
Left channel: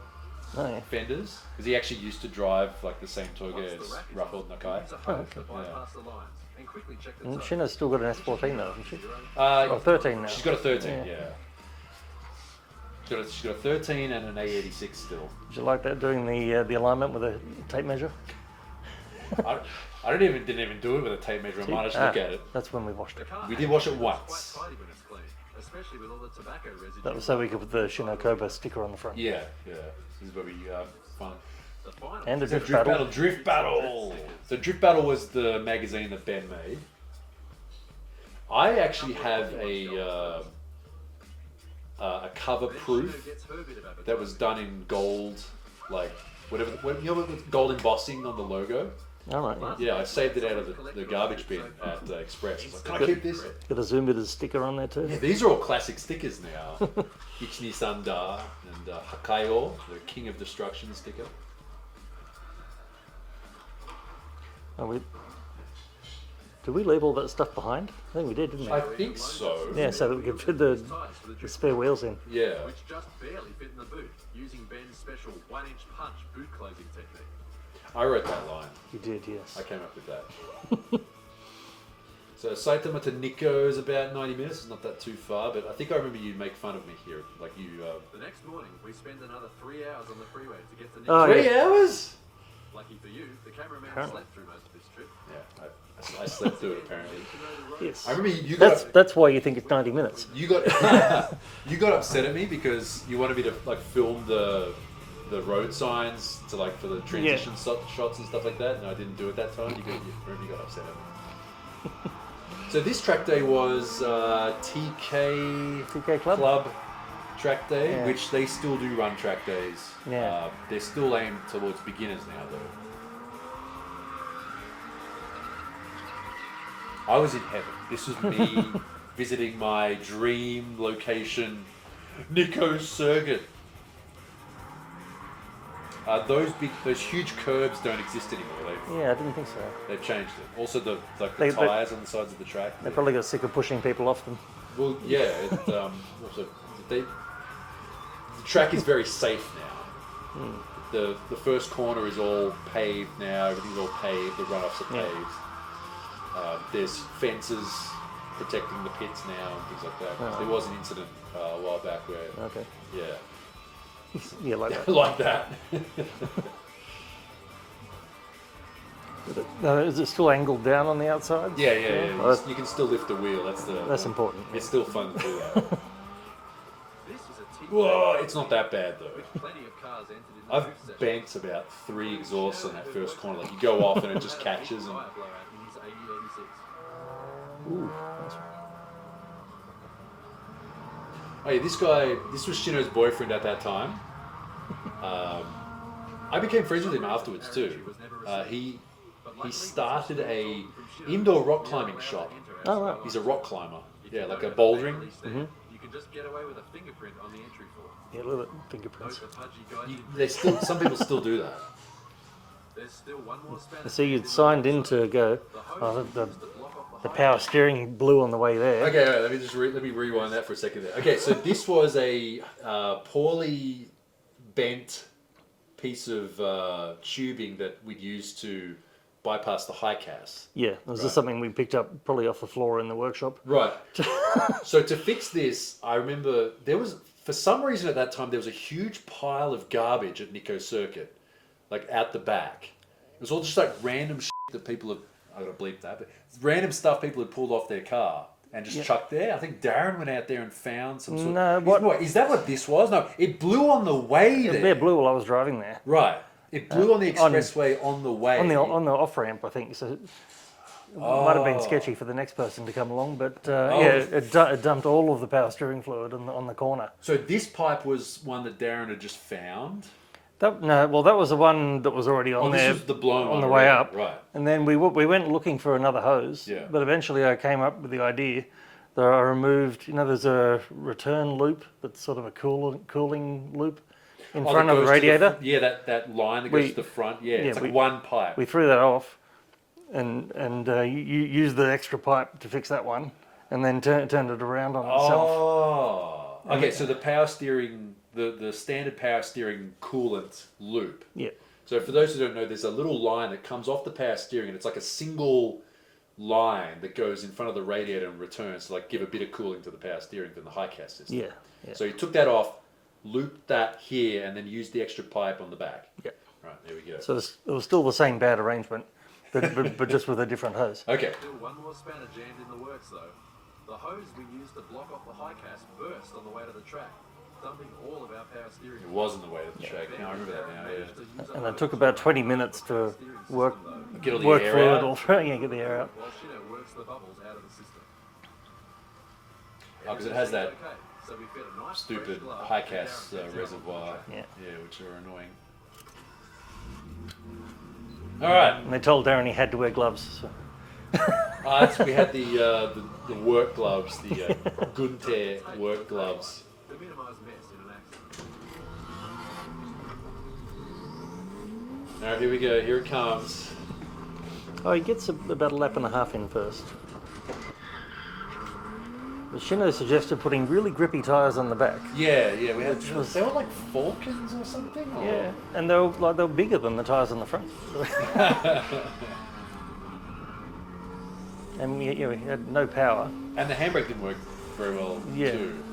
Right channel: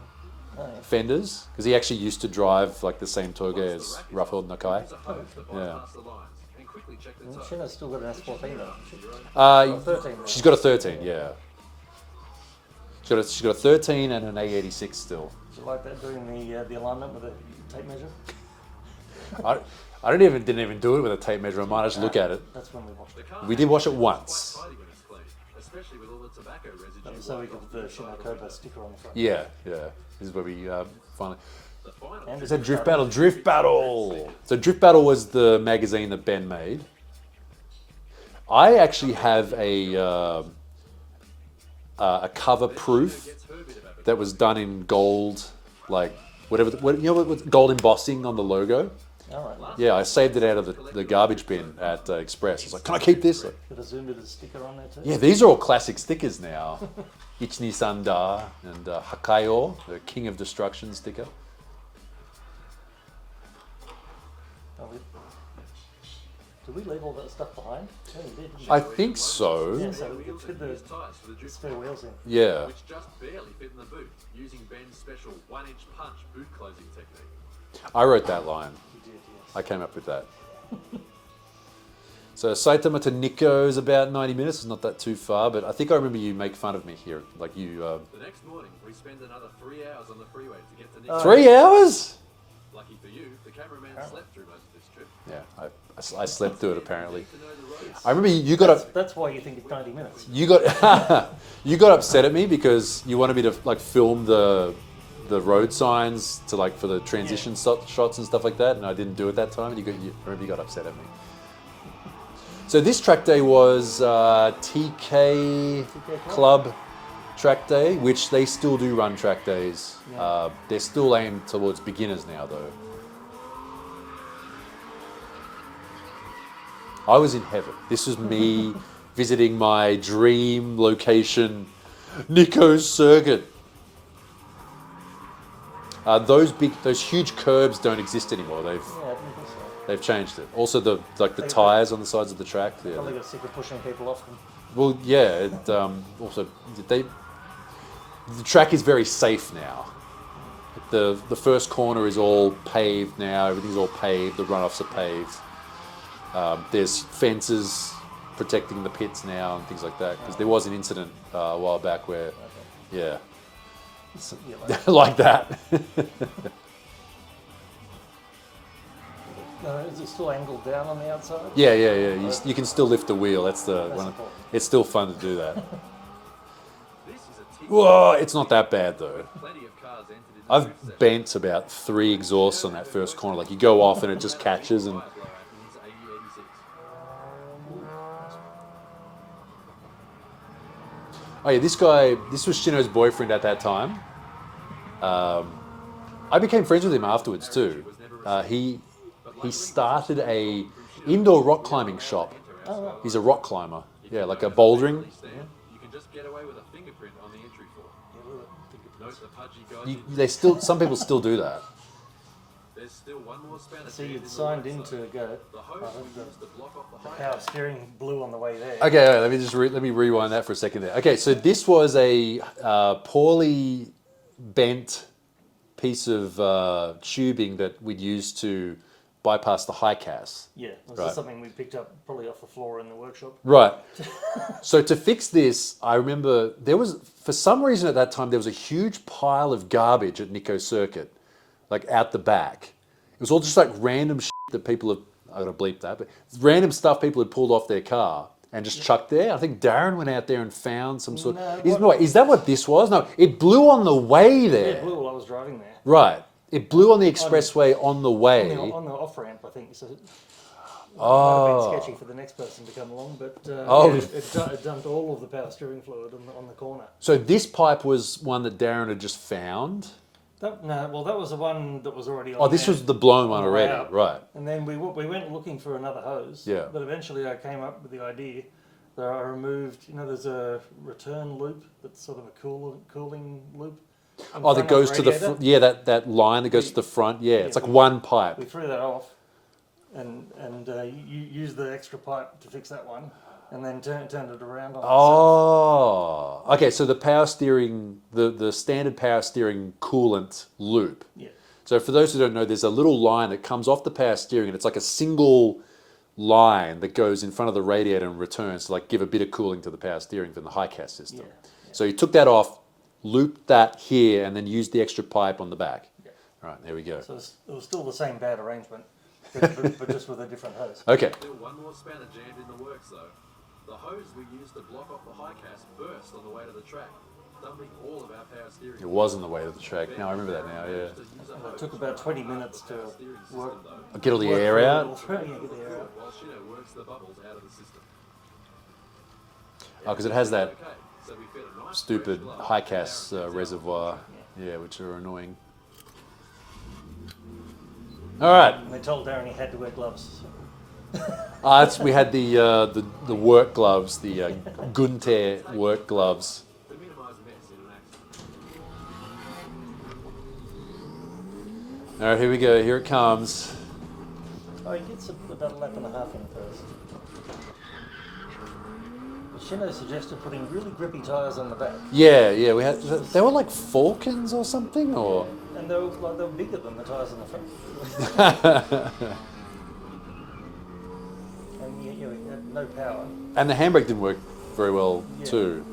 fenders because he actually used to drive like the same Toge as Rough Welt Nakai. And Shina's still got an S14 now, hasn't she? 13 now. She's got a 13, yeah. She's got a 13 and an A86 still. Did you like that, doing the alignment with a tape measure? I didn't even do it with a tape measure. I might just look at it. That's when we washed it. We did wash it once. Especially with all the tobacco residue. That was so we could put the Shino Cobra sticker on the front. Yeah. This is where we finally. And So Drift Battle. So Drift Battle was the magazine that Ben made. I actually have a cover proof that was done in gold, like what gold embossing on the logo. All right. Yeah, I saved it out of the garbage bin at Express. I was like, can I keep this? Got a Zoom Bitters sticker on there too. Yeah, these are all classic stickers now. Ichni Sanda and Hakayo, the King of Destruction sticker. Did we leave all that stuff behind? I think we did, didn't we? I think so. Yeah, so that we could fit the spare wheels in. Yeah. Which just barely fit in the boot, using Ben's special 1-inch punch boot closing technique. I wrote that line. You did, yes. I came up with that. So Saitama to Nikko is about 90 minutes. It's not that too far, but I think I remember you make fun of me here. Like you... The next morning, we spend another 3 hours on the freeway to get to Oh, Nikko. 3 hours? Lucky for you, the cameraman slept through most of this trip. Yeah, I slept through it apparently. To know the roads. I remember you got... That's why you think it's 90 minutes. You got you got upset at me because you wanted me to like film the road signs to like for the transition shots and stuff like that, and I didn't do it that time. You got upset at me. So this track day was TK Club track day, which they still do run track days. Yeah. They're still aimed towards beginners now though. I was in heaven. This was me visiting my dream location, Nikko's Circuit. Those huge curbs don't exist anymore. Yeah, I didn't think so. They've changed it. Also, the They- tires on the sides of the track. They yeah. probably got sick of pushing people off them. Well, yeah. Also, the track is very safe now. The first corner is all paved now. Everything's all paved. The runoffs are paved. There's fences protecting the pits now and things like that. Because there was an incident a while back where, yeah, Yeah, like that. like that. Is it still angled down on the outside? Yeah. You can still lift the wheel. That's important. It's still fun to do that. This is a T Whoa, it's not that bad though. plenty of cars entered in the I've drift session. bent about 3 exhausts on that first corner. Like you go off and it just catches and. Tire blowout in his AE86. Oh yeah, this was Shino's boyfriend at that time. I became friends with him afterwards too. He started a indoor rock climbing shop. Oh, right. He's a rock climber. Yeah, like a bouldering. You can just get away with a fingerprint on the entry form. Yeah, look at fingerprints. Note the pudgy guide. They some people still do that. There's still one more spanner. So you signed in to go. The power steering blew on the way there. Okay, all right, let me rewind that for a second there. Okay, so this was a poorly bent piece of tubing that we'd used to bypass the high cast. Yeah, this Right. is something we picked up probably off the floor in the workshop. Right. So to fix this, I remember for some reason at that time, there was a huge pile of garbage at Nikko Circuit, like out the back. It was all just like random shit that people have, I gotta bleep that, but random stuff people had pulled off their car and just chucked there. I think Darren went out there and found some sort is that what this was? No, it blew on the way there. Yeah, it blew while I was driving there. Right. It blew on the expressway on the way. On the off ramp, I think. So it might have been sketchy for the next person to come along, but it dumped all of the power steering fluid on the corner. So this pipe was one that Darren had just found. That was the one that was already on. Oh, this there was the blown one on the way already. up, Right. And then we went looking for another hose. Yeah. But eventually, I came up with the idea that I removed. There's a return loop that's sort of a cooling loop in front of the radiator. That line that goes to the front. Yeah, it's like one pipe. We threw that off, and you used the extra pipe to fix that one, and then turned it around on itself. Oh, okay. So the power steering, the standard power steering coolant loop. Yeah. So for those who don't know, there's a little line that comes off the power steering, and it's like a single line that goes in front of the radiator and returns to like give a bit of cooling to the power steering from the high cast system. Yeah. So you took that off, looped that here, and then used the extra pipe on the back. Yeah. Right, there we go. So it was still the same bad arrangement, but just with a different hose. Okay. Still one more spanner jammed in the works though. The hose we used to block off the high cast burst on the way to the track, dumping all of our power steering. It was on the way to the track. Now I remember that now, yeah. And it took about 20 minutes to work Get all the work air through out. it all through. Yeah, get the air out. While Shino works the bubbles out of the system. Oh, because it has that Okay, so we fed a nice stupid fresh glove high and cast Darren gets out reservoir. on the track. Yeah. Which are annoying. All right. And they told Darren he had to wear gloves. So. We had the work gloves, the Gunter work gloves. To minimise mess in an accident. All right, here we go. Here it comes. Oh, he gets about a lap and a half in first. But Shino suggested putting really grippy tyres on the back. Yeah, we had. They were like Falcons or something, or Yeah. And they were bigger than the tyres on the front. And we had no power. and the handbrake didn't work very well Yeah. too.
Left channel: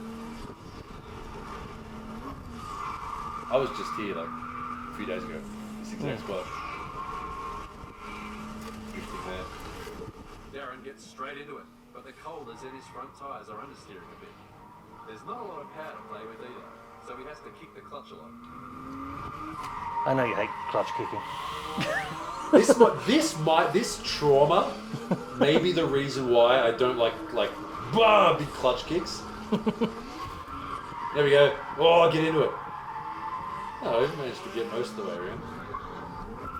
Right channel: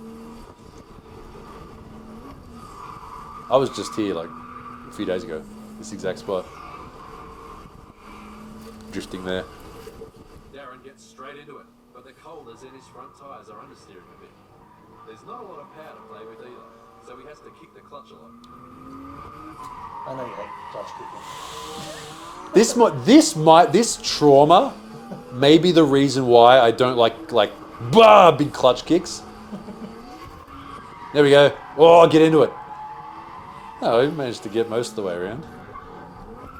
I was just here like a few days ago, this exact spot, drifting there. Darren gets straight into it, but the colders in his front tyres are understeering a bit. There's not a lot of power to play with either, so he has to kick the clutch a lot. I know you hate clutch kicking. This trauma may be the reason why I don't like big clutch kicks. There we go. Oh, get into it. Oh, we managed to get most of the way around.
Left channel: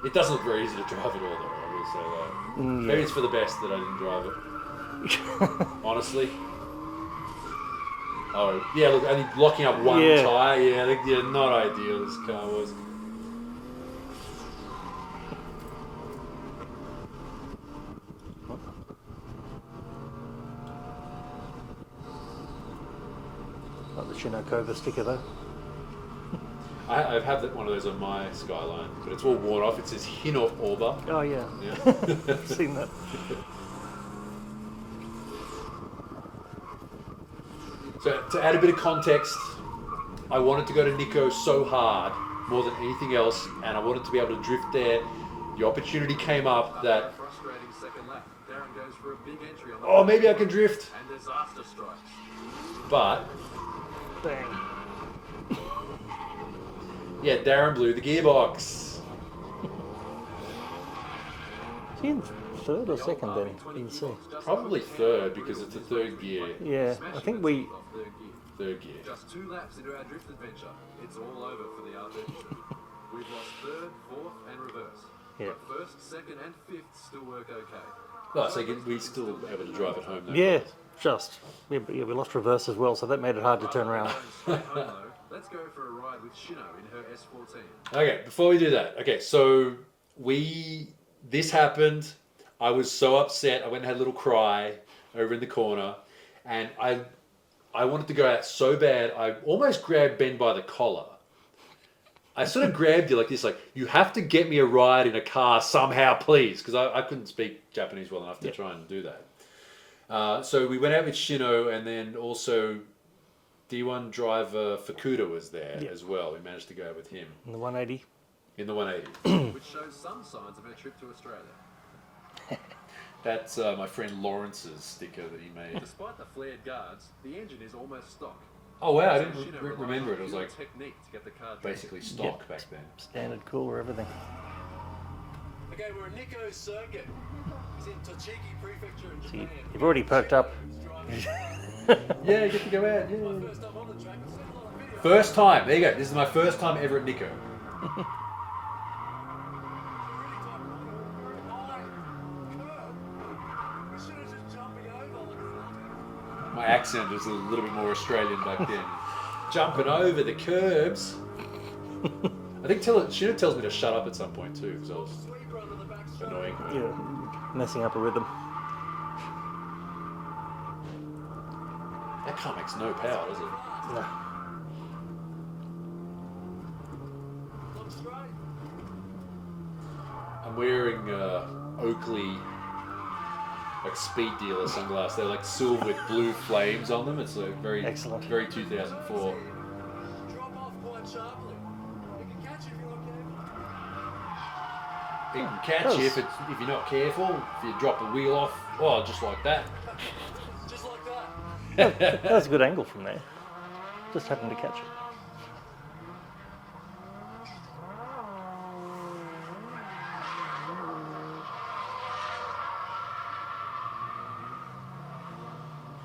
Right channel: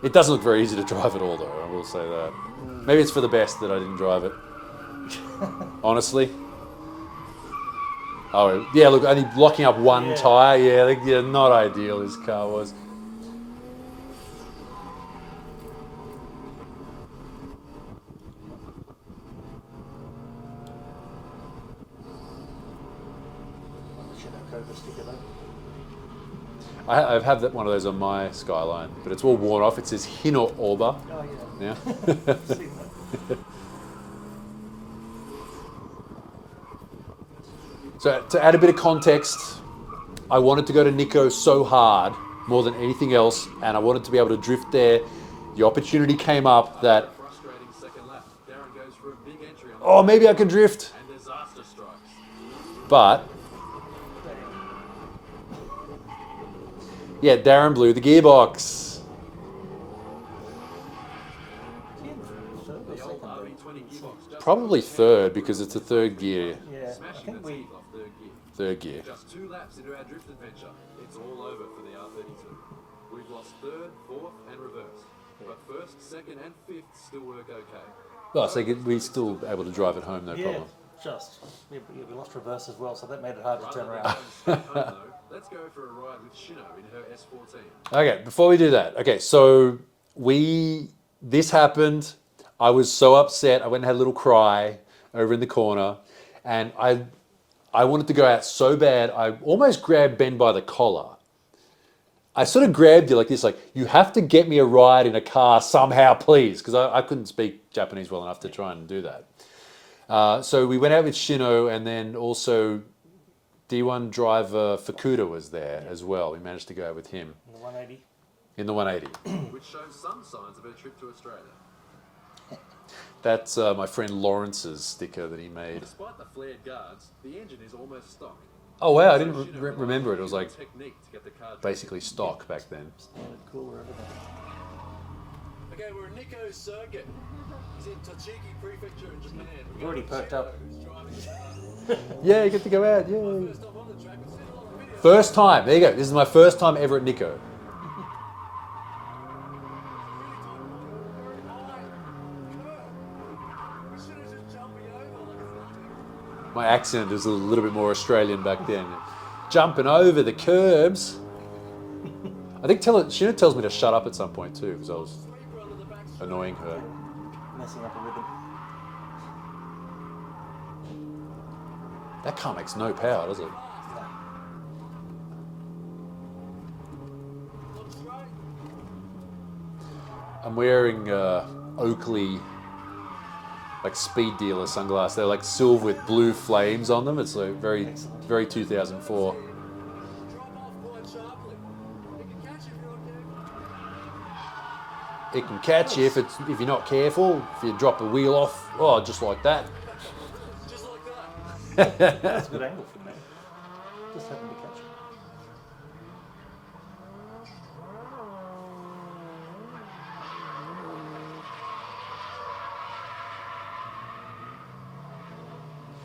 It doesn't look very easy to drive at all, though. I will say that. Maybe it's for the best that I didn't drive it. Honestly. Oh yeah, look, only blocking up one Yeah. tyre. Yeah, not ideal. This car was. Like the Shino Cobra sticker though. I have one of those on my Skyline, but it's all worn off. It says Hino Orba. Oh yeah. Yeah. I've seen that. So to add a bit of context, I wanted to go to Nico so hard, more than anything else, and I wanted to be able to drift there. The opportunity came up that, Frustrating second lap. Darren goes for a big entry on the oh, maybe I can drift. and disaster strikes. But, yeah, Darren blew the gearbox. Is he in third or The old second there? RB20 Didn't see. gearbox just Probably third because it's a third gear. Yeah, I smashing think the we. teeth off third gear. Third gear. Just 2 laps into our drift adventure, it's all over for the R32. We've lost third, fourth, and reverse. Yeah. But first, second, and fifth still work okay. Oh, so we're still able to drive it home, no Yeah, problem. just. We lost reverse as well, so that made it hard to turn Rather than around. going straight home though, let's go for a ride with Shino in her S14. Okay, before we do that, so this happened. I was so upset. I went and had a little cry over in the corner, and I wanted to go out so bad. I almost grabbed Ben by the collar. I sort of grabbed you like this, like, you have to get me a ride in a car somehow, please, because I couldn't speak Japanese well enough to try and do that. So we went out with Shino, and then also D1 driver Fukuda was there as well. We managed to go out with him In the 180. in the 180. Which shows some signs of her trip to Australia. That's my friend Lawrence's sticker that he made. Despite the flared guards, the engine is almost stock. Oh wow, I So didn't Shino relies remember on it. It was pure like technique to get the car drifting. basically stock back then. Standard cooler, everything. Okay, we're in Nikko's circuit. He's in Tochigi Prefecture in Japan. You've already perked up. Yeah, you get to go out. Yeah. First time on the track, I've seen a lot of videos. First time. There you go. This is my first time ever at Nico. My accent was a little bit more Australian back then. Jumping over the curbs. I think Shino tells me to shut up at some point too, because I was annoying her. Yeah, messing up a rhythm. That car makes no power, does it? I'm wearing Oakley like speed dealer sunglasses. They're like silver with blue flames on them. It's like very, Excellent. very 2004. Drop off quite sharply. It can catch you if you're not careful. It can catch you if you're not careful. If you drop a wheel off, oh, just like that. Just like that. That's a good angle from there. Just happened to catch it.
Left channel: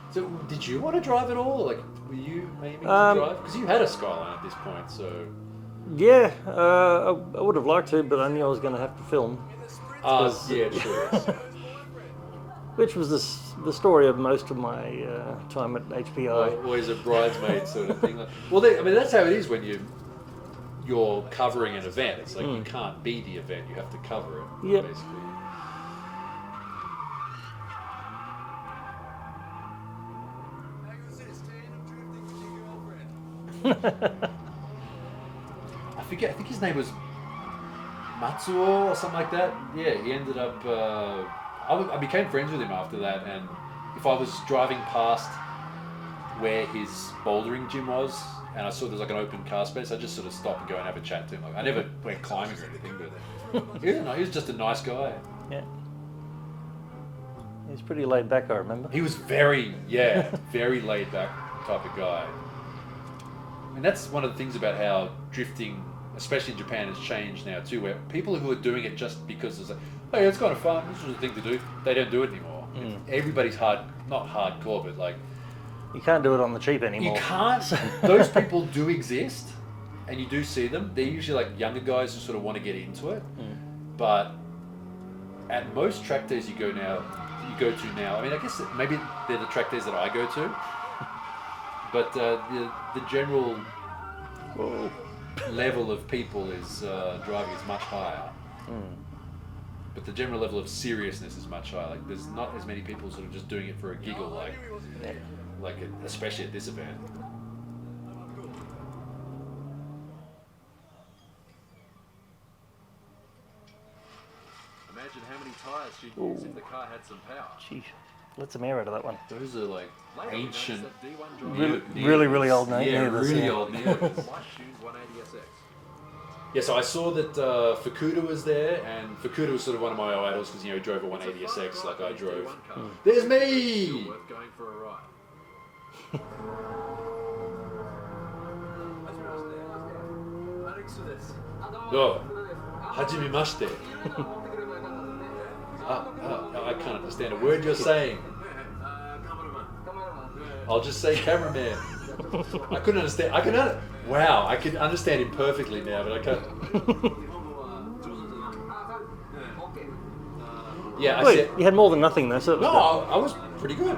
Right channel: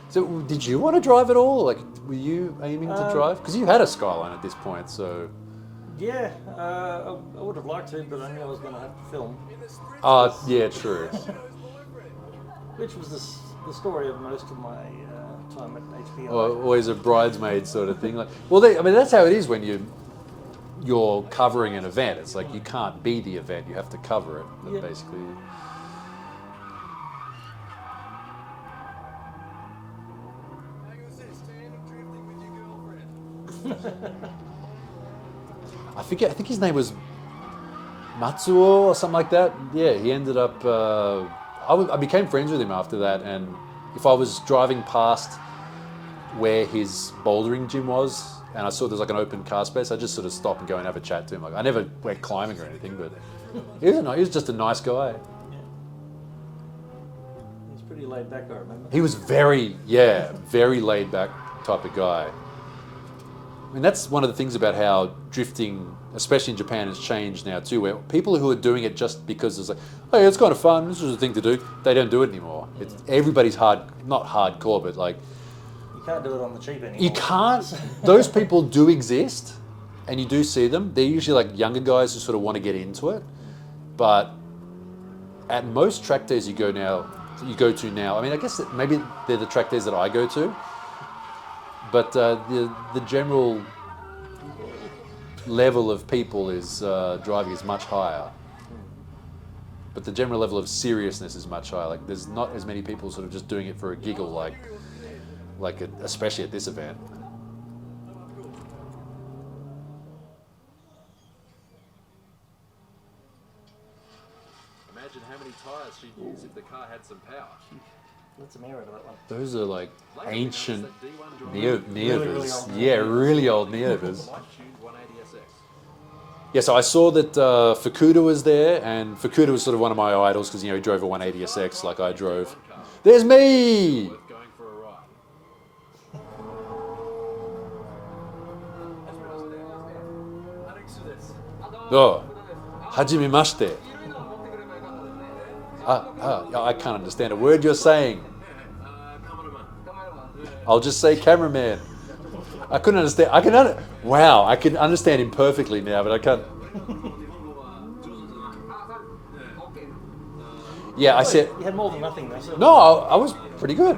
So, did you want to drive at all? Like, were you aiming to drive? Because you had a Skyline at this point, so. Yeah, I would have liked to, but I knew I was going to have to film, Yeah, true. which was the story of most of my time at HBO. Well, always a bridesmaid sort of thing. Like, well, I mean, that's how it is when you're covering an event. It's like you can't be the event; you have to cover it, Yeah. basically. Hang on, this tandem drifting with your girlfriend. I forget. I think his name was Matsuo or something like that. Yeah, he ended up. I became friends with him after that, and if I was driving past where his bouldering gym was, and I saw there's like an open car space, I just sort of stop and go and have a chat to him. Like I never went climbing or anything, but he was just a nice guy. Yeah. He's pretty laid back, I remember. He was very laid back type of guy. I mean, that's one of the things about how drifting, especially in Japan, has changed now too, where people who are doing it just because it's like, hey, it's kind of fun, this is a thing to do, they don't do it anymore. Everybody's not hardcore, but like, You can't do it on the cheap anymore. you can't, those people do exist, and you do see them. They're usually like younger guys who sort of want to get into it, but at most track days you go to now, I mean, I guess maybe they're the track days that I go to, but the general level of people is driving is much higher, but the general level of seriousness is much higher. Like there's not as many people sort of just doing it for a giggle, especially at this event. Imagine how many tyres she'd use if the car had some power. Sheesh. Let some air out of that one. Those are like Later we noticed ancient that D1 driver Really old Neovas. Yeah, really old Neovas. light-tuned 180SX. Yeah, so I saw that Fukuda was there, and Fukuda was sort of one of my idols because, he drove a 180SX like I drove. There's me! Worth going for a ride. Oh, hajimemashite. I can't understand a word you're saying. I'll just say cameraman. I couldn't understand. Wow, I can understand him perfectly now, but I can't. Yeah, I Wait, said. you had more than nothing though, so No, I was pretty good.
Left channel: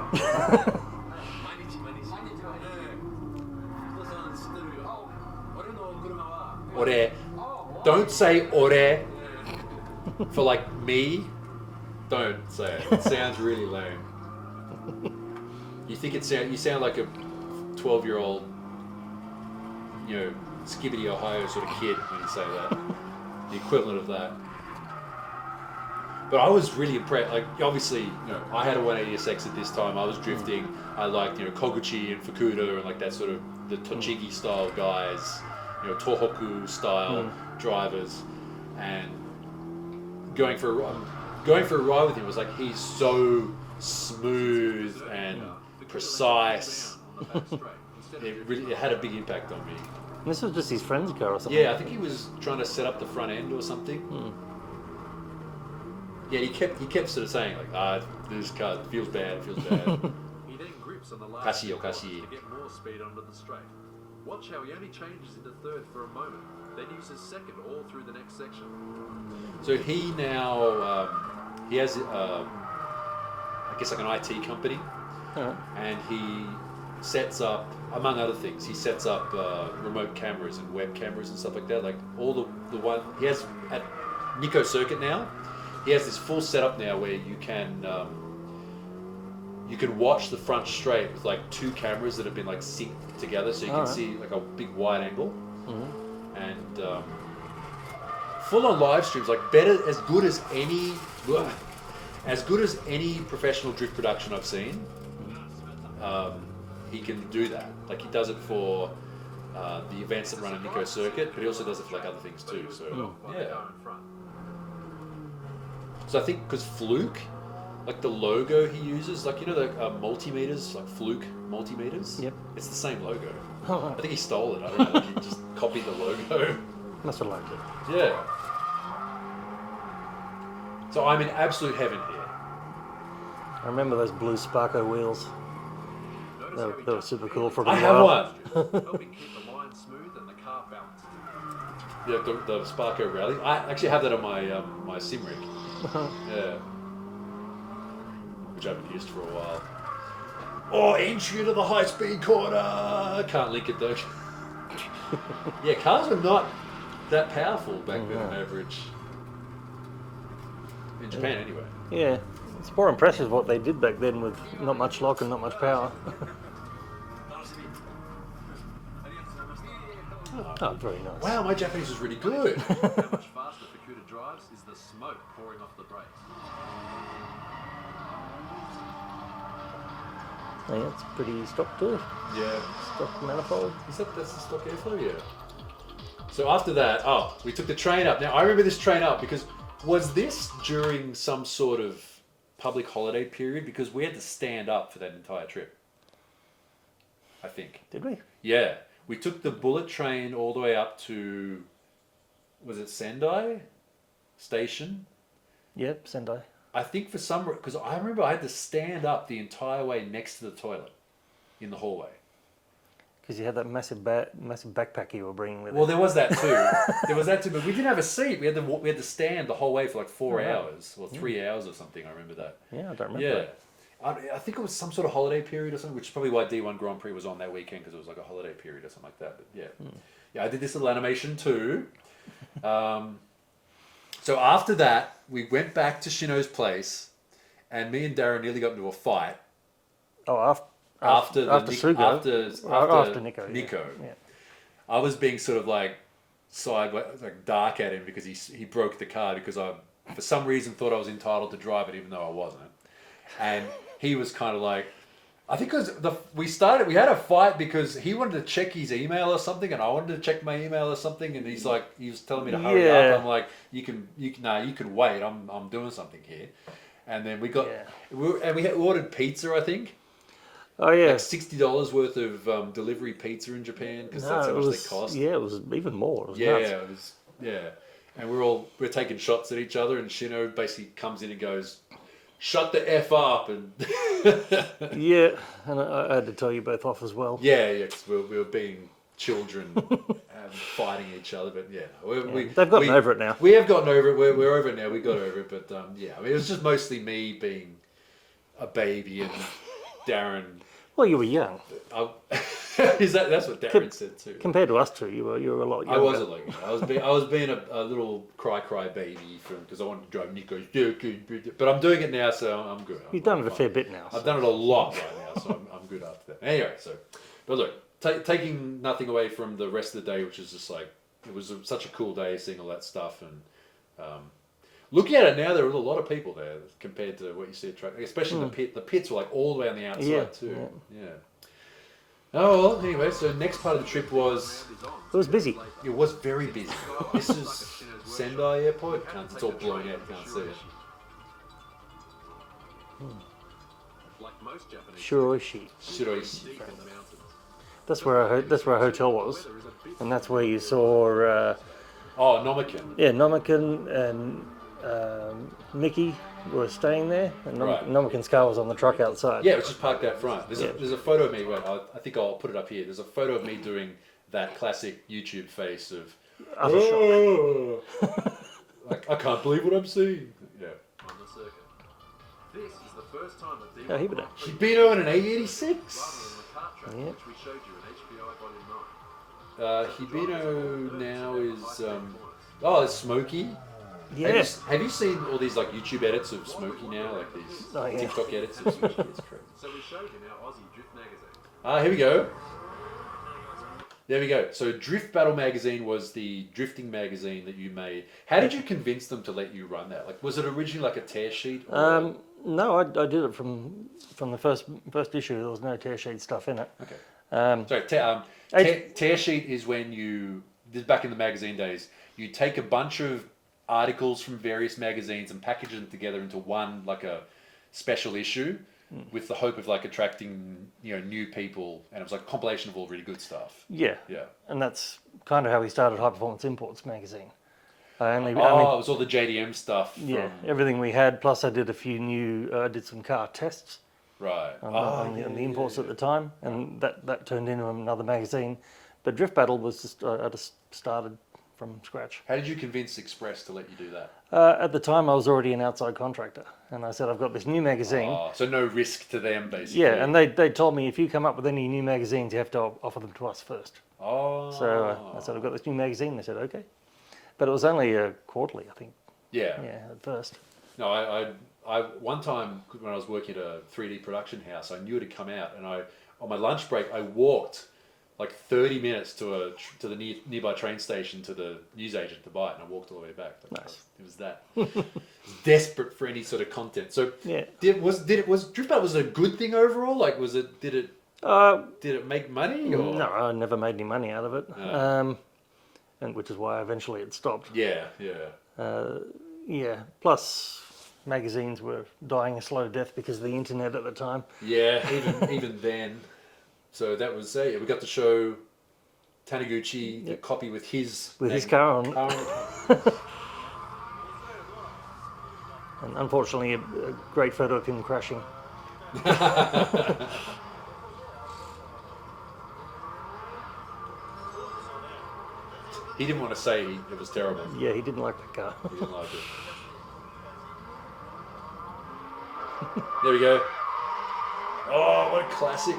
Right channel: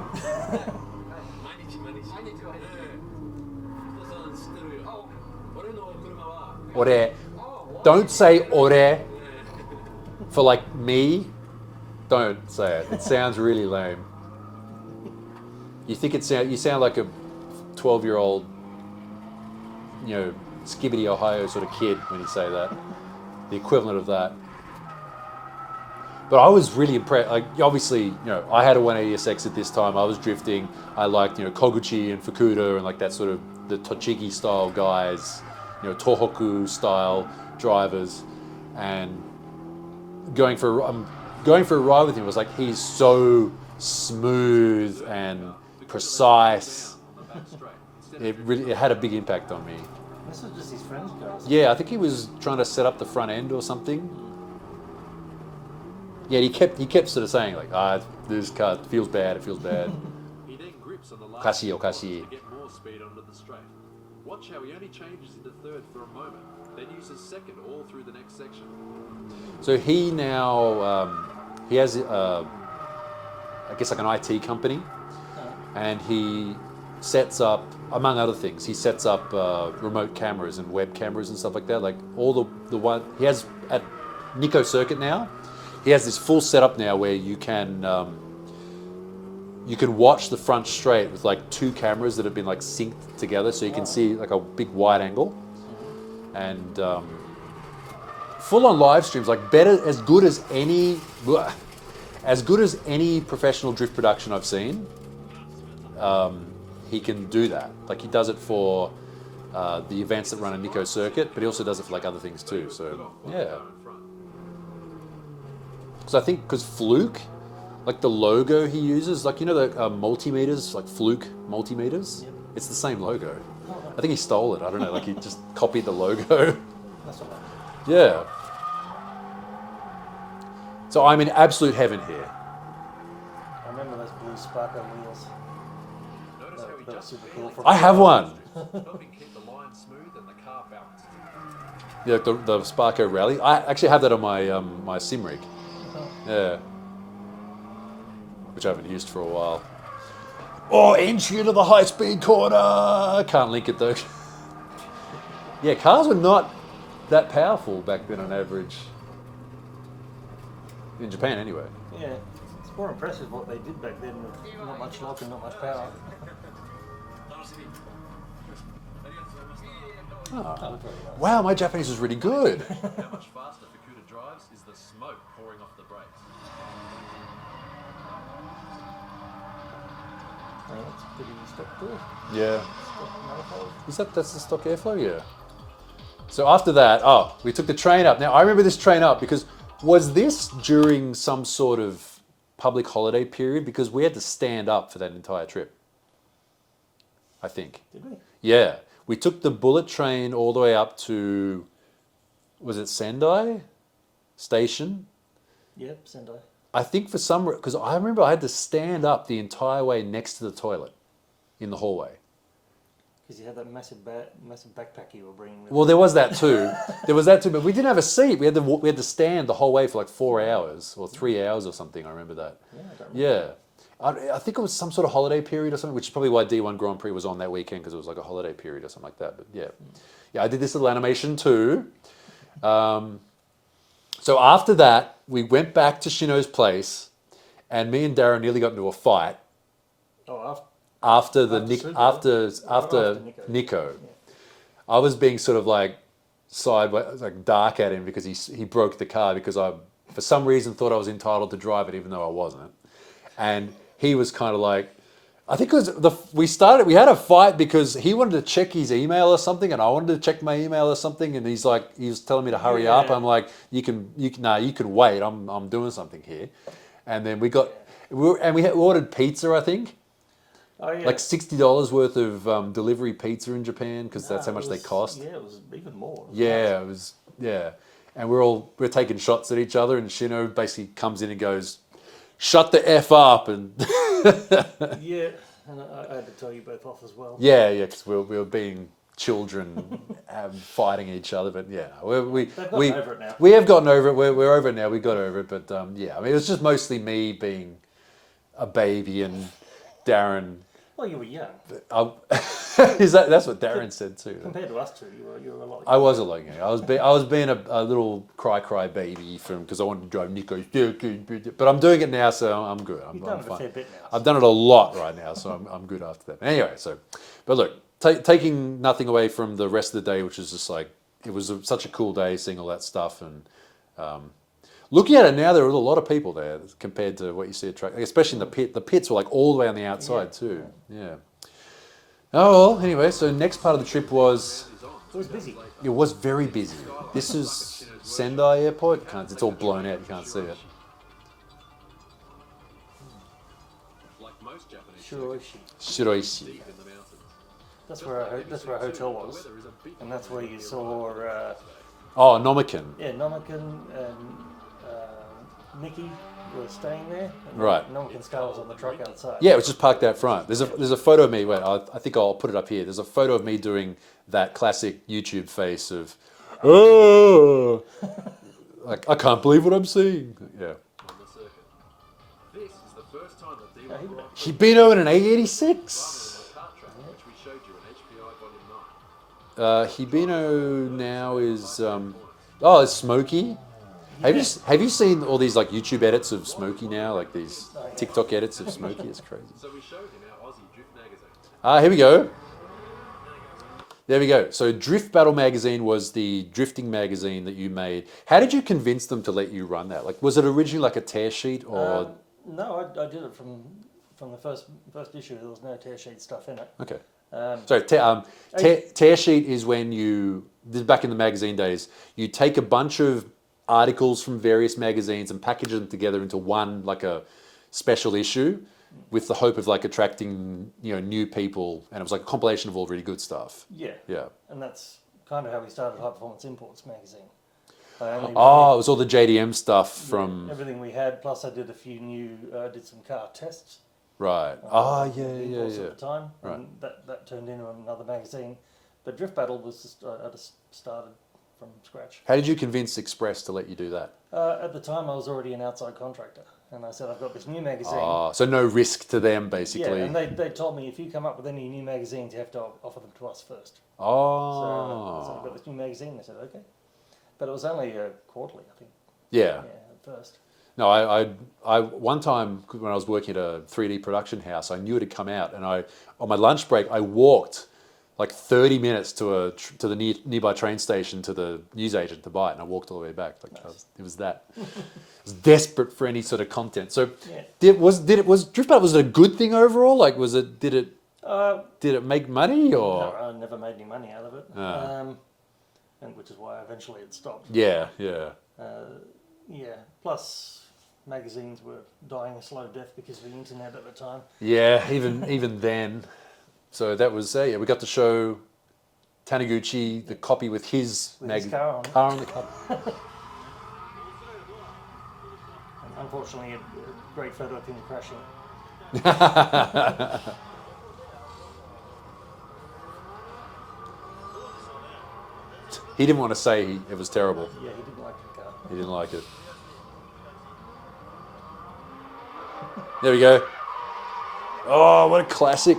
Ore. Don't say ore for like me. Don't say it. It sounds really lame. You sound like a 12-year-old, Skibbity, Ohio sort of kid when you say that. The equivalent of that. But I was really impressed. Like, obviously, I had a 180SX at this time. I was drifting. I liked, Koguchi and Fukuda and like that sort of the Tochigi style guys, Tohoku style drivers, and going for a ride with him was like he's so smooth and precise. It had a big impact on me. this was just his friend's car or something. Yeah, I think he was trying to set up the front end or something. Yeah, he kept sort of saying like, this car feels bad, it feels bad. He then grips on the last Kashi, few Okashi. corners to get more speed onto the straight. Watch how he only changes into third for a moment, then uses second all through the next section. So he now, he has, I guess like an IT company, and he sets up, among other things, he sets up remote cameras and web cameras and stuff like that. Like all the one, he has at Nikko Circuit now, he has this full setup now where you can you can watch the front straight with like 2 cameras that have been like synced together, so you can see like a big wide angle, and full on live streams, like better, as good as any professional drift production I've seen. He can do that. Like he does it for the events that run a Nico circuit, but he also does it for like other things too. So yeah. So I think because Fluke, like the logo he uses, like you know the multimeters, like Fluke multimeters. Yep. It's the same logo. I think he stole it. I don't know. Like he just copied the logo. That's what I like. Yeah. So I'm in absolute heaven here. I remember those blue Sparko wheels. That was super cool. I have one. Helping keep the line smooth and the car balanced. Yeah, the Sparko Rally. I actually have that on my my sim rig. Yeah. Which I haven't used for a while. Oh, entry into the high speed corner. I can't link it though. Yeah, cars were not that powerful back then on average. In Japan anyway. Yeah, it's more impressive what they did back then with not much lock and not much power. Oh, very nice. Wow, my Japanese is really good. How much faster Fukuda drives is the smoke pouring off the brakes. Yeah, it's pretty stock too. Yeah. Stock manifold. That's the stock airflow? Yeah. So after that, we took the train up. Now I remember this train up because was this during some sort of public holiday period? Because we had to stand up for that entire trip. I think. Did we? Yeah. We took the bullet train all the way up to, was it Sendai Station? Yep, Sendai. I think for some, because I remember I had to stand up the entire way next to the toilet in the hallway. Because you had that massive backpack you were bringing with Well, you. there was that too. But we didn't have a seat. We had to stand the whole way for like 4 hours or 3 hours or something. I remember that. Yeah, I don't remember. Yeah. I think it was some sort of holiday period or something, which is probably why D1 Grand Prix was on that weekend, because it was like a holiday period or something like that. But yeah. Yeah, I did this little animation too. So after that, we went back to Shino's place, and me and Darren nearly got into a fight. Oh, After Nico. Yeah. I was being sort of like sideways, like dark at him because he broke the car because I, for some reason, thought I was entitled to drive it even though I wasn't. And he was kind of like, I think it was we had a fight because he wanted to check his email or something, and I wanted to check my email or something, and he was telling me to hurry up. I'm like, you can wait. I'm doing something here. And then we ordered pizza, I think. Oh yeah, Like $60 worth of delivery pizza in Japan because that's how much they cost. Yeah, it was even more. It was Yeah, nuts. and we're taking shots at each other, and Shino basically comes in and goes, "Shut the F up," and Yeah, and I had to tell you both off as well. yeah, because we were being children fighting each other, but They've gotten over it now. We have gotten over it. We're over it now. We got over it, but I mean, it was just mostly me being a baby and Darren. Well, you were young. That's what Darren said too. Compared to us two, you were a lot younger. I was a lot younger. I was being a little cry baby because I wanted to drive Nico. But I'm doing it now, so I'm good. You've done it a fair bit now. I've done it a lot right now, so I'm good after that. Anyway, but look, taking nothing away from the rest of the day, which is just like, it was such a cool day seeing all that stuff, and looking at it now, there are a lot of people there compared to what you see at track, especially in the pit. The pits were like all the way on the outside too. Yeah. Oh well. Anyway, so next part of the trip was. It was busy. It was very busy. This is Sendai Airport. It's all blown out. You can't see it. Like most Japanese Shiroishi. Shiroishi. deep in the mountains. That's where our hotel was, and that's where you saw. Oh, Nomiken. Yeah, Nomiken and Mickey were staying there, and Right. Nomiken's car was on the truck outside. Yeah, it was just parked out front. There's a photo of me. Wait, I think I'll put it up here. There's a photo of me doing that classic YouTube face of, oh, like I can't believe what I'm seeing. Yeah. On the circuit. This is the first time that D1 Yeah, Grand Prix Hibino in an rather A86. than the kart track, which we showed you in HPI Volume 9. Hibino now is it's Smokey. Yeah. Have you seen all these like YouTube edits of Smokey now? Like these Oh, yeah. TikTok edits of Smokey? It's crazy. So we showed him our Aussie Drift magazine. Here we go. There we go. So Drift Battle magazine was the drifting magazine that you made. How did you convince them to let you run that? Like, was it originally like a tear sheet? Or... No, I did it from the first issue. There was no tear sheet stuff in it. Okay. Um, So tear sheet is when you, this is back in the magazine days, you take a bunch of articles from various magazines and package them together into one, like a special issue, with the hope of like attracting, you know, new people, and it was like a compilation of all really good stuff. yeah. Yeah. And that's kind of how we started High Performance Imports magazine. It was all the JDM stuff from everything we had. Plus, I did a few new. I did some car tests. right. On the imports at the time, and that turned into another magazine. But Drift Battle was just I just started from scratch. How did you convince Express to let you do that? At the time, I was already an outside contractor, and I said I've got this new magazine. So no risk to them, basically. Yeah, and they told me if you come up with any new magazines, you have to offer them to us first. Oh. So I said I've got this new magazine. They said okay, but it was only a quarterly, I think. Yeah. Yeah, at first. No, I one time when I was working at a 3D production house, I knew it had come out, and on my lunch break I walked like 30 minutes to the nearby train station to the newsagent to buy it, and I walked all the way back. Like Nice. it was that. I was desperate for any sort of content. So Yeah. was Drift Battle, was it a good thing overall? Like did it make money or? No, I never made any money out of it, and which is why eventually it stopped. Yeah. Yeah. Plus, magazines were dying a slow death because of the internet at the time. Yeah, even then. So that was we got to show Taniguchi the copy with his car on. the cover. And unfortunately, a great photo of him crashing. He didn't want to say it was terrible. Yeah, he didn't like the car. He didn't like it. There we go. Oh, what a classic.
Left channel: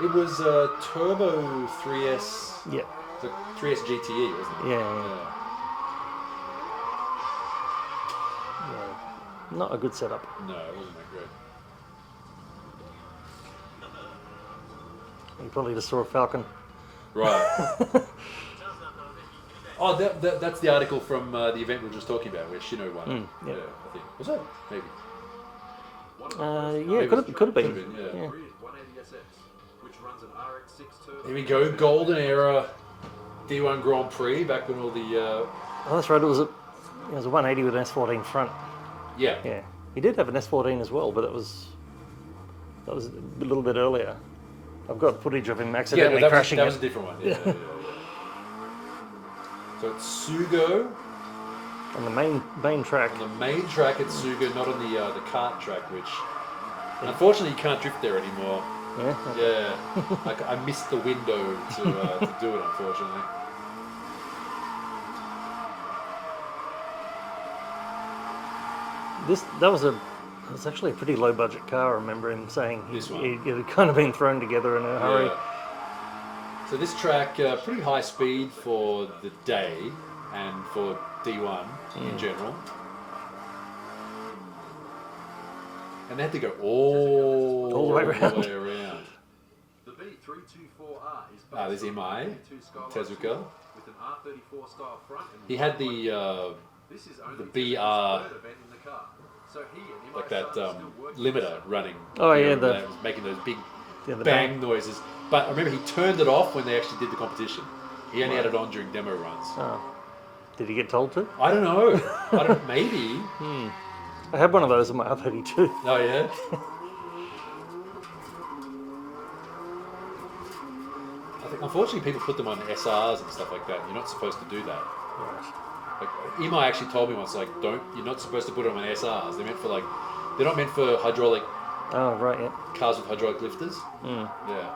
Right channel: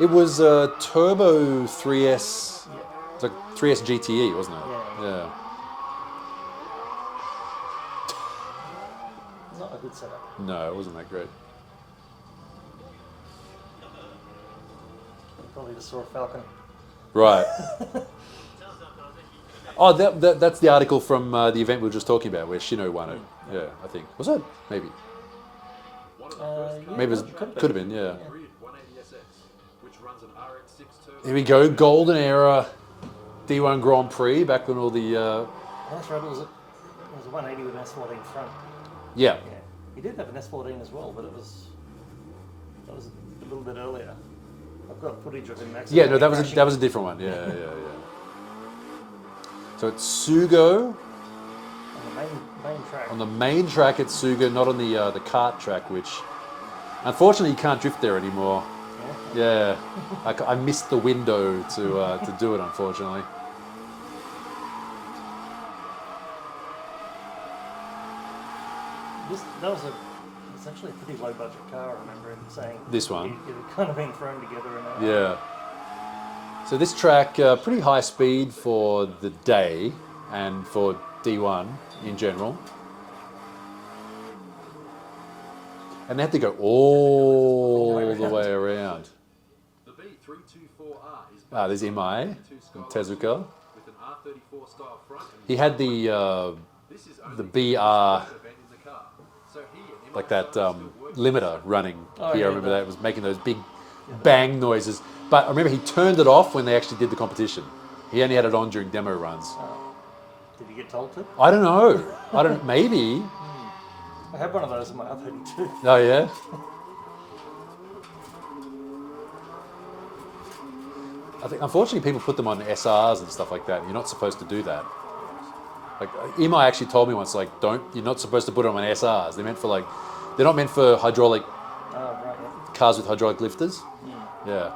It was a Turbo 3S. Yeah. It's like 3S GTE, wasn't it? Yeah. Not a good setup. No, it wasn't that great. You probably just saw a Falcon. Right. Oh, that's the article from the event we were just talking about, where Shino won it. yeah. Yeah, I think. Was it? Maybe. Yeah, Maybe could have been. Could have been, yeah. Grid 180SX, which runs an RX6 turbo. Here we go, golden era D1 Grand Prix, back when all the... Oh, that's right. It was a 180 with an S14 front. Yeah. Yeah. He did have an S14 as well, but that was a little bit earlier. I've got footage of him Yeah, accidentally no, crashing. that was a different one. Yeah. So it's Sugo on the main track. on the main track at Sugo, not on the kart track, which unfortunately you can't drift there anymore. Yeah. Yeah, I missed the window to do it, unfortunately. That was actually a pretty low budget car. I remember him saying This one? It had kind of been thrown together in a hurry. Yeah. So this track, pretty high speed for the day and for D1 in general. And they had to go all the way around. The B324R is There's MI, Tezuka. with an R34 style front and He had the this is the only BR, third event in the car. So he and like that limiter running. Oh, here. yeah, I remember the- that was making those big the bang noises. But I remember he turned it off when they actually did the competition. He only had it on during demo runs. Oh. Did he get told to? I don't know. Maybe. I had one of those in my R32. Oh yeah. I think unfortunately people put them on SRs and stuff like that. You're not supposed to do that. Like Imai actually told me once, like, you're not supposed to put them on SRs. They're not meant for hydraulic Oh, right, yeah. cars with hydraulic lifters. Yeah.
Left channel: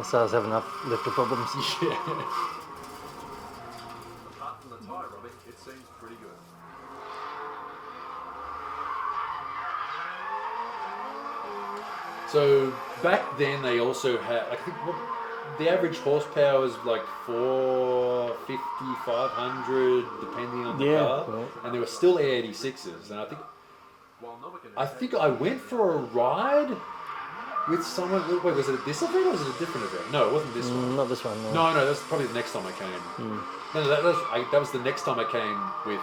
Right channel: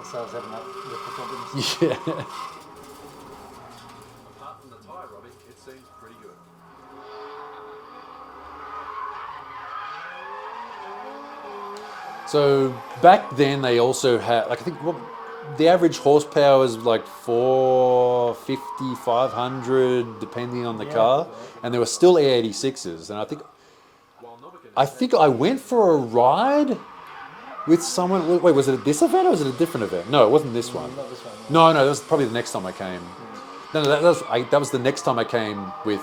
SRs have enough lifter problems. Yeah. apart from the tyre robbing, it seems pretty good. So back then they also had, like, I think the average horsepower is like 450, 500, depending on the Yeah. car, and there were still E86s, and I think I went for a ride with someone. Wait, was it at this event or was it a different event? No, it wasn't this one. Not this one. No, that was probably the next time I came. No, that was the next time I came with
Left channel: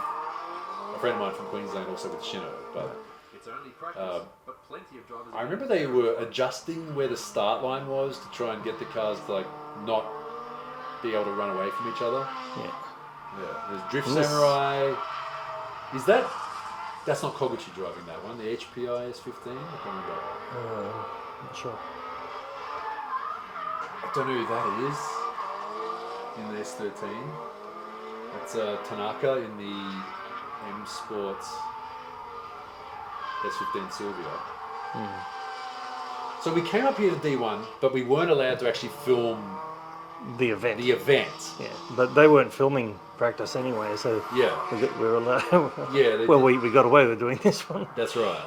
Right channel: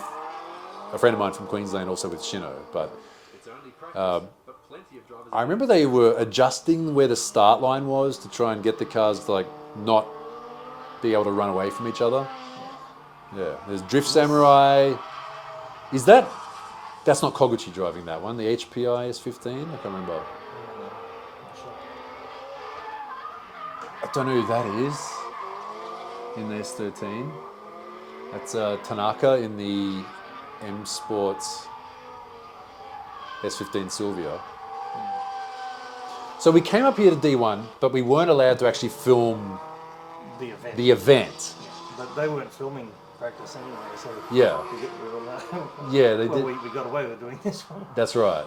a friend of mine from Queensland, also with Shino. But It's only practice, but plenty of drivers. I remember they were adjusting where the start line was to try and get the cars to like not be able to run away from each other. Yeah. There's Drift Samurai. Is that? That's not Koguchi driving that one. The HPI S15. I can't remember. Not sure. I don't know who that is in the S13. That's Tanaka in the M Sports S15 Silvia. So we came up here to D1, but we weren't allowed to actually film The event. the event. Yeah, but they weren't filming practice anyway, so Yeah, we were allowed. yeah. They Well, did. we got away with doing this one. That's right.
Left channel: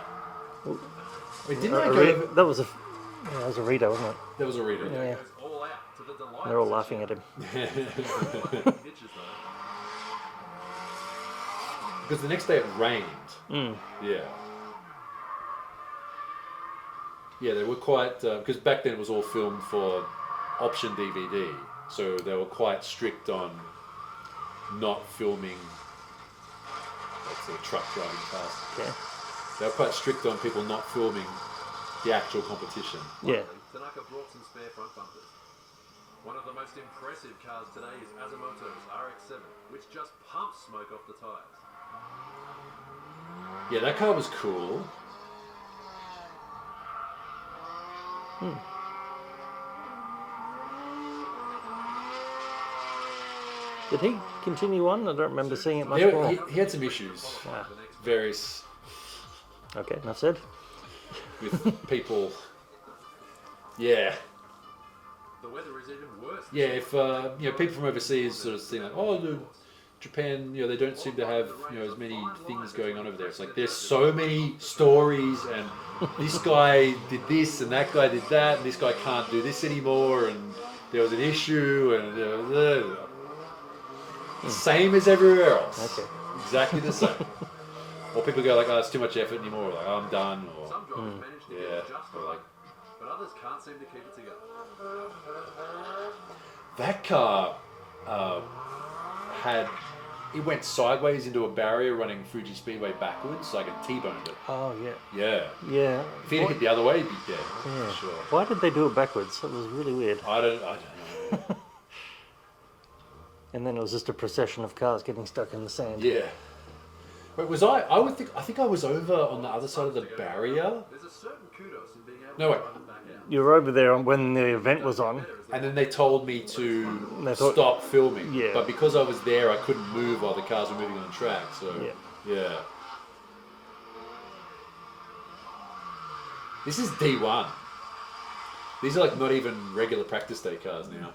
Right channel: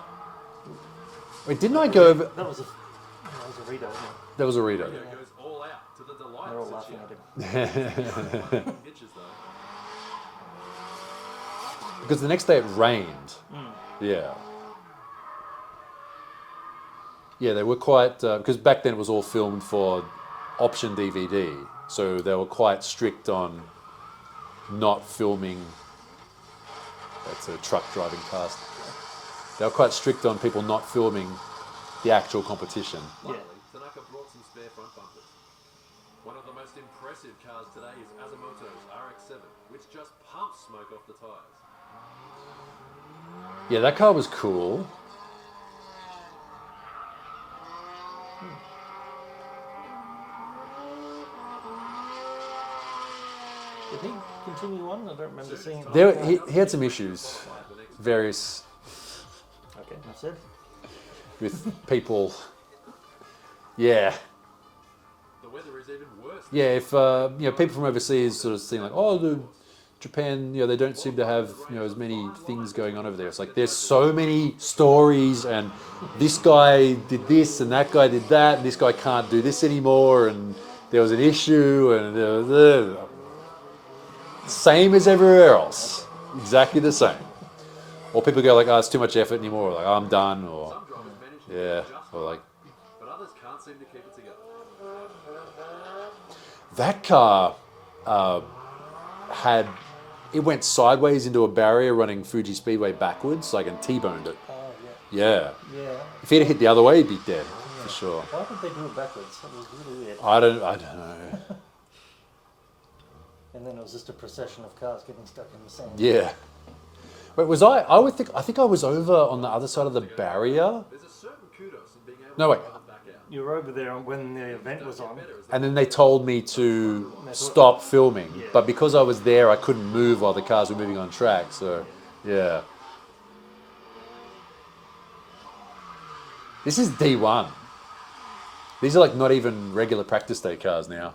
Wait, didn't I go over? That was a Rita, wasn't it? That was a reader. Yeah. Goes all out to the delight. They're all laughing at him. Bitches though. Because the next day it rained. Yeah. Yeah, they were quite, because back then it was all filmed for option DVD, so they were quite strict on not filming, let's say, truck driving cars. Yeah. They were quite strict on people not filming the actual competition. Yeah. Tanaka brought some spare front bumpers. One of the most impressive cars today is Azumoto's RX-7, which just pumps smoke off the tyres. Yeah, that car was cool. Did he continue on? I don't remember seeing it. There, much more. he had some issues, various, Okay, enough said. with people. Yeah. The weather is even worse. Yeah, if people from overseas sort of think like, oh, Japan, they don't seem to have as many things going on over there. It's like there's so many stories, and this guy did this, and that guy did that, and this guy can't do this anymore, and there was an issue, and same as everywhere else, exactly the same. Or people go like, oh, it's too much effort anymore, or like, oh, I'm done, or Some drivers manage to yeah, get just or right, like. but others can't seem to keep it together. That car it went sideways into a barrier running Fuji Speedway backwards, like, and T-boned it. Oh, Yeah. yeah. If he'd hit the other way, he'd be dead, for sure. Why did they do it backwards? That was really weird. I don't know. And then it was just a procession of cars getting stuck in the sand. Yeah. Wait, was I think I was over on the other side of the barrier. There's a certain kudos in being able No, to wait. drive them back out. You were over there when the event was on. And then they told me to They thought- stop filming. Yeah. But because I was there, I couldn't move while the cars were moving on track, so yeah. This is D1. These are like not even regular practice day cars now.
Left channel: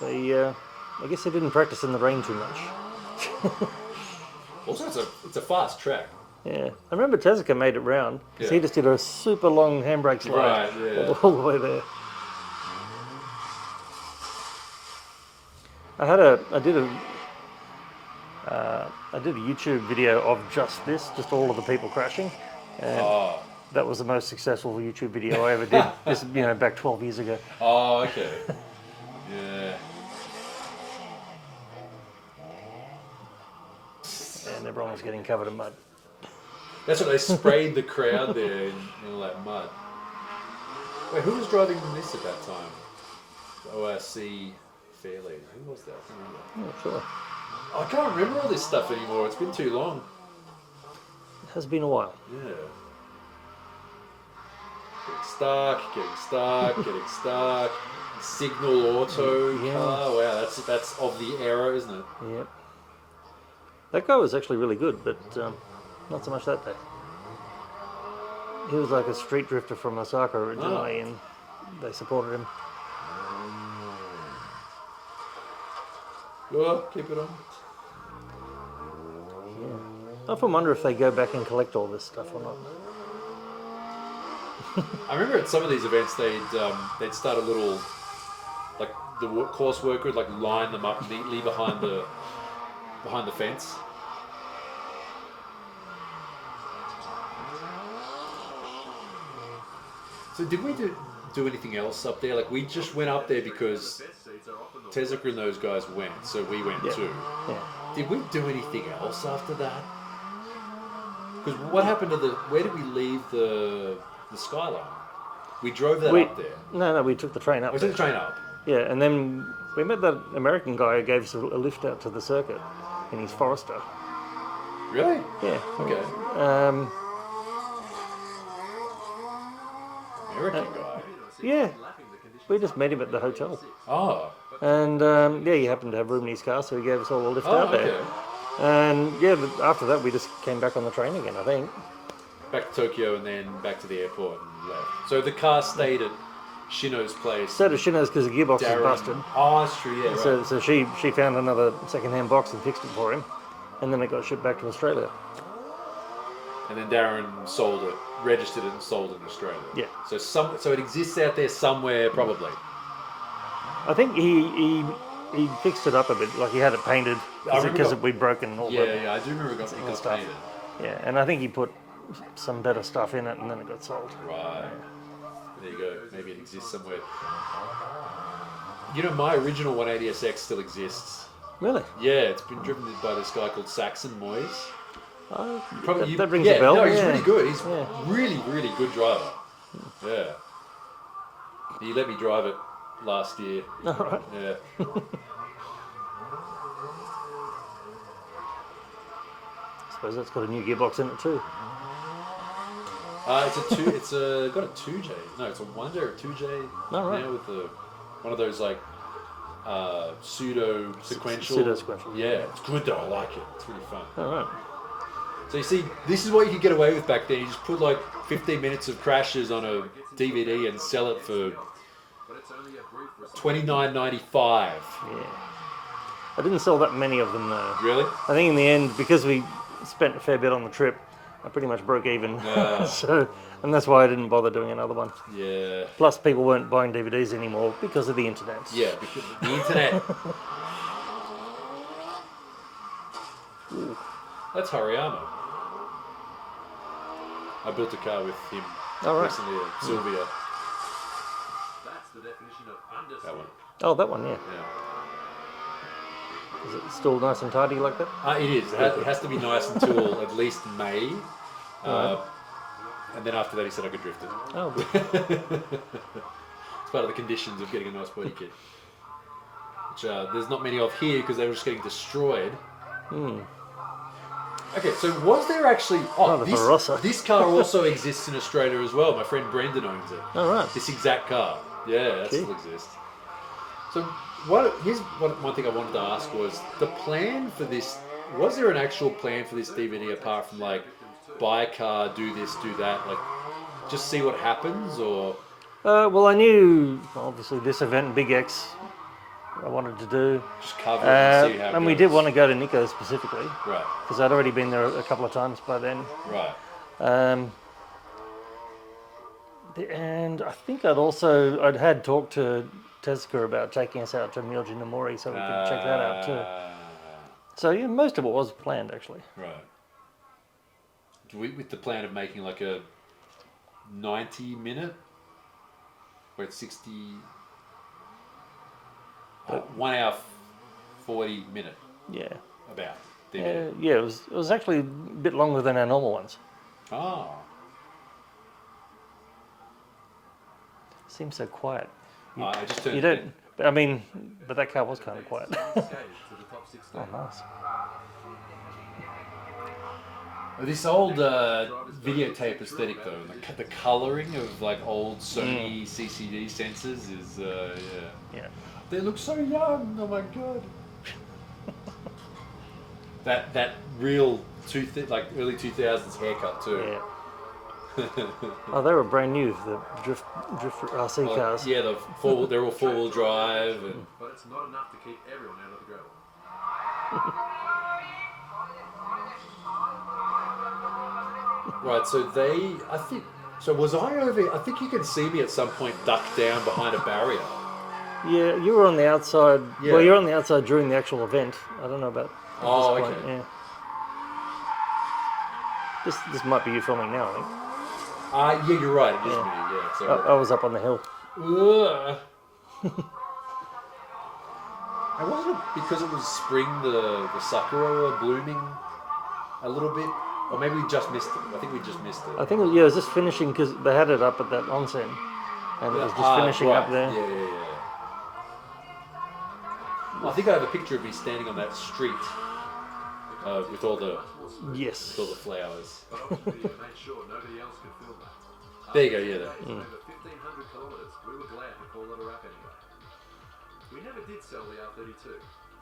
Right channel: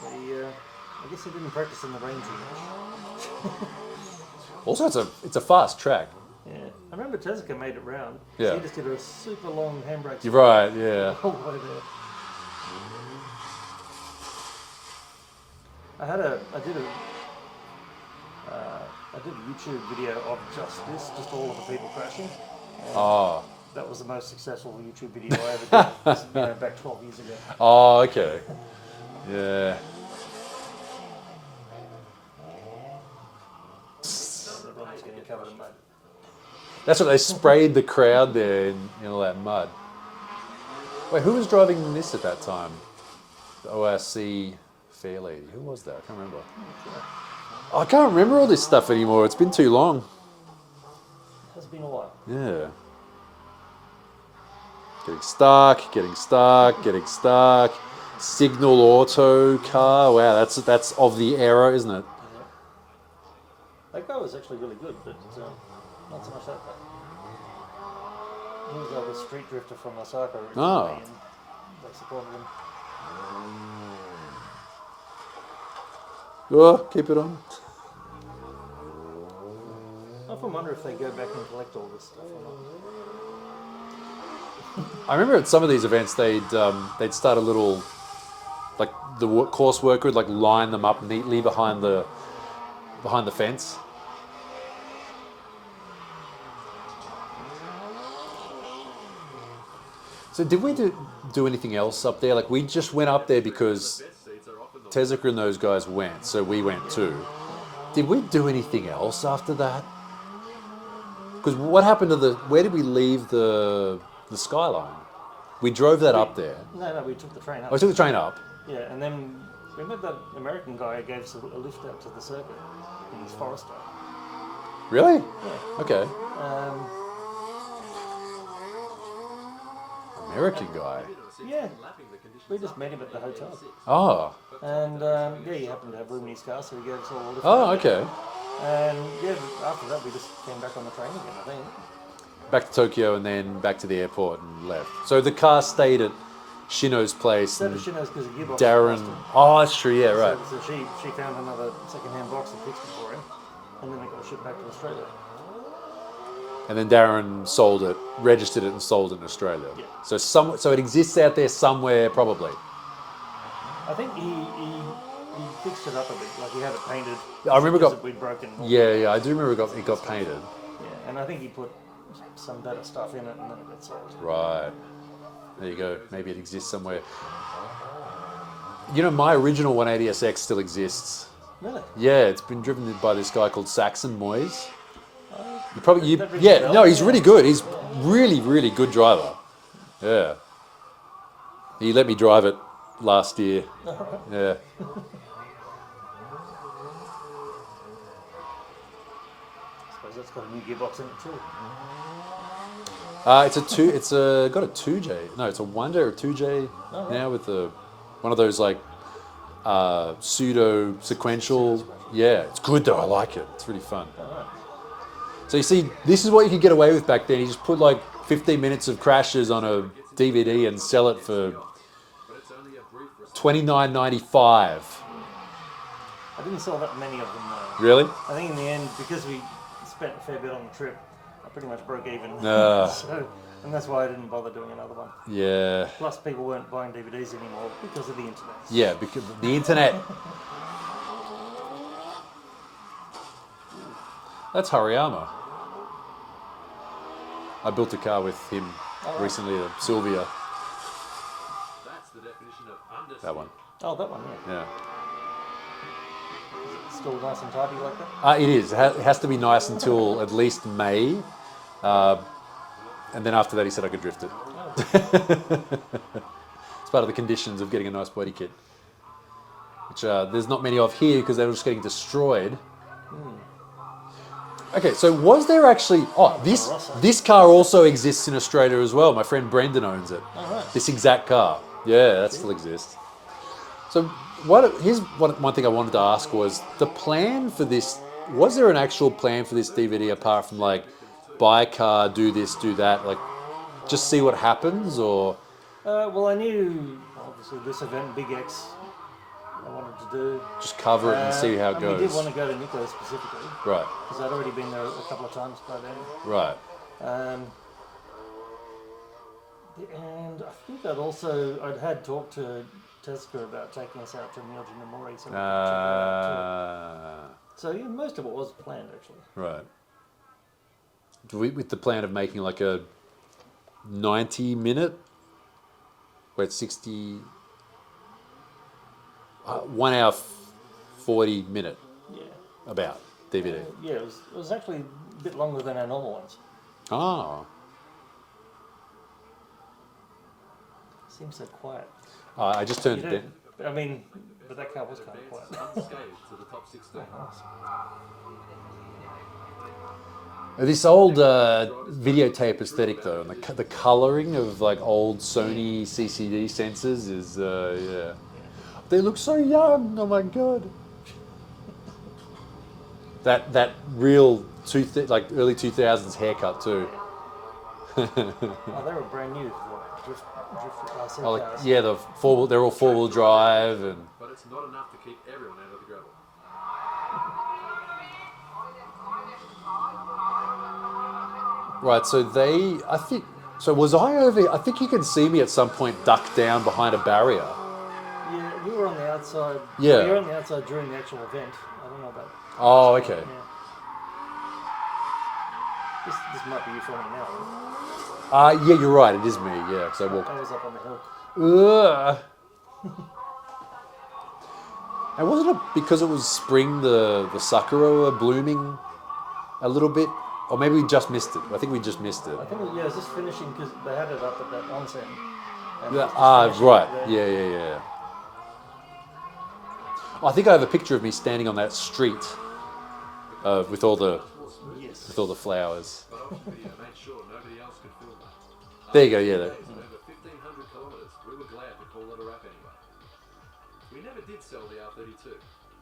I guess they didn't practice in the rain too much. Also, it's a fast track. Yeah. I remember Tezuka made it round. 'Cause Yeah. He just did a super long handbrake slide. Right, yeah. All the way there. I did a YouTube video of just this, just all of the people crashing. And Oh. that was the most successful YouTube video I ever did. This, back 12 years ago. Oh, okay. Yeah. And everyone was getting covered in mud. That's what they sprayed the crowd there in all that mud. Wait, who was driving this at that time? ORC Fairlady. Who was that? I can't remember. Not sure. I can't remember all this stuff anymore. It's been too long. It has been a while. Yeah. Getting stuck. Signal auto car. Wow, that's of the era, isn't it? Yeah. That guy was actually really good, but not so much that day. He was like a street drifter from Osaka originally, and they supported him. Oh, keep it on. I often wonder if they go back and collect all this stuff or not. I remember at some of these events they'd start a little, like the course worker would like line them up neatly behind the fence. So did we do anything else up there? Like we just went up there because Tezuka and those guys went, so we went too. Did we do anything else after that? Because what happened to where did we leave the skyline? We drove that up there. No, we took the train up. I took the train up. Yeah, and then we met that American guy who gave us a lift out to the circuit in his Forester. Really? Yeah. Okay. Um, American guy. yeah. We just met him at the hotel. Oh. And yeah, he happened to have room in his car, so he gave us all a lift Oh, out there. okay. And yeah, but after that we just came back on the train again, I think. Back to Tokyo and then back to the airport and left. So the car stayed at Shino's place. So does Shino's because the gearbox Darren. was busted. Oh, that's true. Yeah, right. So she found another second-hand box and fixed it for him, and then it got shipped back to Australia. And then Darren sold it, registered it, and sold it in Australia. Yeah. So it exists out there somewhere, probably. I think he fixed it up a bit, like he had it painted. I remember because we'd broken. All Yeah, I do remember it got painted. Yeah, and I think he put some better stuff in it, and then it got sold. Right. There you go. Maybe it exists somewhere. You know, my original 180SX still exists. Really? Yeah, it's been driven by this guy called Saxon Moyes. That rings a bell. No, he's Yeah. really good. He's really, really good driver. Yeah. He let me drive it last year. All right. Yeah. I suppose that's got a new gearbox in it too. It's got a 2J. No, it's a 1J or a 2J right. now with one of those like pseudo sequential. Pseudo-sequential. Yeah, it's good though. I like it. It's really fun. All right. So you see, this is what you could get away with back then. You just put like 15 minutes of crashes on a DVD and sell it for $29.95. I didn't sell that many of them though. Really? I think in the end, because we spent a fair bit on the trip, I pretty much broke even. And that's why I didn't bother doing another one. Yeah. Plus, people weren't buying DVDs anymore because of the internet. Yeah, because the internet. That's Hariyama. I built a car with him recently, Sylvia. That's the definition of understatement. That one. Oh, that one, yeah. Yeah. Is it still nice and tidy like that? It is. It has to be nice until at least May. And then after that, he said I could drift it. Oh, It's part of the conditions of getting a nice body kit. Which there's not many of here because they were just getting destroyed. Okay, so was there actually... the Barossa. This car also exists in Australia as well. My friend Brendan owns it. all right. This exact car. Yeah, that still exists. So here's one thing I wanted to ask was the plan for this. Was there an actual plan for this DVD apart from like buy a car, do this, do that, like just see what happens, or? Well, I knew obviously this event, Big X, I wanted to do. Just cover it and see how it and goes. we did want to go to Nico specifically Right, because I'd already been there a couple of times by then. right. And I think I'd had talked to Tezuka about taking us out to Myoji no Mori so we could check that out too. So yeah, most of it was planned actually. Right. With the plan of making like a 90-minute, where it's 1 hour 40-minute Yeah. about DVD. Yeah, it was actually a bit longer than our normal ones. Oh. Seems so quiet. I just turned You it don't. I mean, but that car was kind of quiet. Unscathed to the top 16. This old videotape aesthetic, though, and the colouring of like old Sony CCD sensors is, yeah. Yeah. They look so young. Oh my god. that real like early 2000s haircut too. Yeah. Oh, they were brand new, the drift RC Oh, cars. yeah, they're all four-wheel drive and. But it's not enough to keep everyone out of the gravel. Right, so I think So was I over? I think you can see me at some point ducked down behind a barrier. Yeah, you were on the outside. Yeah. Well, you were on the outside during the actual event. I don't know about. Oh, this point, okay. Yeah. This might be you filming now. I think. Yeah, you're right. It is me. Yeah. So I was up on the hill. Ugh. And wasn't it because it was spring, the sakura were blooming a little bit? Or maybe we just missed it. I think we just missed it. I think it was just finishing because they had it up at that onsen. And it was just Ah, finishing right. up there. Yeah. I think I have a picture of me standing on that street with all the Yes. flowers. But Auction Video made sure nobody else could film that. There you go. Yeah. After 2 days and over 1,500 kilometres, we were glad to call it a wrap anyway. We never did sell the R32.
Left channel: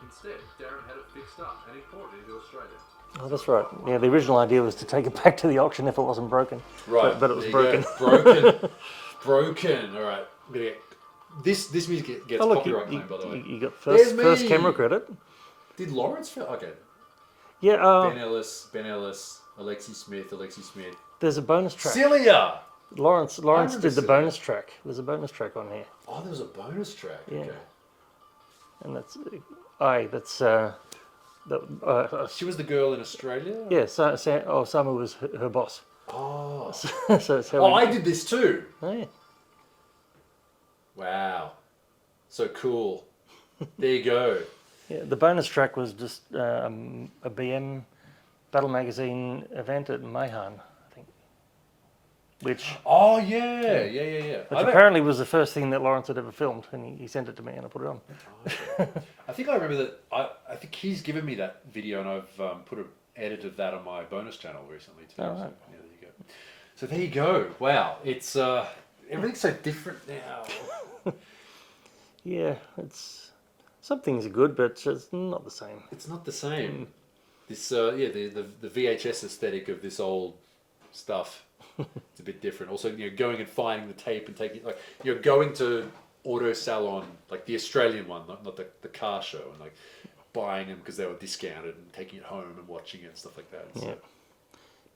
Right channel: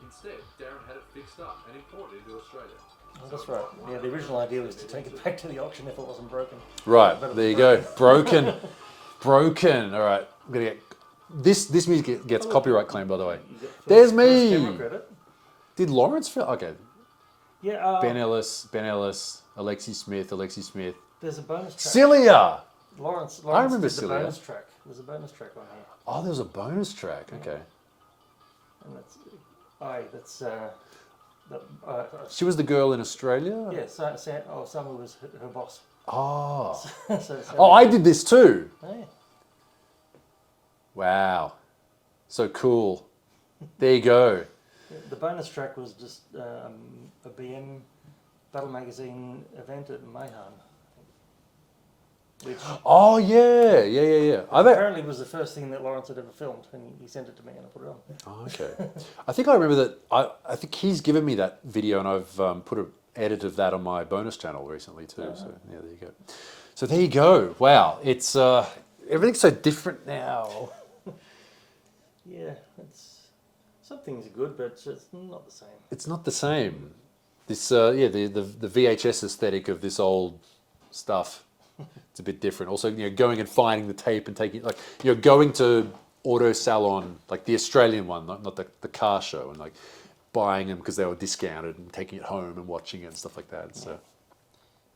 Instead, Darren had it fixed up and imported into Australia. Oh, that's right. Yeah, the original idea was to take it back to the auction if it wasn't broken. Right. But it was there you broken. go. Broken. Broken. All right. I'm gonna get this music gets Oh, look, copyright claim, by the way. You got There's first me. camera credit. Did Lawrence film? Okay. Yeah. Ben Ellis, Alexi Smith. There's a bonus track. Cilia! Lawrence remember did the Cilia. bonus track. There's a bonus track on here, Oh, there's a bonus track. Okay. and that's She was the girl in Australia? yeah. Samu was her boss. Oh. So Oh, I did this too. Oh, yeah. Wow. So cool. There you go. Yeah, the bonus track was just a BM Battle Magazine event at Mayhan, I think. Which Oh, yeah. apparently was the first thing that Lawrence had ever filmed, and he sent it to me and I put it on. Oh, okay. I think I remember that. I think he's given me that video, and I've put an edit of that on my bonus channel recently too. Oh, So right. yeah, there you go. So there you go. Wow, it's everything's so different now. Yeah, some things are good, but it's not the same. It's not the same. This the VHS aesthetic of this old stuff. It's a bit different. Also, going and finding the tape and taking going to Auto Salon, like the Australian one, not the car show, and like buying them because they were discounted and taking it home and watching it and stuff like that. So. Yeah.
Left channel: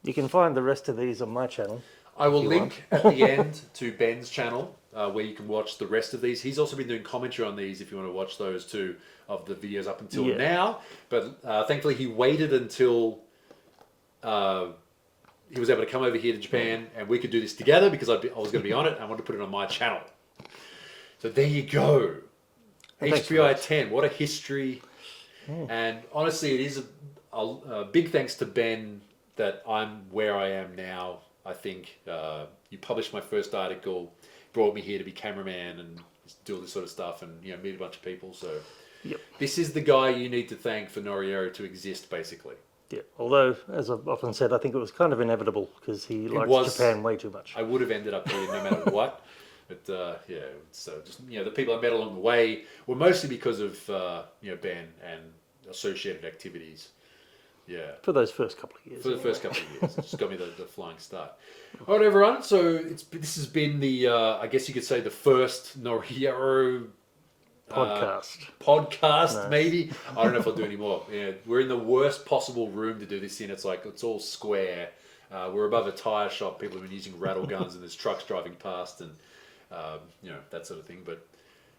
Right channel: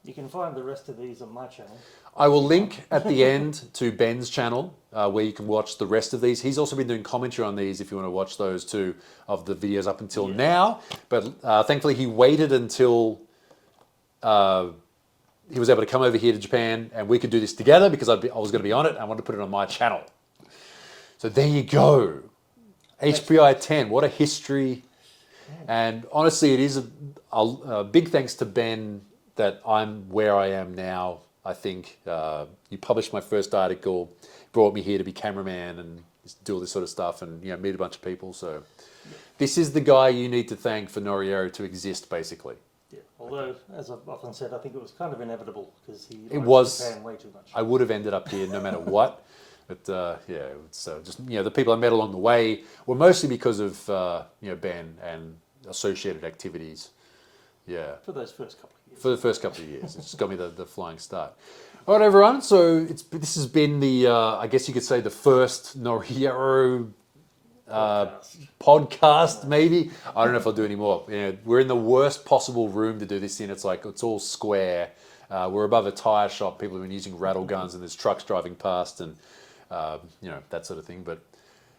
You can find the rest of these on my channel. I will link at the end to Ben's channel where you can watch the rest of these. He's also been doing commentary on these if you want to watch those too, of the videos up until now. But thankfully he waited until he was able to come over here to Japan and we could do this together because I was going to be on it. I wanted to put it on my channel. So there you go. HPI 10, what a history. And honestly, it is a big thanks to Ben that I'm where I am now. I think you published my first article, brought me here to be cameraman and do all this sort of stuff, and meet a bunch of people. So this is the guy you need to thank for Noriyori to exist, basically. Yeah. Although, as I've often said, I think it was kind of inevitable because he likes Japan way too much. I would have ended up here no matter what. But it's just the people I met along the way were mostly because of Ben and associated activities. Yeah. For those first couple of years. For the first couple of years. It just got me the flying start. All right, everyone. So this has been the, I guess you could say, the first Noriyori podcast, maybe. I don't know if I'll do any more. We're in the worst possible room to do this in. It's all square. We're above a tyre shop. People have been using rattle guns and there's trucks driving past and, that sort of thing. But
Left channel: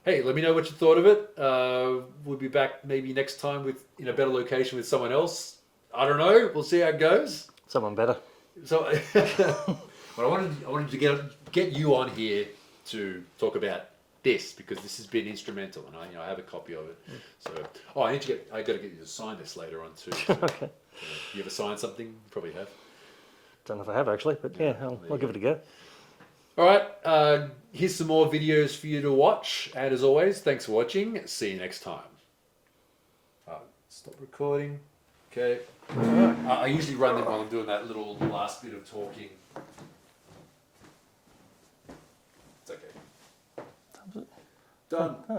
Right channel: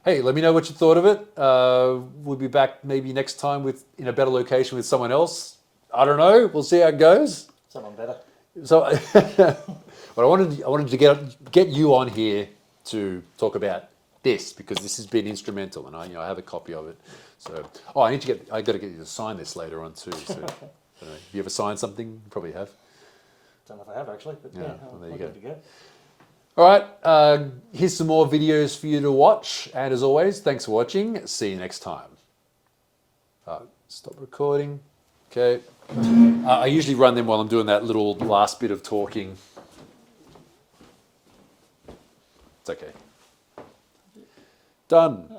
hey, let me know what you thought of it. We'll be back maybe next time in a better location with someone else. I don't know. We'll see how it goes. Someone better. So, but I wanted to get you on here to talk about this because this has been instrumental, and I have a copy of it. So, I got to get you to sign this later on too. So, Okay. you ever signed something? You probably have. Don't know if I have actually, but yeah, I'll give it a go. All right. Here's some more videos for you to watch, and as always, thanks for watching. See you next time. Stop recording. Okay. I usually run them while I'm doing that little last bit of talking. It's okay. Done.